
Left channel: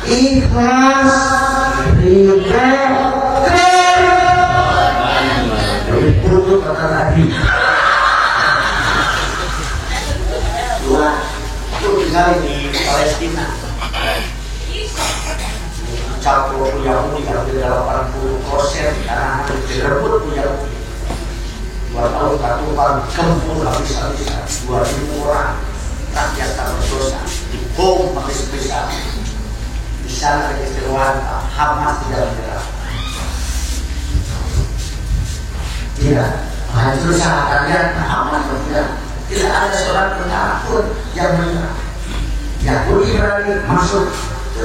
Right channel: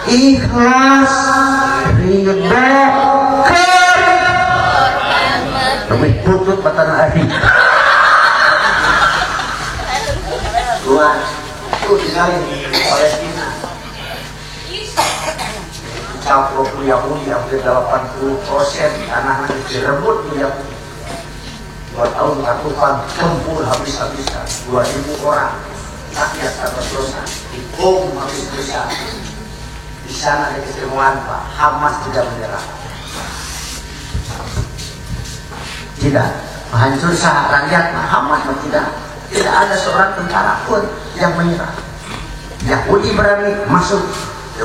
ikhlas ridho lebih putus kata Nabi dua itu tinggal di Palestina campur Yahudi hampir 80% anak-anak direbut Yahudi 2 tahun ratusan gempur habis-habisan 2.000 orang rakyat tak berdosa dibom habis-habisan di sana ada kecewaan Hamas tidak menyerah tidak hancur sahabatnya Hamas tidak ada seorang tentara pun yang menyerah Yahudi berani masuk ke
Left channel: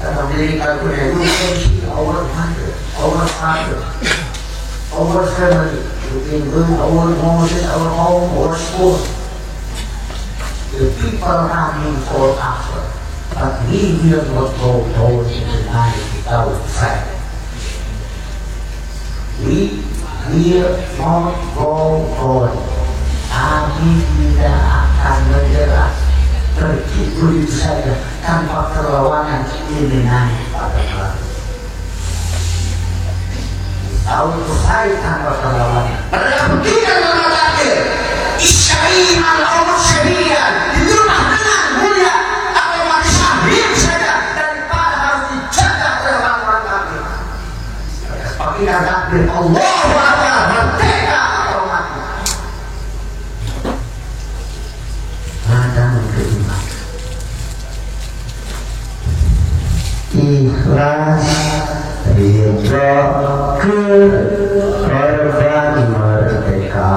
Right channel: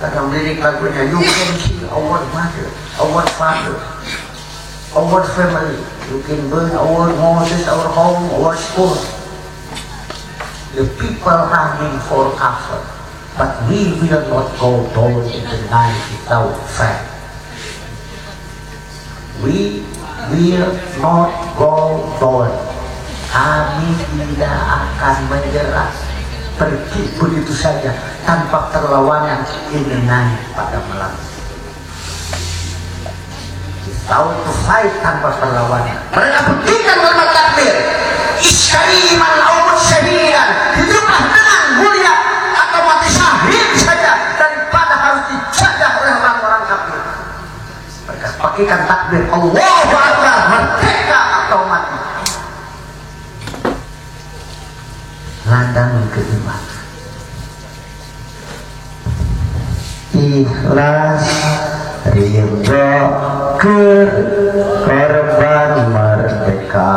karena mereka berkata you can see our father our family you can burn our houses, our home, our school. The people running for after, but we will not go down in the night without fight. We will not go down. Kami tidak akan menyerah. Pergi begitu saja tanpa perlawanan ini naik pada malam. Tahu saya tanpa perlawanan. Berlaku tidak berlaku. Isyari malam sendirian di rumah menang mulia atau mati syahid saja daripada harus dijaga oleh orang-orang kafir. Pakiran kafir Allah Akbar merdeka atau mati. Lantaran kelima ikhlas ridho ke korban merdeka.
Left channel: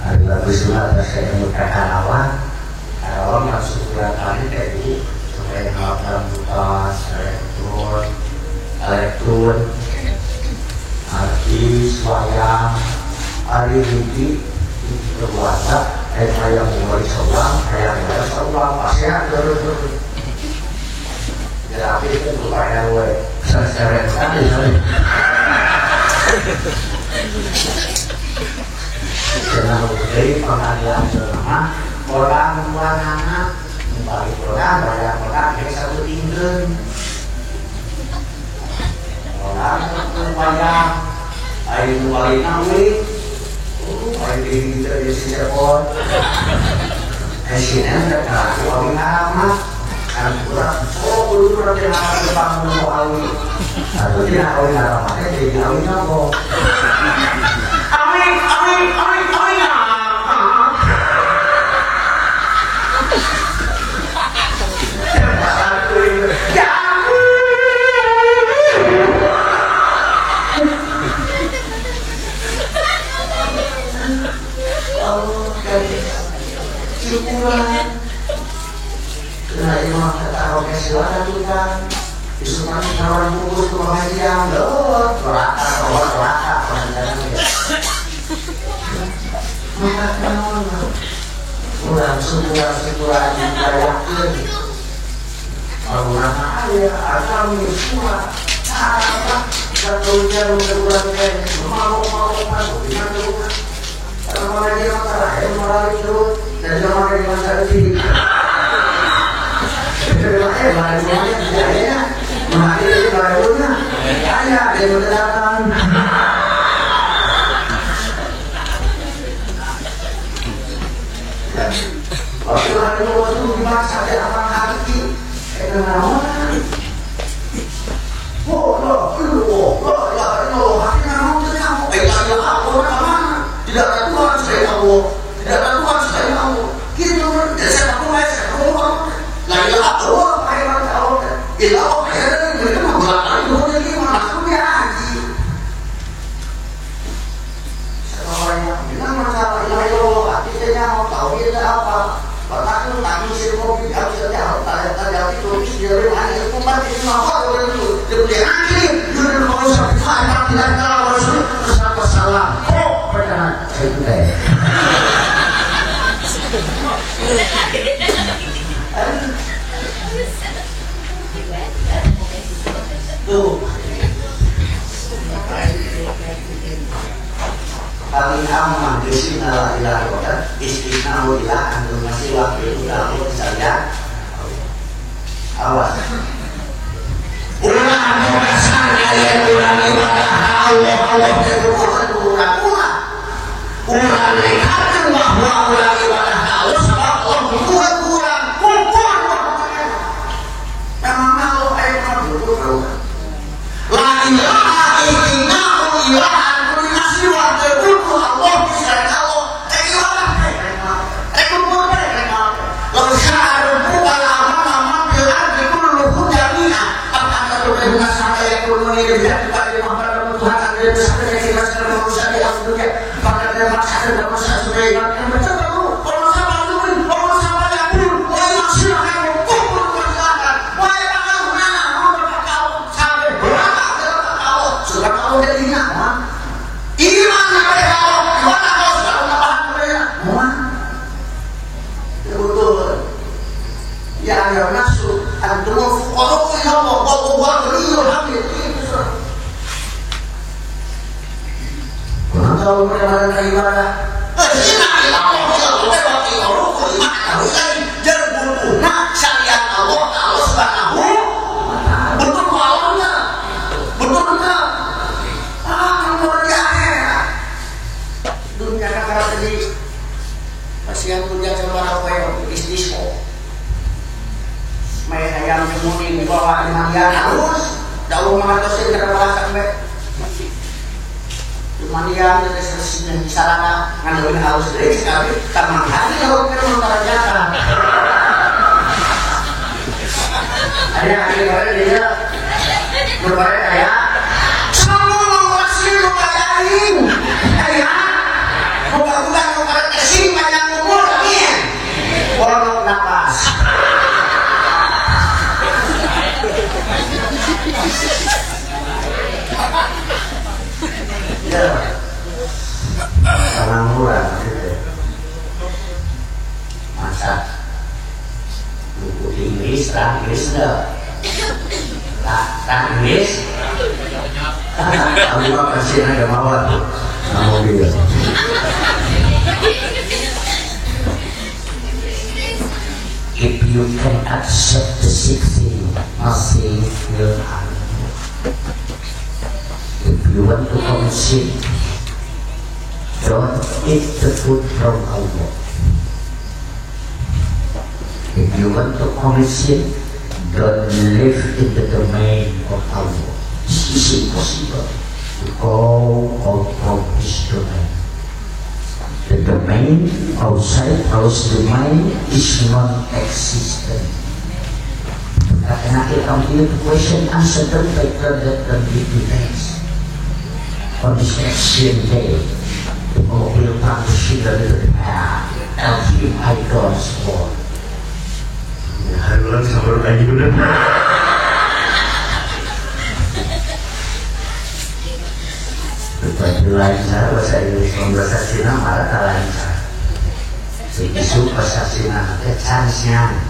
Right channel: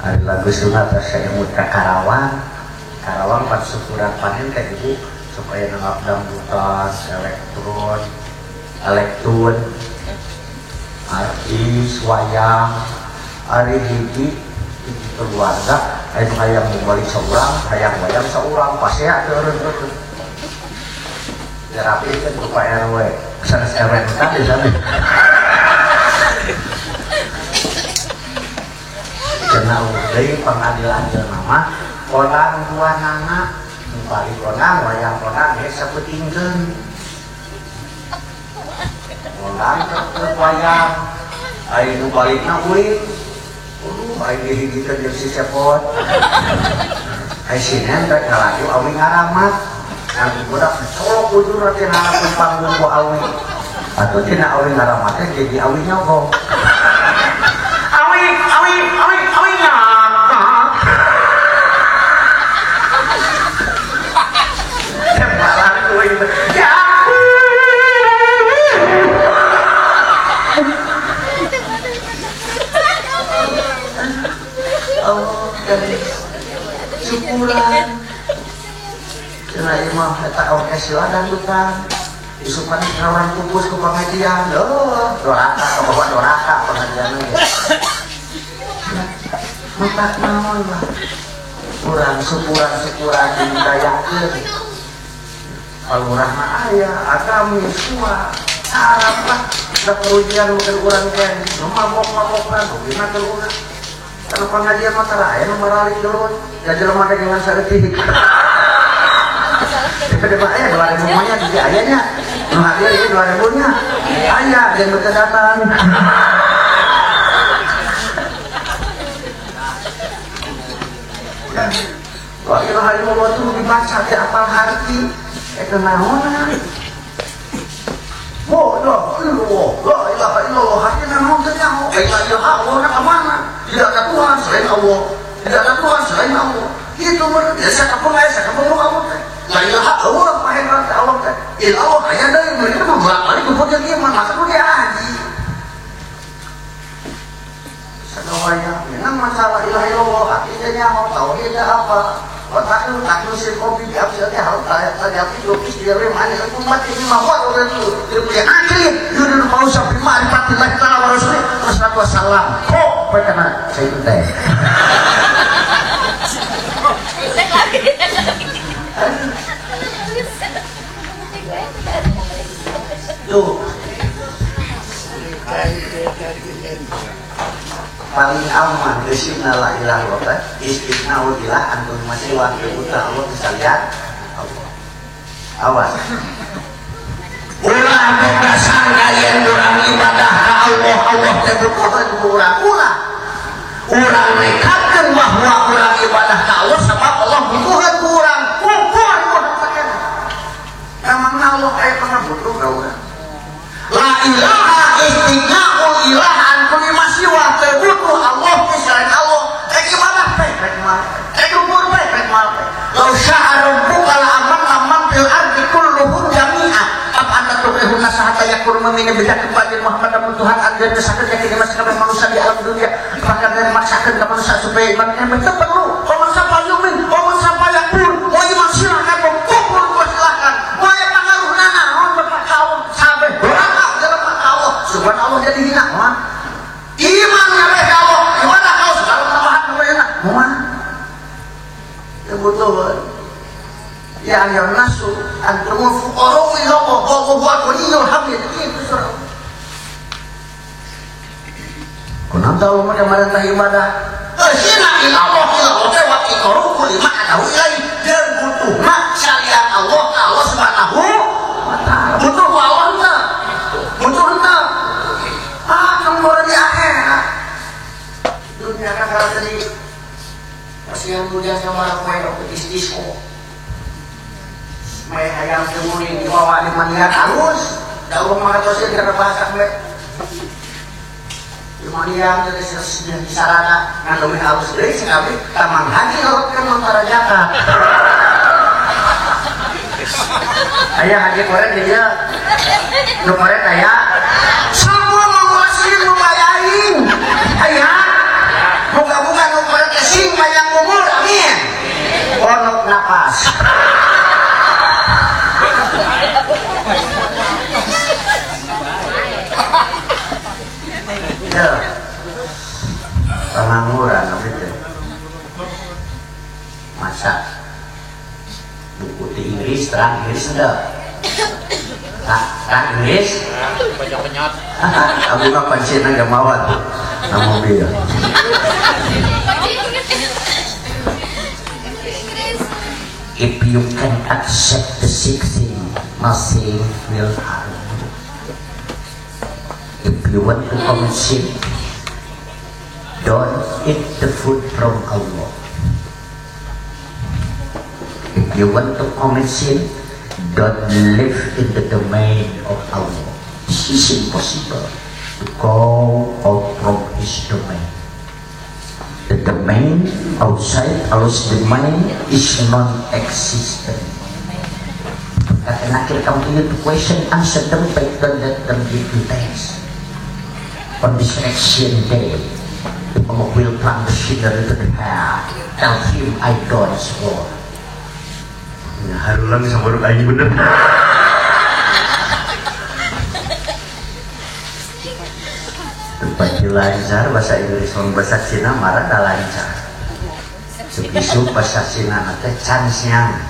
Ada lagu silat saya muka Karawang maksud berapa hari supaya dalam mutas elektron artis wayang hari ini berpuasa saya mulai sebelah kayak saya sebelah pasti ada ya tapi itu bukan gue sering sekali kenal dari pengadilan bernama Kolam Dua Anak bagi kolam banyak kolam dari satu tinggal kolam banyak air kembali nawi baik di kita di Singapura Asian mereka kami ngamat dan kurang kudu nanti harus bangun awi atau tidak awi ngaramatnya jadi awi ngapok awi Allah syukuran karena imam kita oke silakan juga disuruh kawan bungkus ke media loh doaka makan naon kurang syukuran dibayakeun Allah aya kami semua apa ketujuan kurang kan mau gimana kalau dia masalah yang melalui terus dan dia di masalah ini terbaik barunya tidak adanya mengakhiri barunya hanya ada kedatangan waktu hari waktu dimaksa ada apa hati kenal hati kamu ketemu Allah mana tidak ada Tuhan selain Allah tidak ada Tuhan selain Allah gitu saya kamu la ilaha illallah khairan Allah ilah khairan mereka membelakang itu dia masuk dia haji semuanya dengan masalah ilah illallah artinya mau tahu kita apa bahkan tak mesti kopi habis saja harus tadi kopi dia ada umat itu apa orang itu dia anjing dia mau sampai mana tidak tahu siapa salah kok pada saya tuh paling aman bismillah istighfar antum masih waktu kamu saya awas ulah sana yang ibadah Allah pura-pura ulah nekatkan bahwa ulah ibadah Allah sebab Allah kurang memang Allah ayat dulu la ilaha illallah ilahan kulli siwa ta'budu Allah selain Allah ilah itu boleh law sya'ara rabbuka la'amama fil ardi kulluhum jami'an apa anda berguna sampai yang bermuni tidak kepada Muhammad Tuhan anda bersatu yang tidak sama manusia di alam dunia maka dia maksakan dan manusia supaya iman yang betul Allah sama zumin Allah sama yang buruk Allah yang silahkan kumpul bersilakan wahai maka gunana mau berkau sampai sudah tahu dari hina iman mereka Allah gimana kau sudah menambahkan mereka betul yang masuk antumul fuqara ila Allah wallahu ghaniyun hamid kurang tahu mereka ibadah hina ila Allah wa ila rukul ma'nahu dan butuhna syariat Allah subhanahu betul maunya betul enggak luar biasa dunia kan karena tadi pasien punya saudara kue istismo may hayam kemuning di bawah 5 miliar harus daun mengatosin karena bahasa sampai 5 miliar dari sesnya di sarana ngandelin harus dari sekali tamangkan kalau kita merajakan ada yang kemarin dia kemarin kayak semua menguasai lumayain ayah buka-buka kepada kesing banyak umur amin walau napas ya orang-orang masa buku Inggris terang Inggris enggak Inggris aku apa sih ada mawar kamu dia if you can accept the 16 masih will if you want to concede don't eat the food from Allah if you want to concede don't live in the domain of Allah. This is impossible to go out from His domain. The domain outside Allah's domain is non-existent. Karena kita punya question answer terbaik dan details. On this next day, the Allah will punish you a little bit. LV Icon Store. Haruan sama lagi bener. Bagi lancar bahasa Inggris bahasa Cina malah tak lancar. Isu bahasa Cina nanti chance-nya.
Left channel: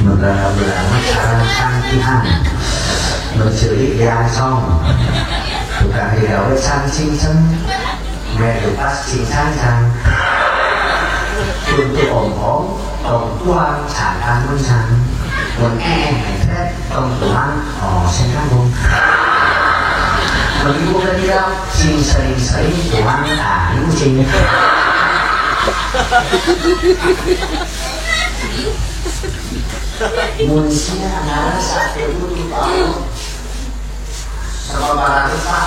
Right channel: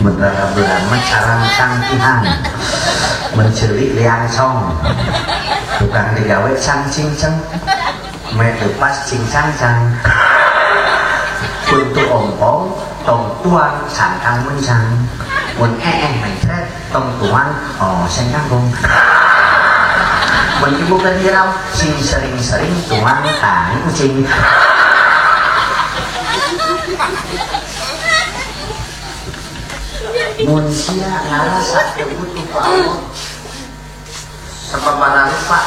Beberapa bilang cara cangkihan, mencuri liancong, bukan digawe cang-cinceng, merepas cincang-cang. Untuk om-om, tong tuang, cangkang muncang, men tong tuang, senyambung. Menipu ketiak, sering-sering, tuang, kucing. Manusia adalah satu untuk Allah. Sama barang Pak.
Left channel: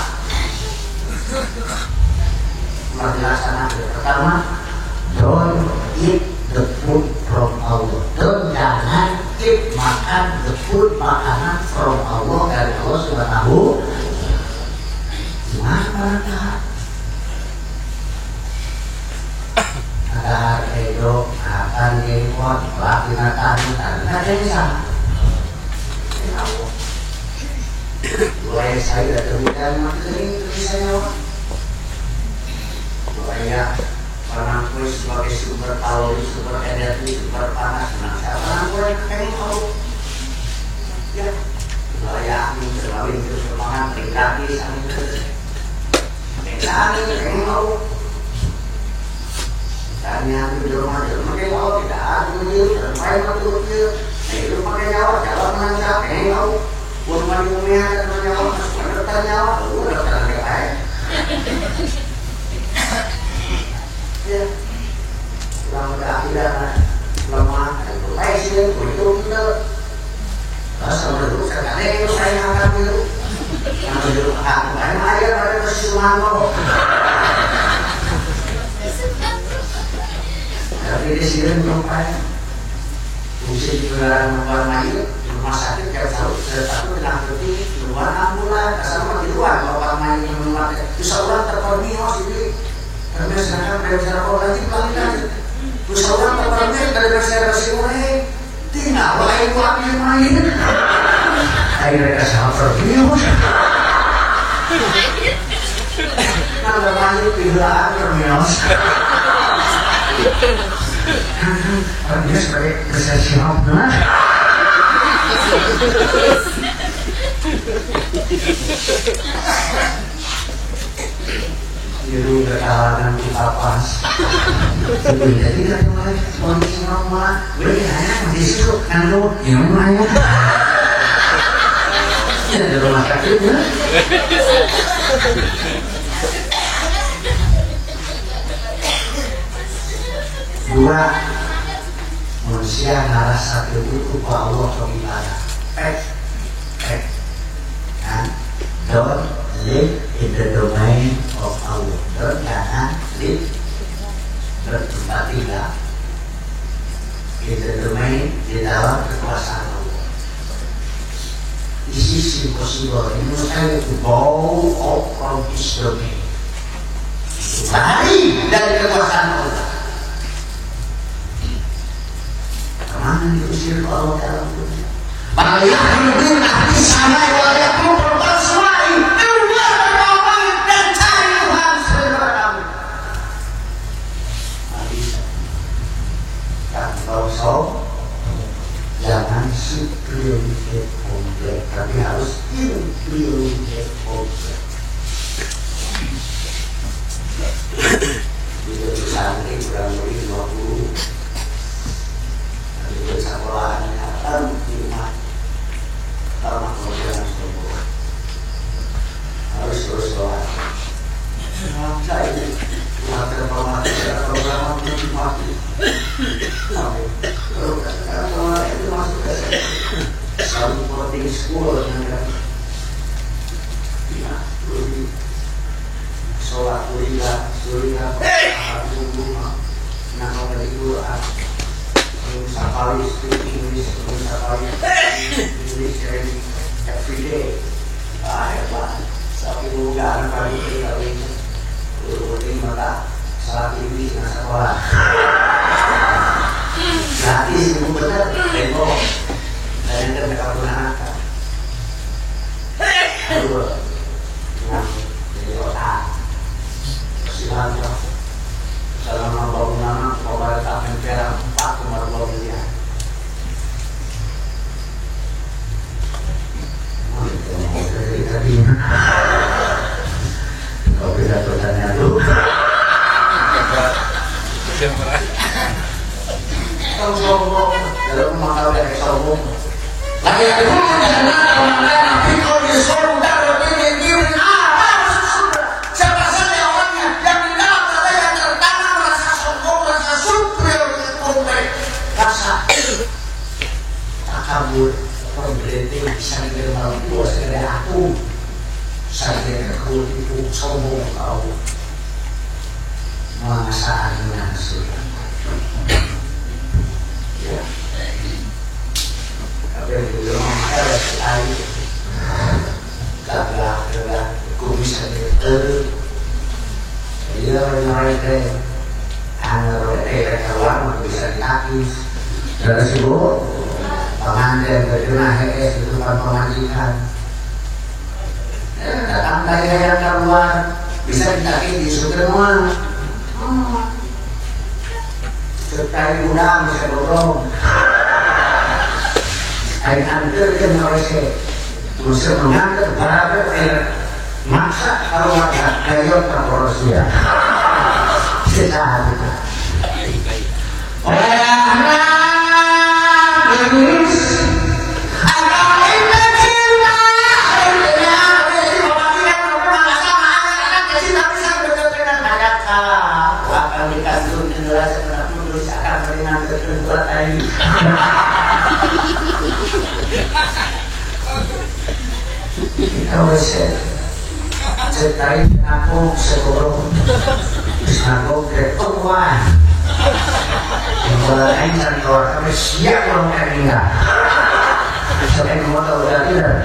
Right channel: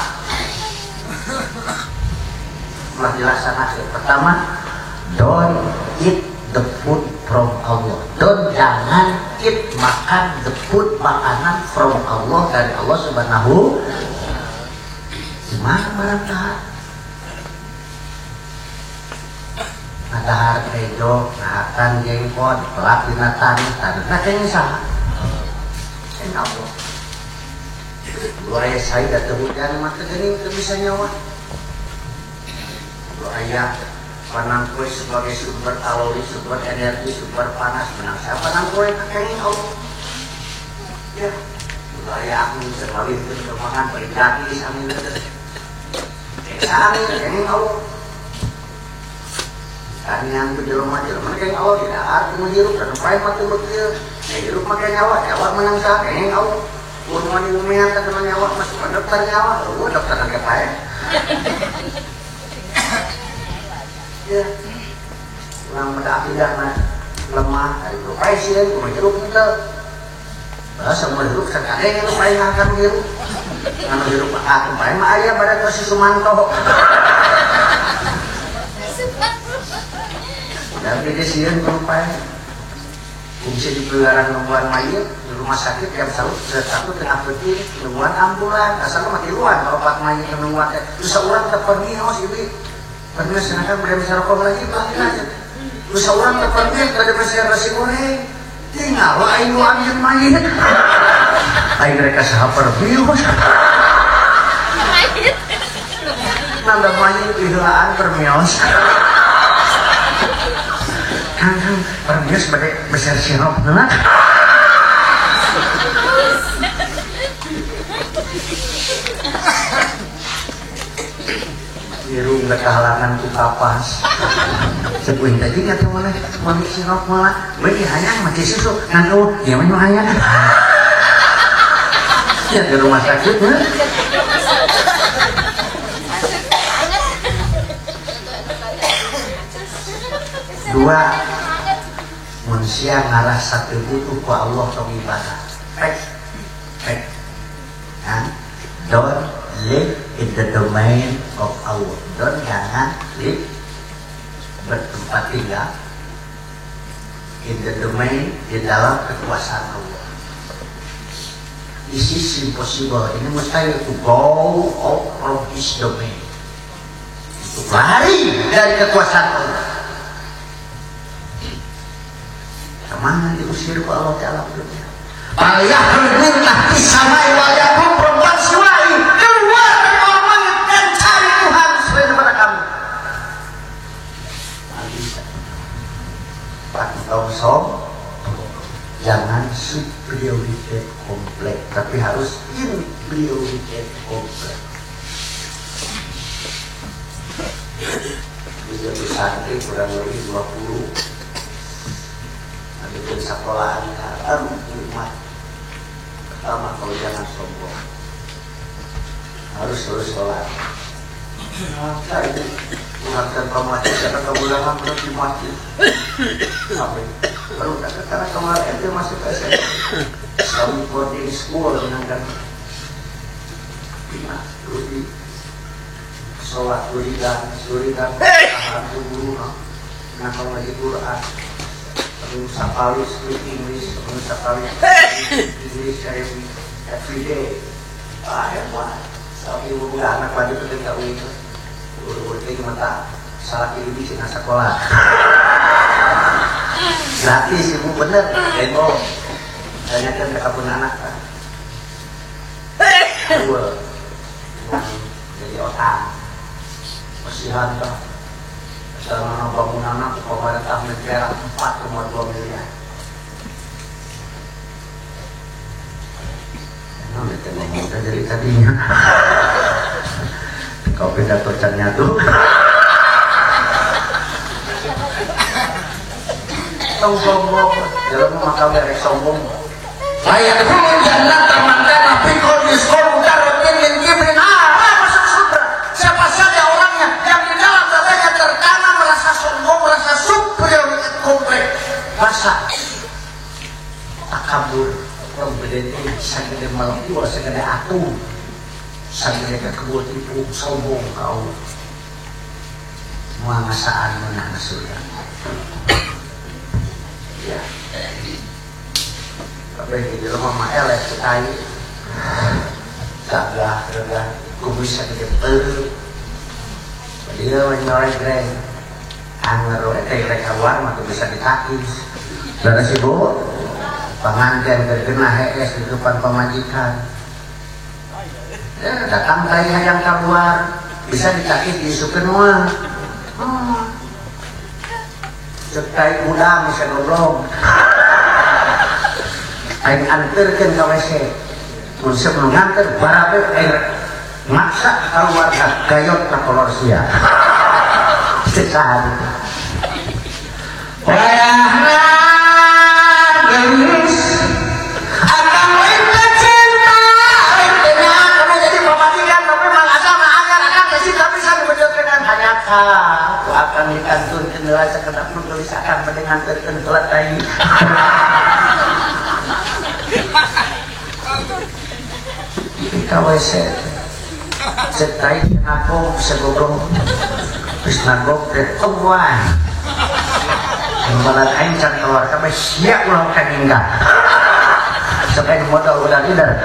Telah dilaksanakan. Pertama, don't eat the food from Allah. Jangan makan the food makanan from Allah dari Allah Subhanahu. Gimana barang Pak? Ada harga hidup, akan diimpor, pelatihan dan katanya sama. Allah. Boleh saya temukan mati ini untuk bisa nyawa. Boleh orang kue sebagai sumber kalori, sumber energi, sumber panas, menang. Orang kue kekini tahu. Ya, boleh angin terlalu itu semangat bergerak sambil terus. Angin kekini tahu. Dan yang di rumah dia tahu tidak ada dia sampai mati dia. Di rumah dia nyawa menangsa pengen tahu. Rumah di bumi ada teman nyawa masuk dokter nyawa, lalu dokter nggak kaya. Ya, orang berakidah kan lemah, itu baik sih, itu kita. Sama dulu sekarang itu saya akan itu. Yang dulu aku main ayam pada Sumanto. Tapi di sini sampai fungsi di luar Mayu di rumah sakit yang satu kena hati luar ambulan asal di luar kalau Mayu keluar itu seorang terpermios ini karena sedangkan dari cara lagi pelan itu seorang terpermios dari saya bersih tinggal lain luar Mayu ayo mereka sangat terpermios kalau Mayu pilaan terpermios orang dia sebagai profesional benar. Biru nggak kalangan kita pas. Sebenarnya kita mulai kondisi normal. Beli hanya masih situ ngandung yang mana? Ya di rumah sakit ya. Dua, manusia harus satu itu Allah kemilana. Don't live in the domain of Allah. Jangan live bertempat in the domain di dalam kekuasaan Allah. This is impossible. Ini mustahil to go out from His domain. Lari dari kekuasaan Allah. Mana diusir Allah dalam dunia? Banyak berguna di sana walaupun perempuan selain keluar dari Allah dan cari Tuhan sebagai kamu. Tak tahu jangan si prioritas komplek, tapi harus in prioritas komplek. Sudah disantri kurang lebih 20. Di sekolahannya di rumah pertama kalau jangan sombong harus terus sekolah maka ini mengatakan pemakai atau ulama berarti mati lalu katakan sama itu masuk ke selalu boarding school ada lebih sholat sulilah nama dari Quran Safari speaking English, Safari English every day. Hebat. Tapi bukan kali kita itu, ini mata saat ini di sekolah. Gratis itu bener, demo. Dari yang mereka punya anak. Aduh, jadi otak. Silakan. Selama bangunan pemerintah negara 4,2 miliar. Jadi tadinya kau pidato tanya tuh. Sombong, dalam mata dari sombong. Layak dulu dan ada mana pikir di surga lebih diri. Siapa saja orangnya yang di dalam hatinya tertanam rasa sombong, rasa superior, kompleks, rasa takabur, pemberian bisa diterima puas dari aku. Saya kekul itu sombong kau mengasah menasihkan. Ya, tapi di rumah ada sekali gagah, aku bisa diterima. Dia mereka anggar kawan aku bisa dikaki. Tersebut pengantin terkena HS di depan pemandikan. Datang saya yang keluar bisa dikaki di semua. Sekai muda bisa dorong. Ain antar ke Norway. Musuh mengangkat beraber maksa kalau ada kayak Rusia. Sekali. Kalau saya cetai aku sebelum nanggung ke Tuhan, kalau encan kalau kami siap melakukan hingga, sekian motor udah tidak.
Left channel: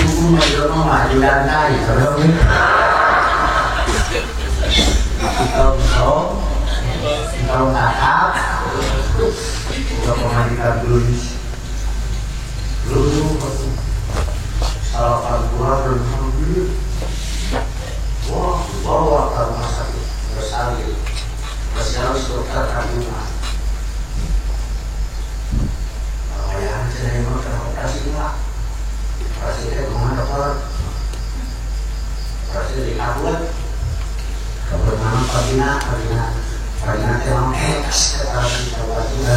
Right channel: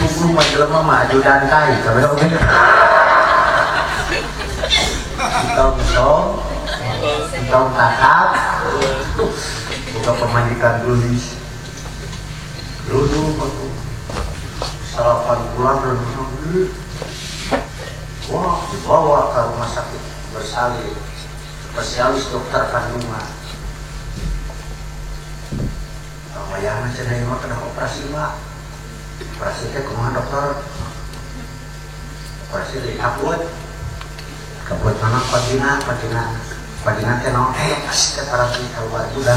Ibu majulah maju lantai, kalau ini. Kau kakak, kau pemandikan dulu. Dulu sarapan pulang dan mobil. Wah, bawa ke rumah sakit. Bersali dokter kandungan. Ayahnya sedang makan operasi juga. Operasinya kemana dokter? Operasi di Kabul. Kabul mana Padina terang coba juga.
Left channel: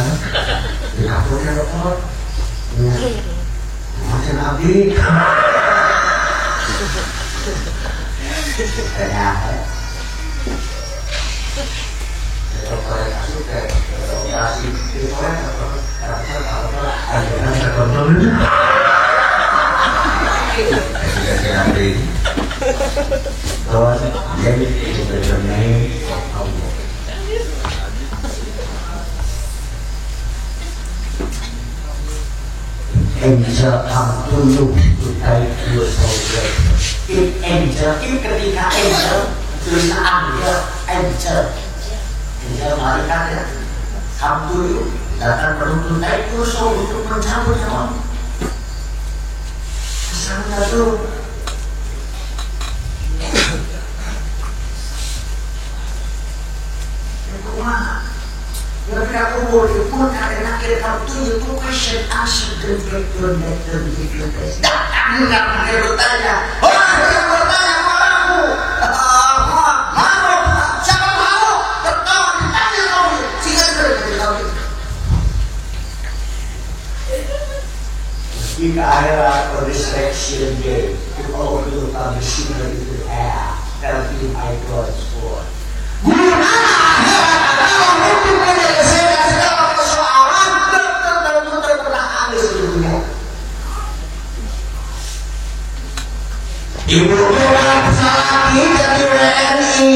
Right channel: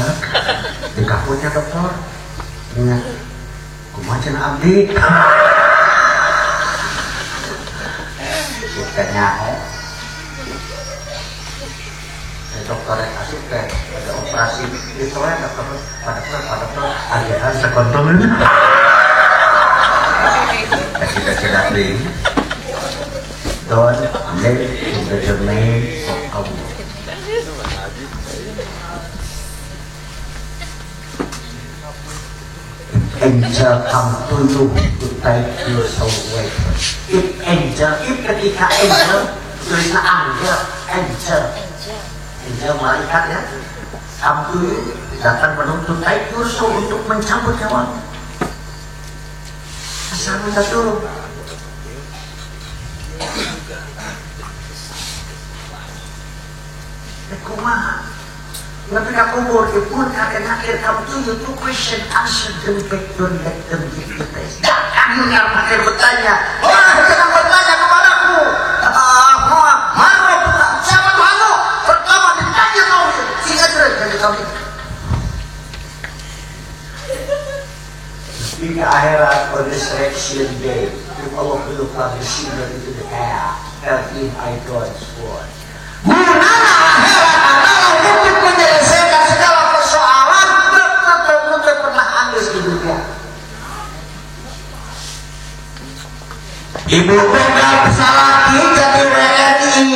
Di Kabulnya dokter. Macam abdi kayaknya kalau kasus kayak operasi itu kan ada sekontrol kasih abdi kawan jadi internet kamu angel dulu utai filosofi. Angel itu ketika angel tulisan angel malaikatnya kamu datang menuntut utai filosofi untuk mencabut kawan. Sama dulu. Yang tidak boleh pun ada akhir kamu itu question answer dan question dan difficulties. Datang dengan akhir bertanya. Saya bertanya kepadamu. Malu, siapa malu? Pertama ditanya kamu. Tidak dari kamu. Jika akhirat resurrection day, you all look at the shiver into the air. 13 I God is for. Ibu memang pesawat dari WNI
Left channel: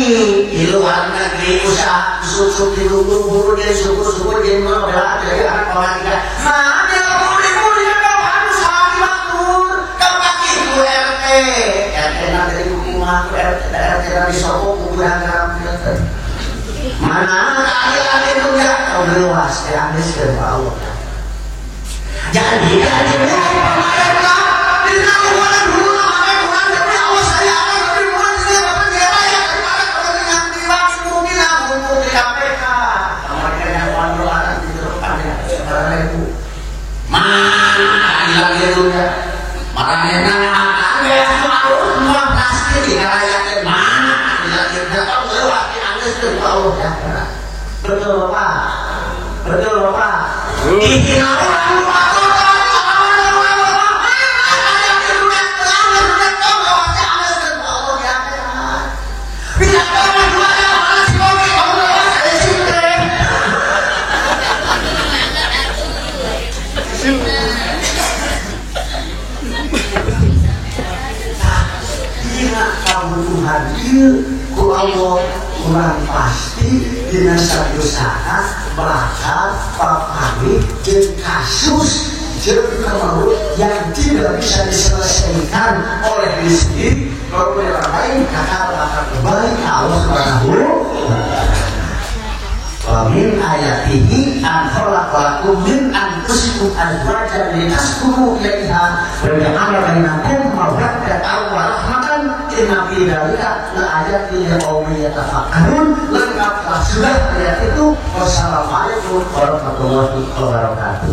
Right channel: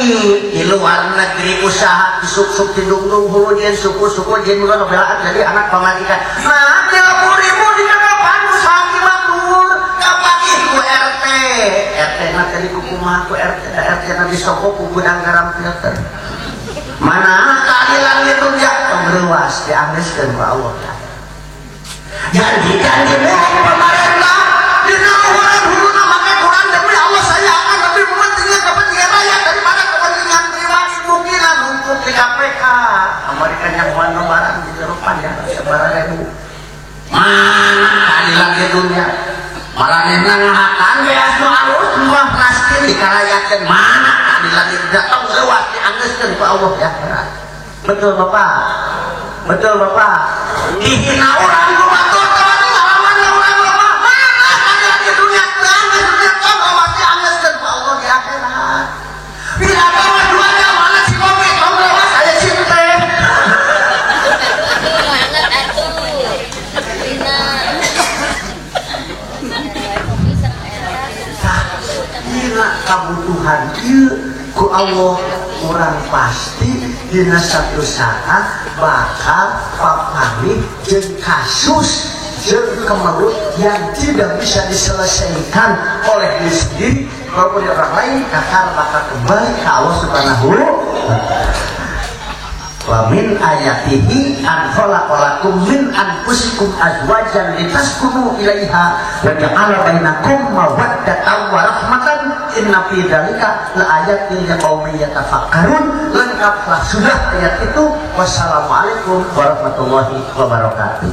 di luar negeri usaha suku di lumbung dia suku di luar dari anak pematikan. Mana boleh apa usaha makmur kau pakai ibu RT nanti ibu kumaha daerah kita disokok kuburan garam pinter. Mana keadilan itu ya luas dianggeuskeun ku Allah. Jadi kan dimulai pemerintah di rumah dulu namanya Tuhan tapi Allah sayang tapi bukan dia dapat dia bayar kepada kepentingan pribadi mungkin untuk di KPK. Mereka yang wanita di depannya seberapa ribu. Mana keadilan itu ya? Makanya akan ya mau pasti dirayakan mana keadilan itu tahu keluar dianggeuskeun ku Allah ya. Betul Bapak. Betul Bapak. Ini orang luar kebutuhan ieu ku Allah urang pasti dina satu saat bakal papanggih jeung kasus jeung kemalut yang tidak bisa diselesaikan oleh diri sendiri kalau orang lain kakak bakal kembali ke Allah Subhanahu wa min ayatihi an khalaqalakum min anfusikum azwajan litaskunu ilaiha wa ja'ala bainakum mawaddatan wa rahmatan inna fi dzalika laayatin liqaumin yatafakkarun. Lengkaplah sudah ayat itu. Wassalamualaikum warahmatullahi wabarakatuh.